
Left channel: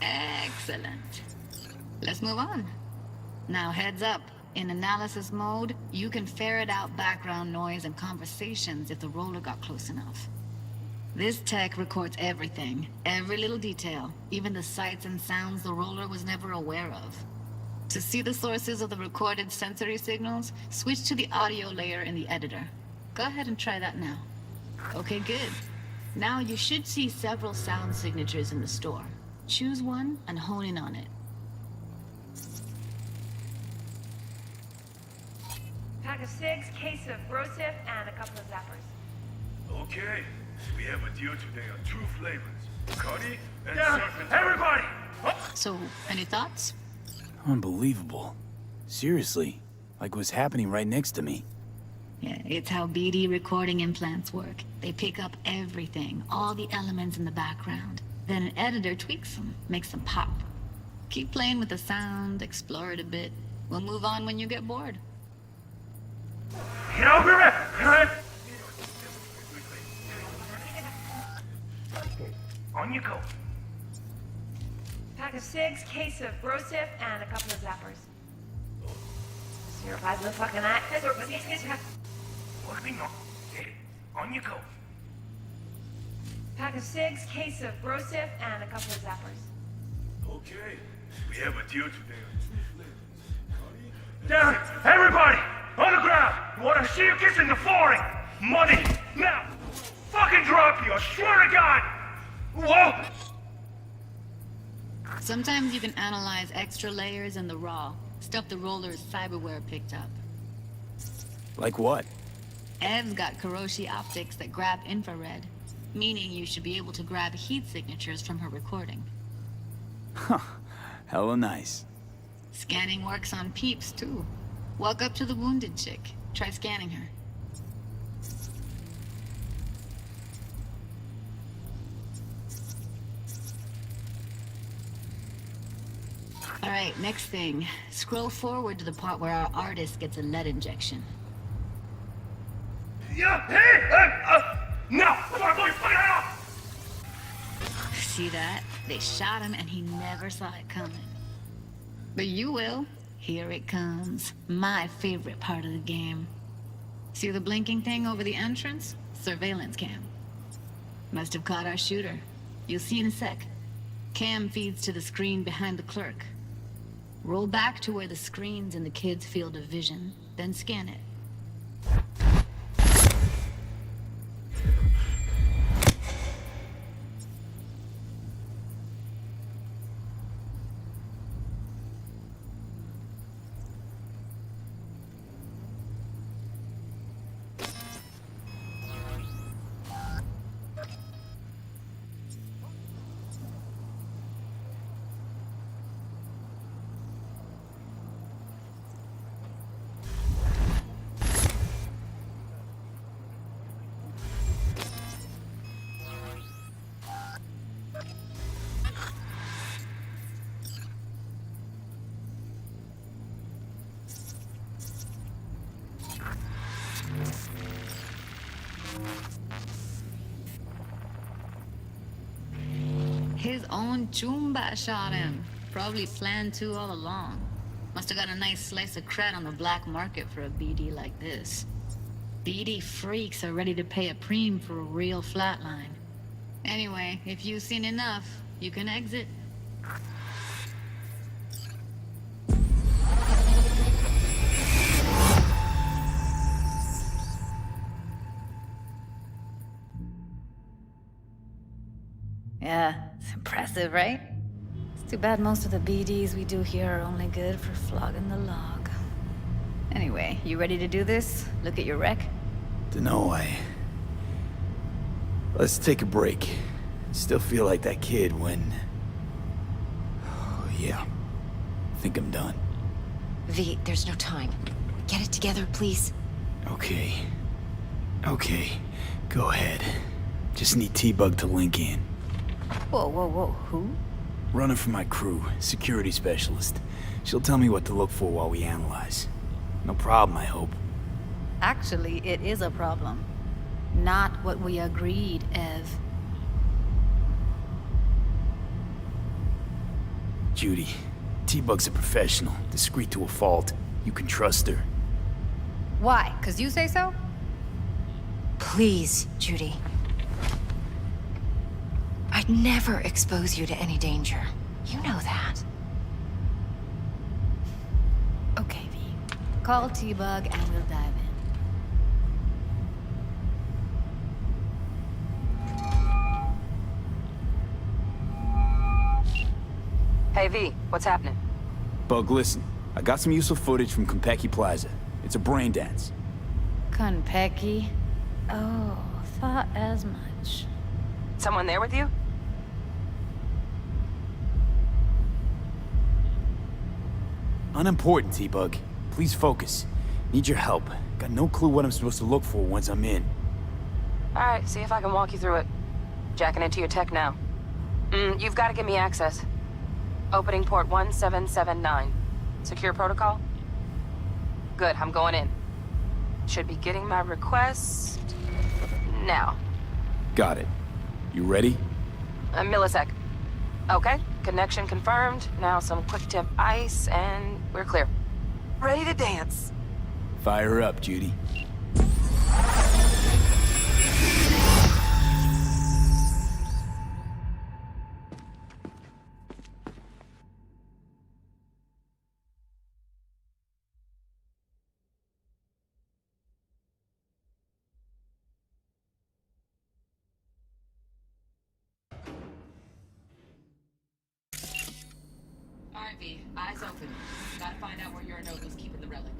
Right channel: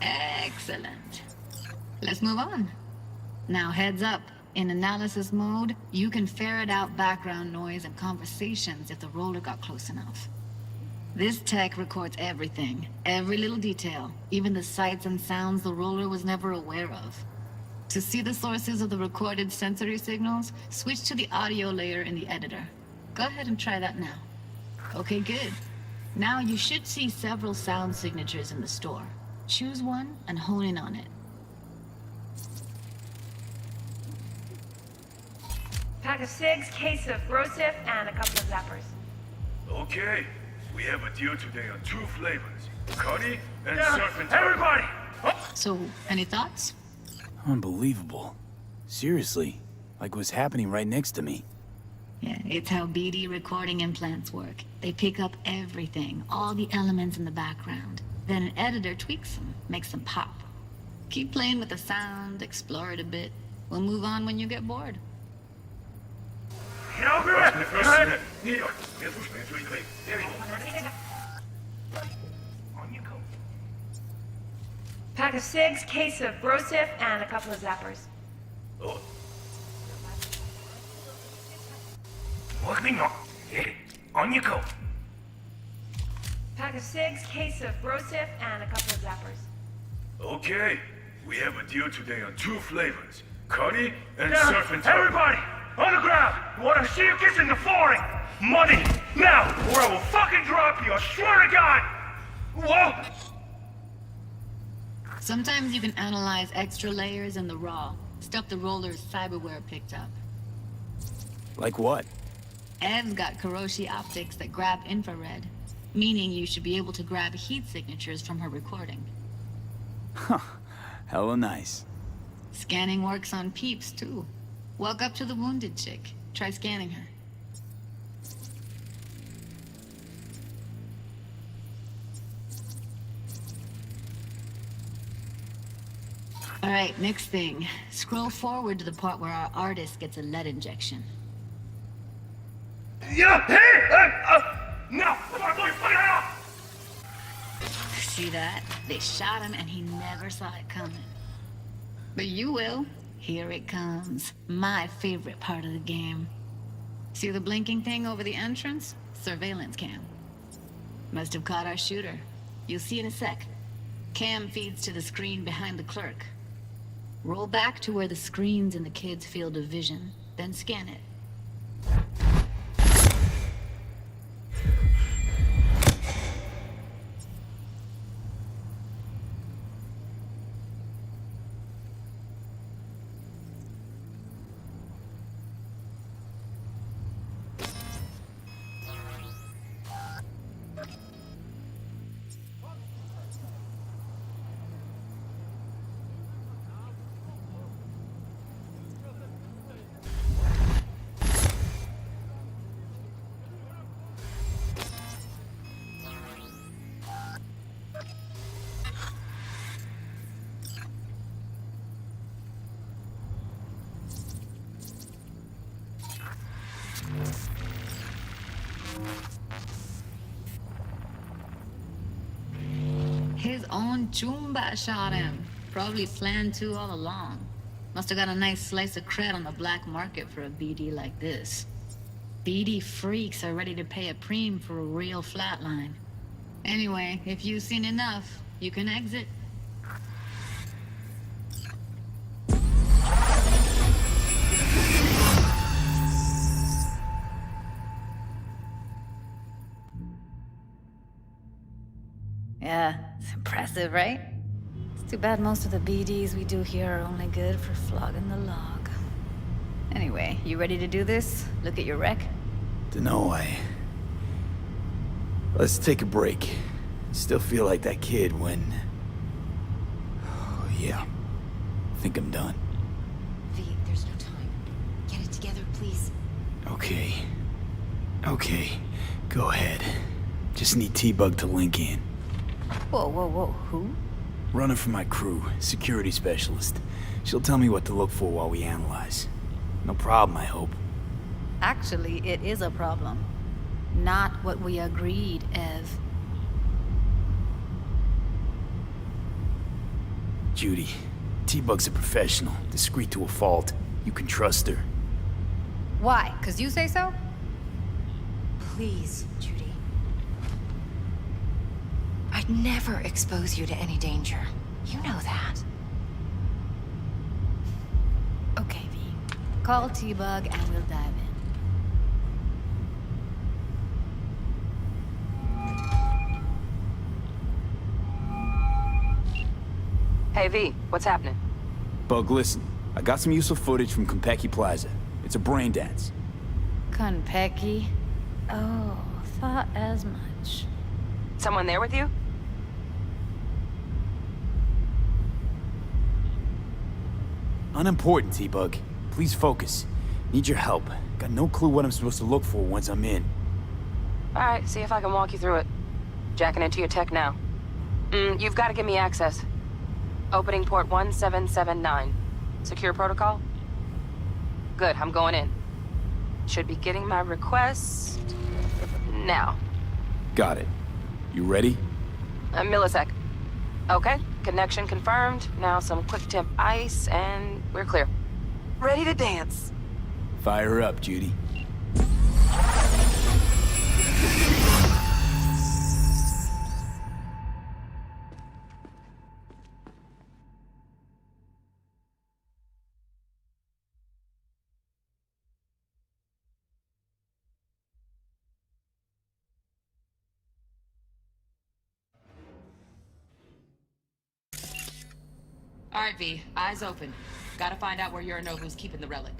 Excellent. Let's move on. Now heads up. In analysis mode, you can ferret out background noise and conversations if the roller got close enough. This tech records everything, every little detail, even the sights and sounds the roller was never aware of. To see the sources of the recorded sensory signals, switch to the audio layer in the editor. Go ahead and try that now. Okay, good. Now you should see several sound signatures in the store. Choose one and hone in on it. Pack of cigs, case of Brosif, and a couple of zappers. Okay, we have a deal today on 2 flavors. Cuddy and surf and everybody! So, any thoughts? Unbelievable. Seriously, like what's happening right next to me. Yeah, it's how BD recording implants work. They pick up everything, all the elements in the background. Then an editor tweaks them, makes them pop. Keep playing with the sound, explore it a bit. We'll move on when you get bored. On you go. Pack of cigs, case of Brosif, and a couple of zappers. Oh. You're a little fucking act. Look me no. On you go. Pack of cigs, case of Brosif, and a couple of zappers. Okay, we have a deal today on 2 flavors. Cuddy and surf and everybody! On the ground! I wanna see you kissing the flooring! Money! Now! Or I will fucking drop you, I swear to God! Whoa! Sometimes you can analyze extra layers in the raw, stuff the roller's cyberware picked up. Like what? Ev's got Kiroshi optics that grab infrared, meaning you should be able to grab heat signatures from her recording. Huh. Hella nice. Scanning works on peeps, too. Walk up to the wounded chick. Try scanning her. Alright, next thing. Scroll forward to the part where our artist gets a lead injection. Yeah! Hey! No! See that? They shot him and he never saw it coming. But you will. Here it comes. My favorite part of the game. See the blinking thing over the entrance? Surveillance cam. Must have caught our shooter. You'll see in a sec. Cam feeds to the screen behind the clerk. Roll back to where the screen's in the kid's field of vision, then scan it. own Chumba shot him. Probably planned to all along. Must have got a nice slice of cred on the black market for a BD like this. BD freaks are ready to pay a preem for a real flatline. Anyway, if you've seen enough, you can exit. Yeah, it's impressive, right? It's too bad most of the BDs we do here are only good for flogging the log. Anyway, you ready to do this? Look at your wreck? Dunno, Let's take a break. Still feel like that kid when... Oh, yeah. Think I'm done. V, there's no time. Get it together, please. Okay. Go ahead. Just need T-Bug to link in. Whoa, who? Runner for my crew, security specialist. She'll tell me what to look for while we analyze. No problem, I hope. Actually, it is a problem. Not what we agreed, Ev. Judy, T-Bug's a professional, discreet to a fault. You can trust her. Why? 'Cause you say so? Please, Judy. I'd never expose you to any danger. You know that. Okay, V. Call T-Bug and we'll dive in. Hey, V, what's happening? Bug, listen. I got some useful footage from Konpeki Plaza. It's a brain dance. Konpeki? Oh, thought as much. Someone there with you? Unimportant, T-Bug. Please focus. Need your help. Got no clue what I'm supposed to look for once I'm in. Alright, see if I can walk you through it. Jacking into your tech now. You've got to give me access. Opening port 1779. Secure protocol? Good, I'm going in. Should be getting my request... now. Got it. You ready? A millisec. Okay, connection confirmed. Now some quick temp ice, and we're clear. Ready to dance. Fire her up, Judy. Alright, V, eyes open. Gotta find out where Yorinobu's keeping the relic.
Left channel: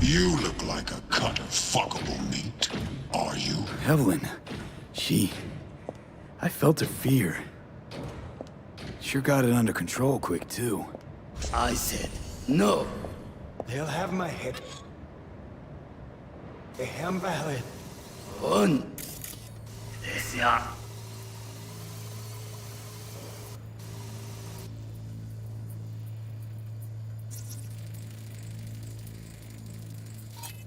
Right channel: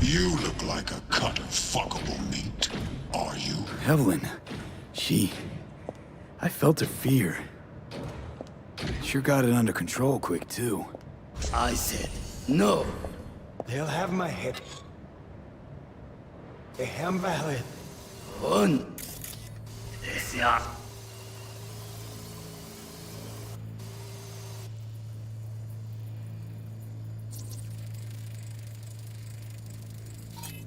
You look like a cut of fuckable meat. Are you? Evelyn. I felt her fear. Sure got it under control quick, too. I said, no. They'll have my head. They have my head. On. Desea.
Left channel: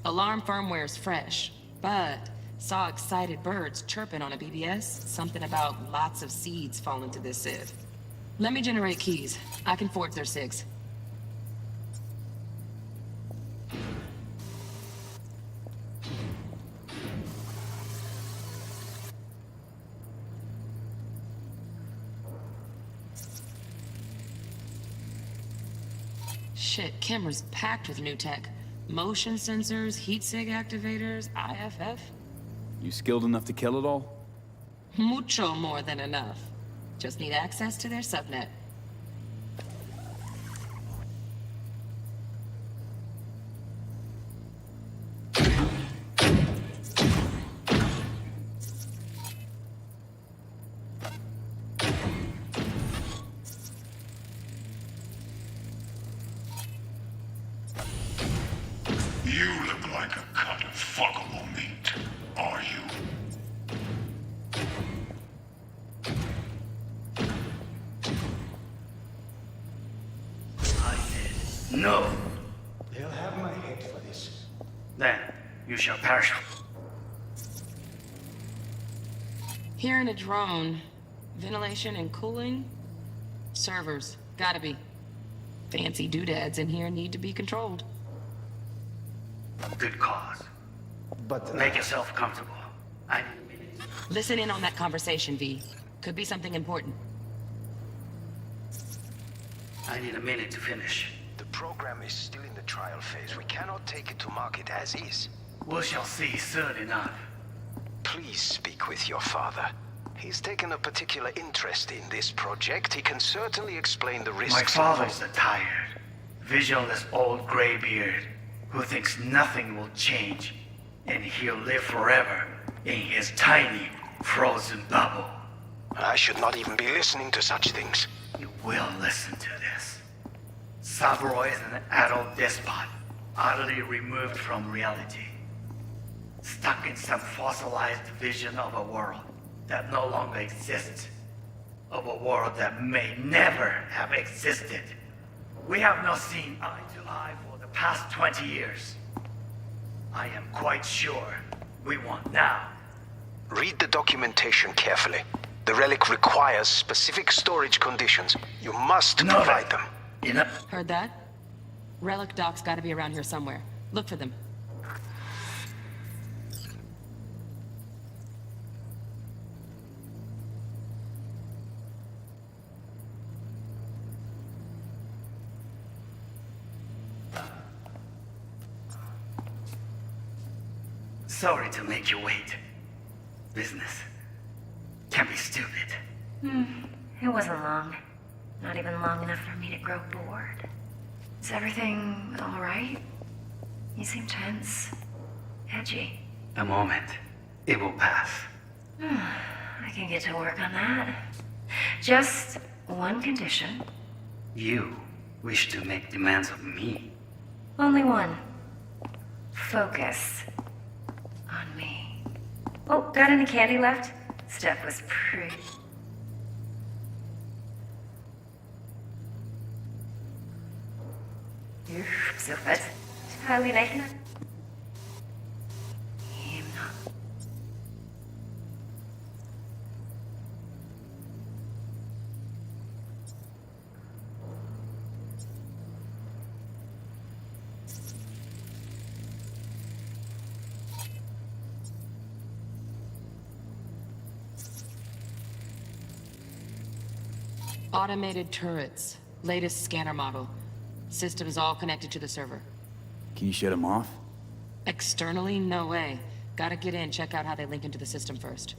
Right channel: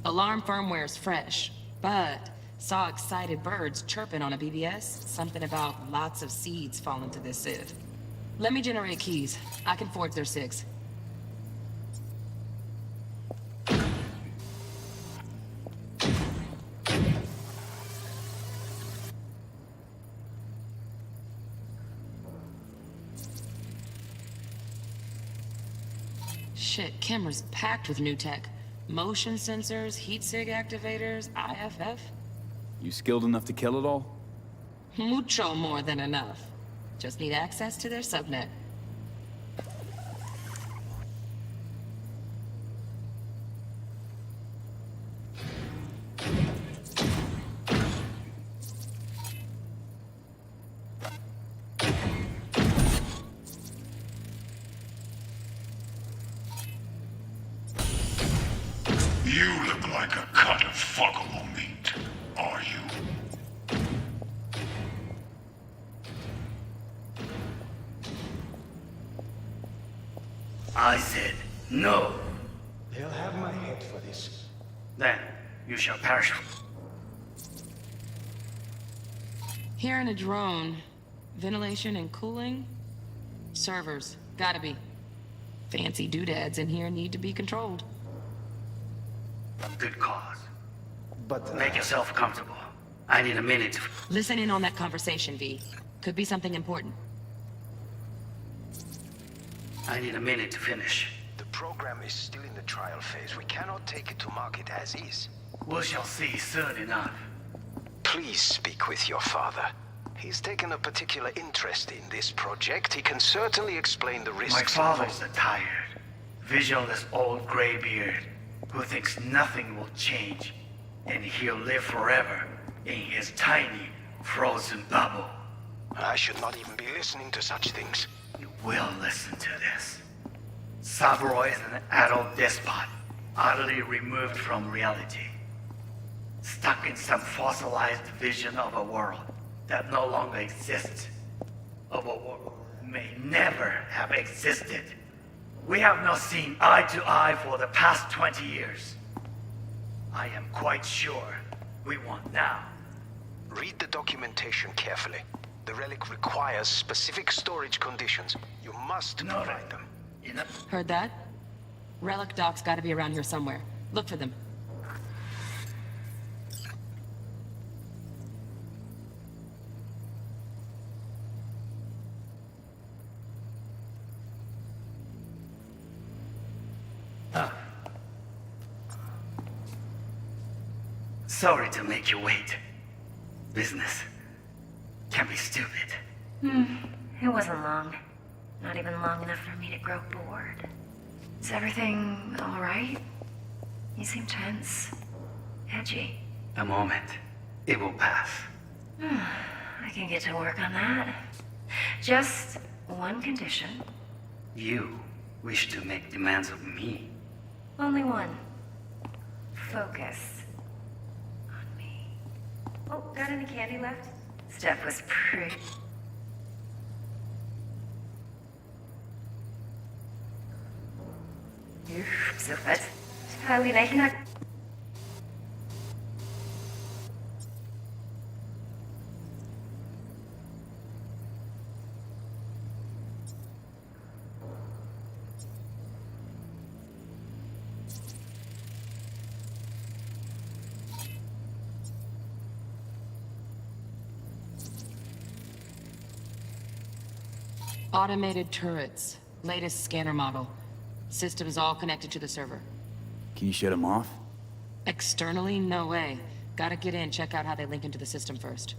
Alarm firmware's fresh, but saw excited birds chirping on a BBS. Something about lots of seeds falling to this sieve. Let me generate keys. I can forge their SIGs. Shit, camera's packed with new tech. Motion sensors, heat sig activators, IFF. You skilled enough to kill it all? Mucho more than enough. Just need access to their subnet. You look like a cut of fuckable meat. Are you? I said, no. They'll have my head for this. Then you shall perish. Here in a drone, ventilation and cooling? Servers, gotta be. Fancy doodads in here need to be controlled. Good cause. But make yourself comfortable. I need a minute to... Listen in on that conversation, V. Could be something important. I need a minute to finish. The program is still in the trial phase. We cannot take it to market as is. We shall see soon enough. Please speak with your father. He's taken a particular interest in this project. He can certainly explain the risks. My father's a tired, visionless old graybeard who thinks nothing will change, and he'll live forever in his tiny, frozen bubble. I should not even be listening to such things. You will listen to this. Saburo is an adult despot, utterly removed from reality. Stuck in some fossilized vision of a world that no longer exists. Of a world that may never have existed. We have not seen eye to eye for the past 20 years. I am quite sure we want now. Read the documentation carefully. The relic requires specific storage conditions. You must provide them. Heard that? Relic docs gotta be around here somewhere. Look for them. Sorry to make you wait. Business can be stupid. It wasn't long. Not even long enough for me to grow bored. Is everything all right? You seem tense. Edgy. A moment. It will pass. I can get to work on that. Just one condition. You wish to make demands of me. Only one. Focus. On me. Oh, got any candy left? Stuff was pretty... So fast. Highly naked. Automated turrets. Latest scanner model. Systems all connected to the server. Can you shut them off? Externally, no way. Gotta get in, check out how they link into the system first.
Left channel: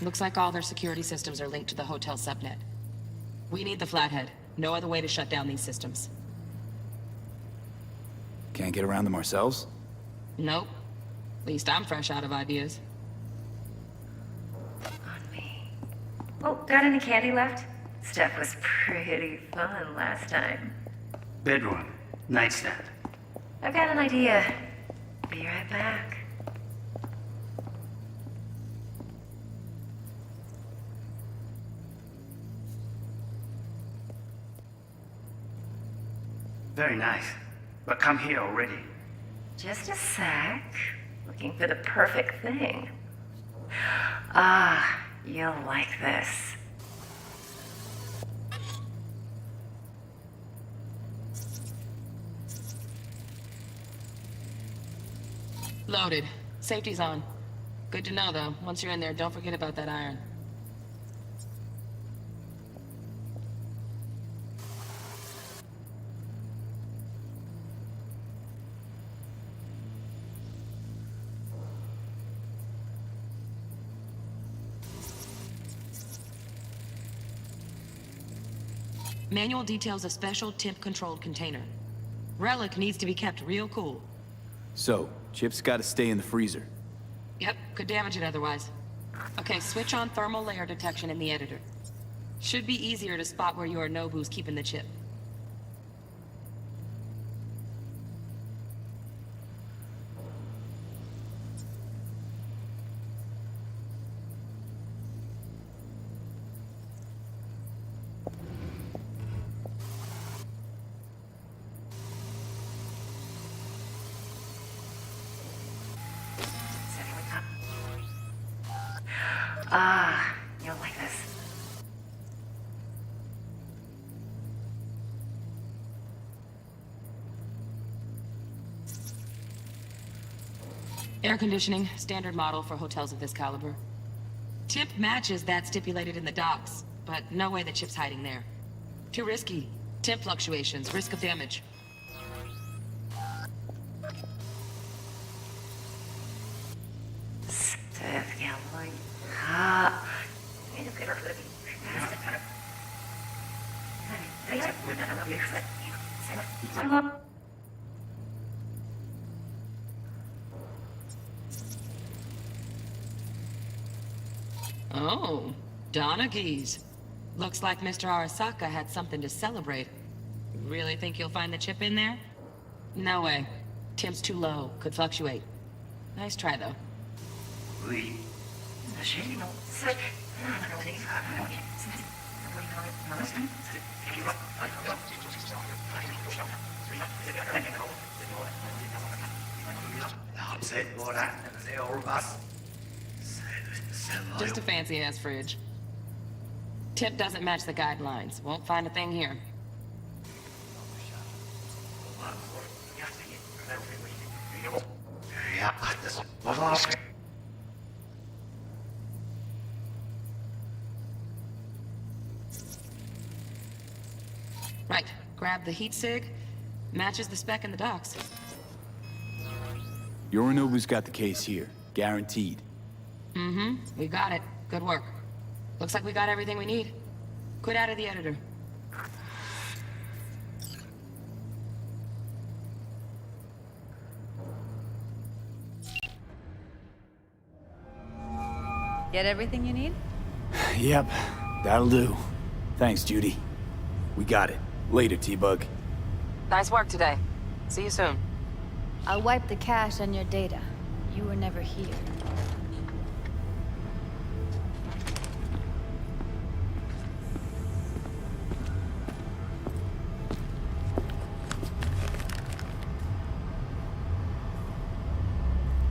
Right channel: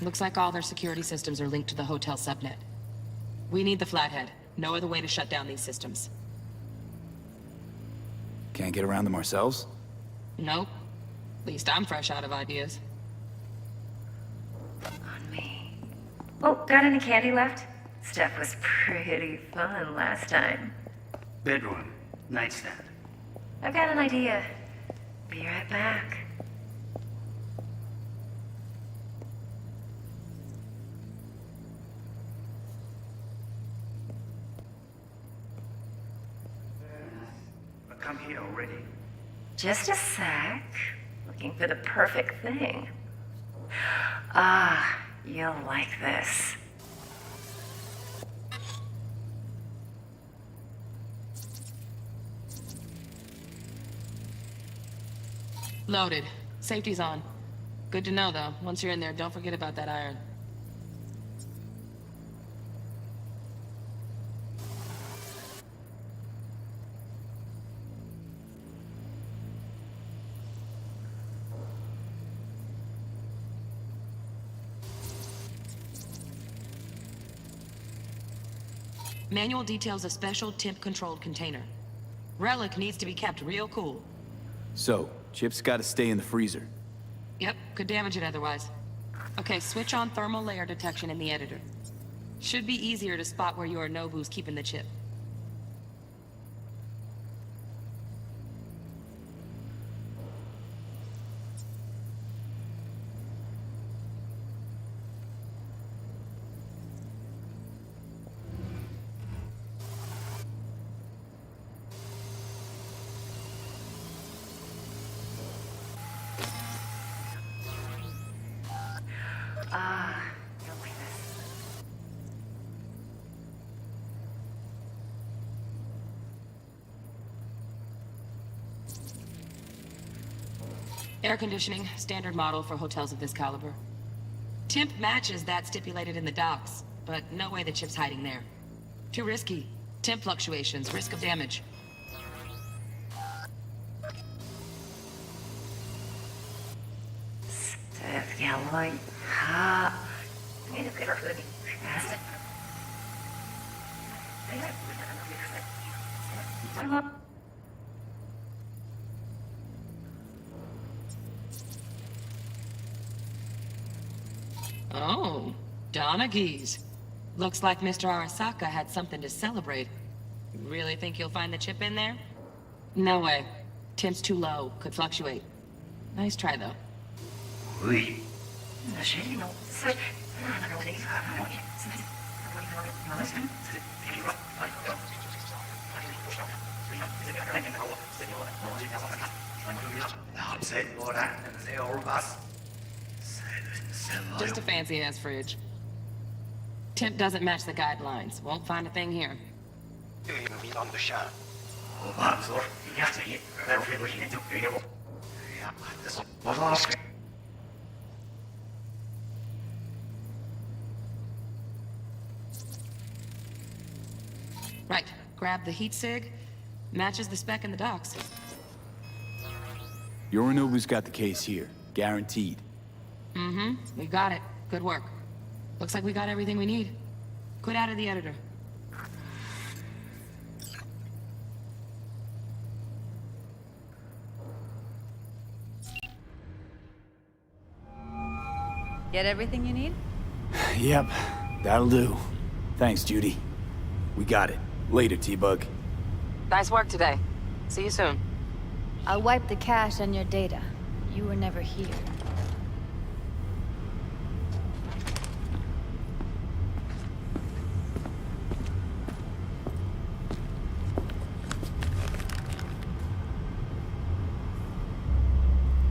Looks like all their security systems are linked to the hotel subnet. We need the Flathead. No other way to shut down these systems. Can't get around them ourselves? Nope. At least I'm fresh out of ideas. On me. Oh, got any candy left? Stuff was pretty fun last time. Bedroom. Nightstand. I've got an idea. Be right back. Very nice. But come here already. Just a sec. Looking for the perfect thing. Ah, you'll like this. Loaded. Safety's on. Good to know, though. Once you're in there, don't forget about that iron. Manual details a special temp-controlled container. Relic needs to be kept real cool. So, chips gotta stay in the freezer. Yep, could damage it otherwise. Okay, switch on thermal layer detection in the editor. Should be easier to spot where Yorinobu's keeping the chip. Ah, you'll like this. Air conditioning, standard model for hotels of this caliber. Temp matches that stipulated in the docs, but no way the chip's hiding there. Too risky. Temp fluctuations, risk of damage. Oh, Donaghys. Looks like Mr. Arasaka had something to celebrate. Really think you'll find the chip in there? No way. Temp's too low. Could fluctuate. Nice try, though. Just a fancy-ass fridge. Temp doesn't match the guidelines. Won't find a thing here. Right. Grab the heat sig. Matches the spec in the docs. Yorinobu's got the case here. Guaranteed. Mm-hmm. We got it. Good work. Looks like we got everything we need. Quit out of the editor. Get everything you need? Yep, that'll do. Thanks, Judy. We got it. Later, T-Bug. Nice work today. See you soon. I'll wipe the cache on your data. You were never here.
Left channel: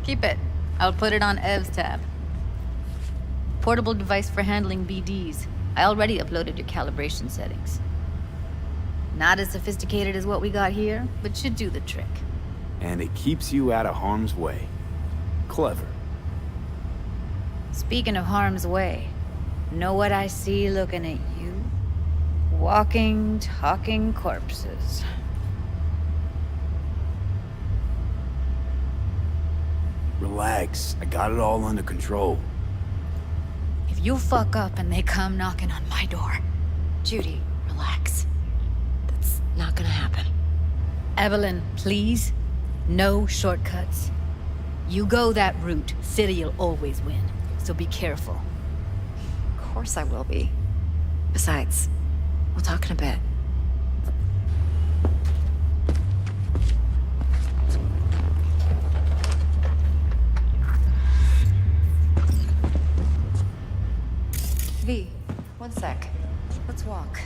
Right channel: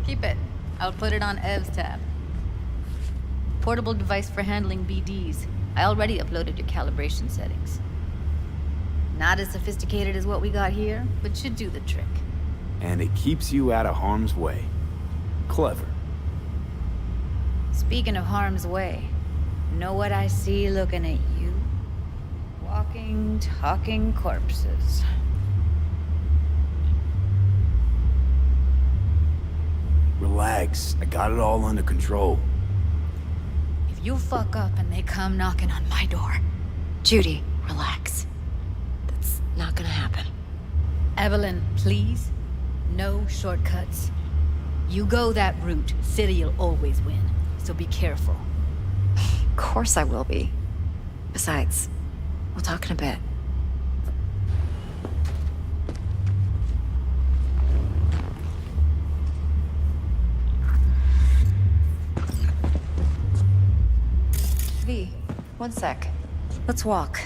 Keep it. I'll put it on Ev's tab. Portable device for handling BDs. I already uploaded your calibration settings. Not as sophisticated as what we got here, but should do the trick. And it keeps you out of harm's way. Clever. Speaking of harm's way, know what I see looking at you? Walking, talking corpses. Relax. I got it all under control. If you fuck up and they come knocking on my door... Judy, relax. That's not gonna happen. Evelyn, please. No shortcuts. You go that route, City'll always win. So be careful. Of course I will be. Besides, we'll talk in a bit. V, one sec. Let's walk.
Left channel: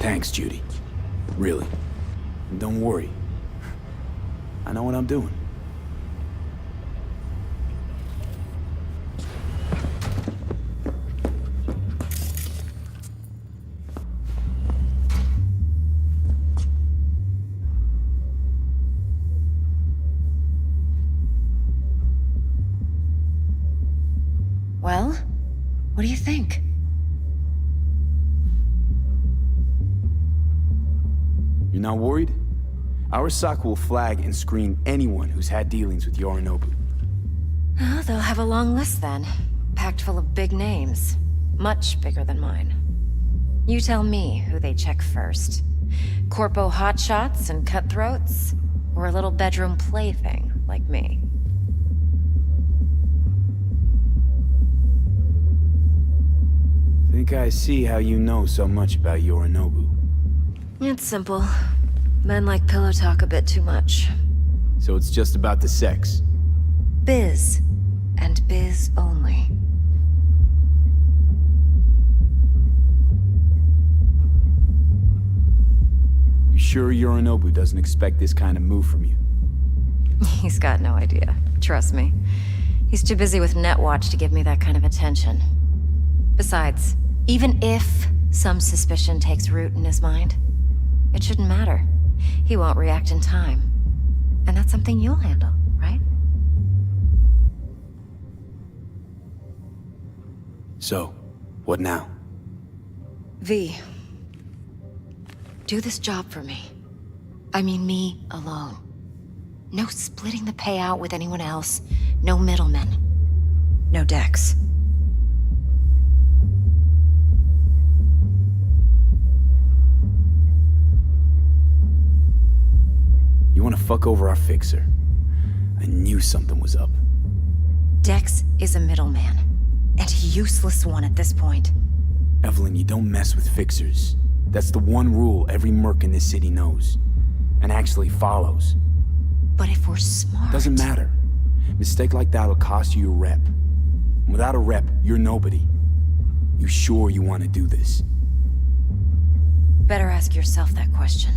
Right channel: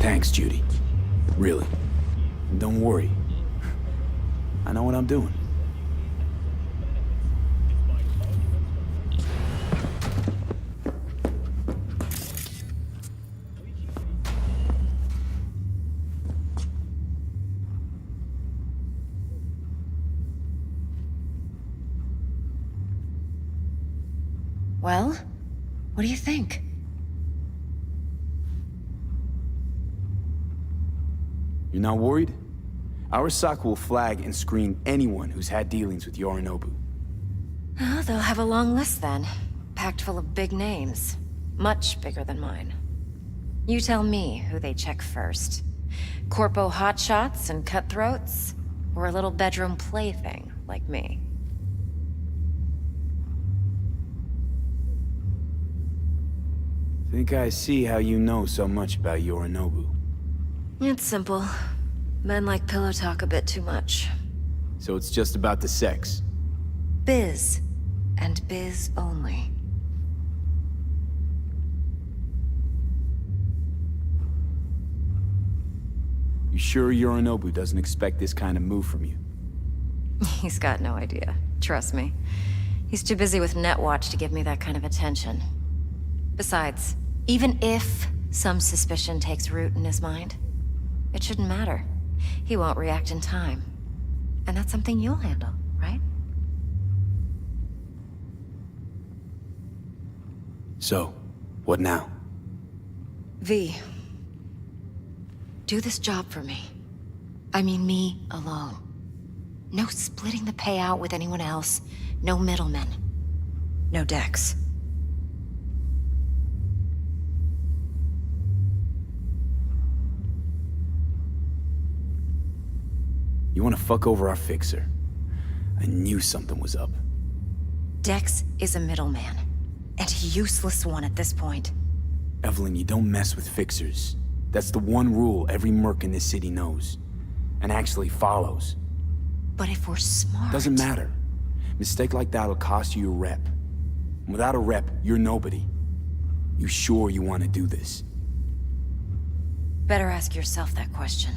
Thanks, Judy. Really. And don't worry. I know what I'm doing. Well, what do you think? You're not worried? Arasaka will flag and screen anyone who's had dealings with Yorinobu. Oh, they'll have a long list then. Packed full of big names. Much bigger than mine. You tell me who they check first. Corpo hotshots and cutthroats? Or a little bedroom plaything like me? Think I see how you know so much about Yorinobu. It's simple. Men like pillow talk a bit too much. So it's just about the sex? Biz. And biz only. You sure Yorinobu doesn't expect this kind of move from you? He's got no idea. Trust me. He's too busy with Netwatch to give me that kind of attention. Besides, even if some suspicion takes root in his mind, it shouldn't matter. He won't react in time. And that's something you'll handle, right? So, what now? V, do this job for me. I mean me alone. No splitting the payout with anyone else. No middlemen. No Dex. You want to fuck over our fixer? I knew something was up. Dex is a middleman. And a useless one at this point. Evelyn, you don't mess with fixers. That's the one rule every merc in this city knows. And actually follows. But if we're smart... Doesn't matter. Mistake like that'll cost you your rep. Without a rep, you're nobody. You sure you want to do this? Better ask yourself that question.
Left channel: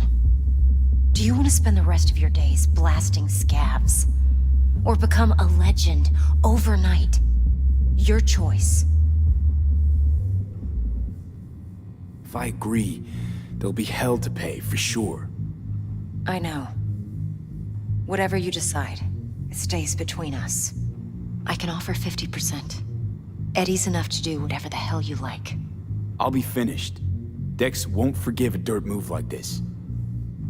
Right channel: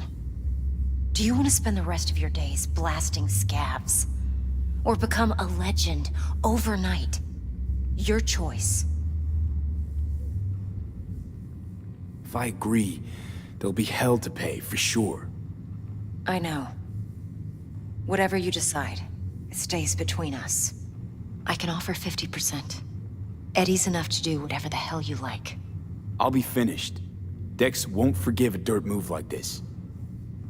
Do you want to spend the rest of your days blasting scabs? Or become a legend overnight? Your choice. If I agree, there'll be hell to pay, for sure. I know. Whatever you decide, it stays between us. I can offer 50%. Eddie's enough to do whatever the hell you like. I'll be finished. Dex won't forgive a dirt move like this.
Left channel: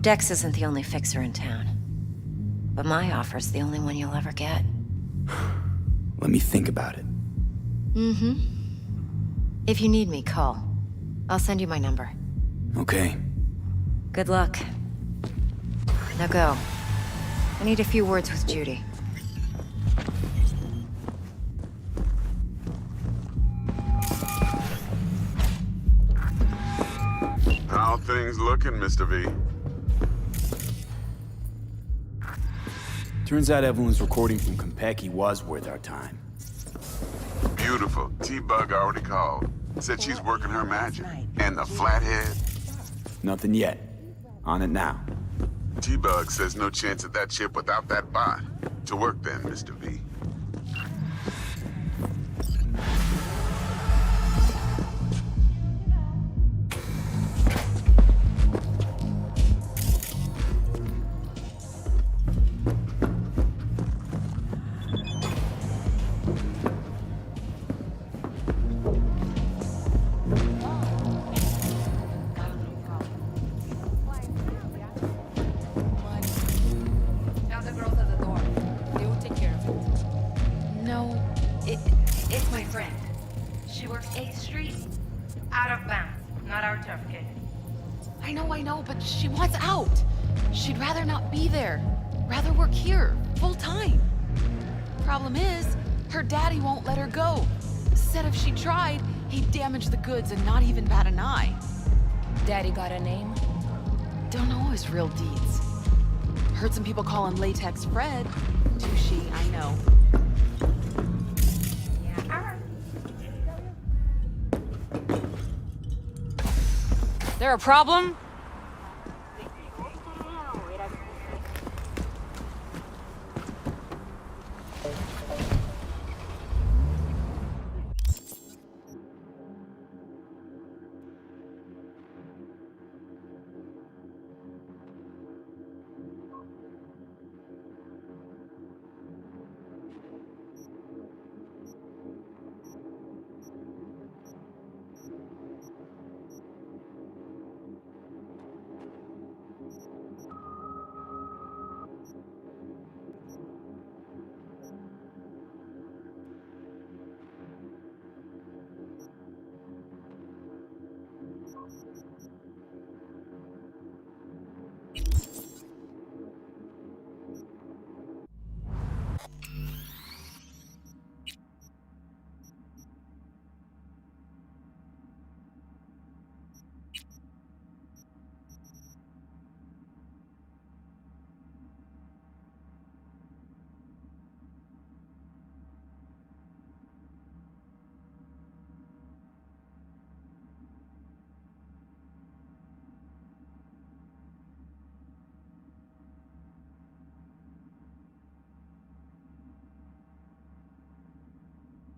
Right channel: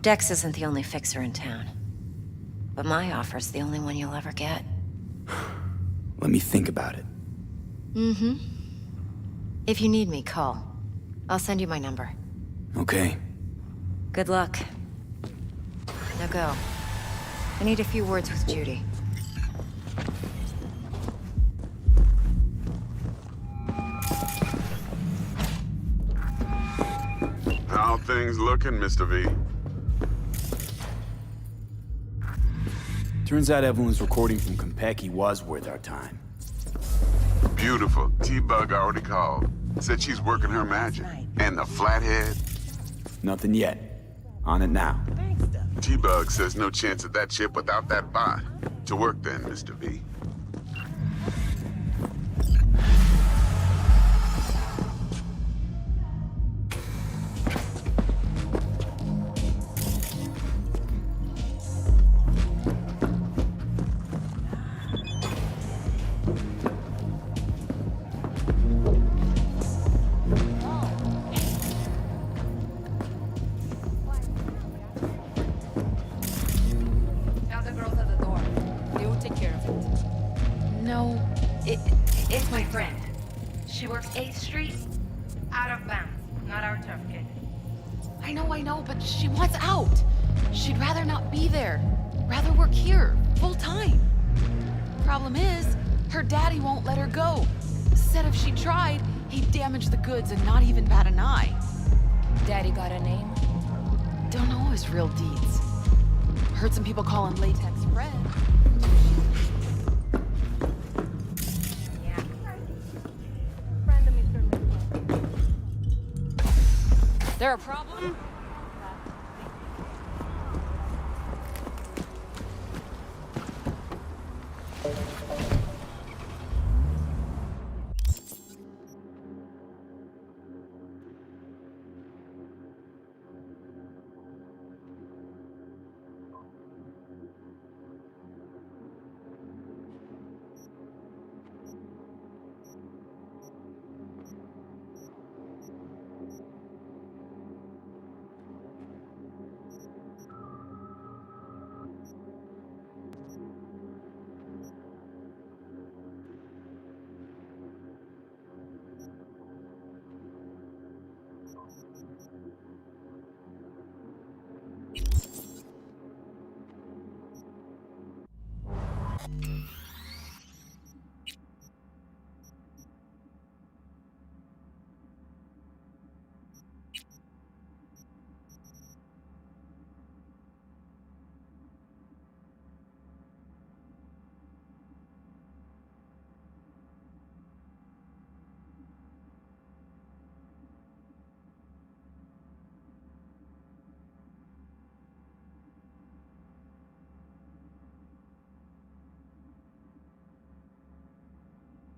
Dex isn't the only fixer in town. But my offer's the only one you'll ever get. Let me think about it. Mm-hmm. If you need me, call. I'll send you my number. Okay. Good luck. Now go. I need a few words with Judy. How things looking, Mr. V? Turns out Evelyn's recording from Konpeki was worth our time. Beautiful. T-Bug already called. Said she's working her magic. And the flathead? Nothing yet. On it now. T-Bug says no chance of that ship without that bot. To work then, Mr. V. Tell the girls at the door. They will take care of it. No, it's my friend. She works 8th Street. Out of bounds. Not our turf, kid. I know, but she wants out. She'd rather not be there. Rather work here, full time. Problem is, her daddy won't let her go. Said if she tried, he'd damage the goods and not even bat an eye. Daddy got a name? Don't know his real deeds. Heard some people call him Latex Fred. Too shady, I know. There a problem?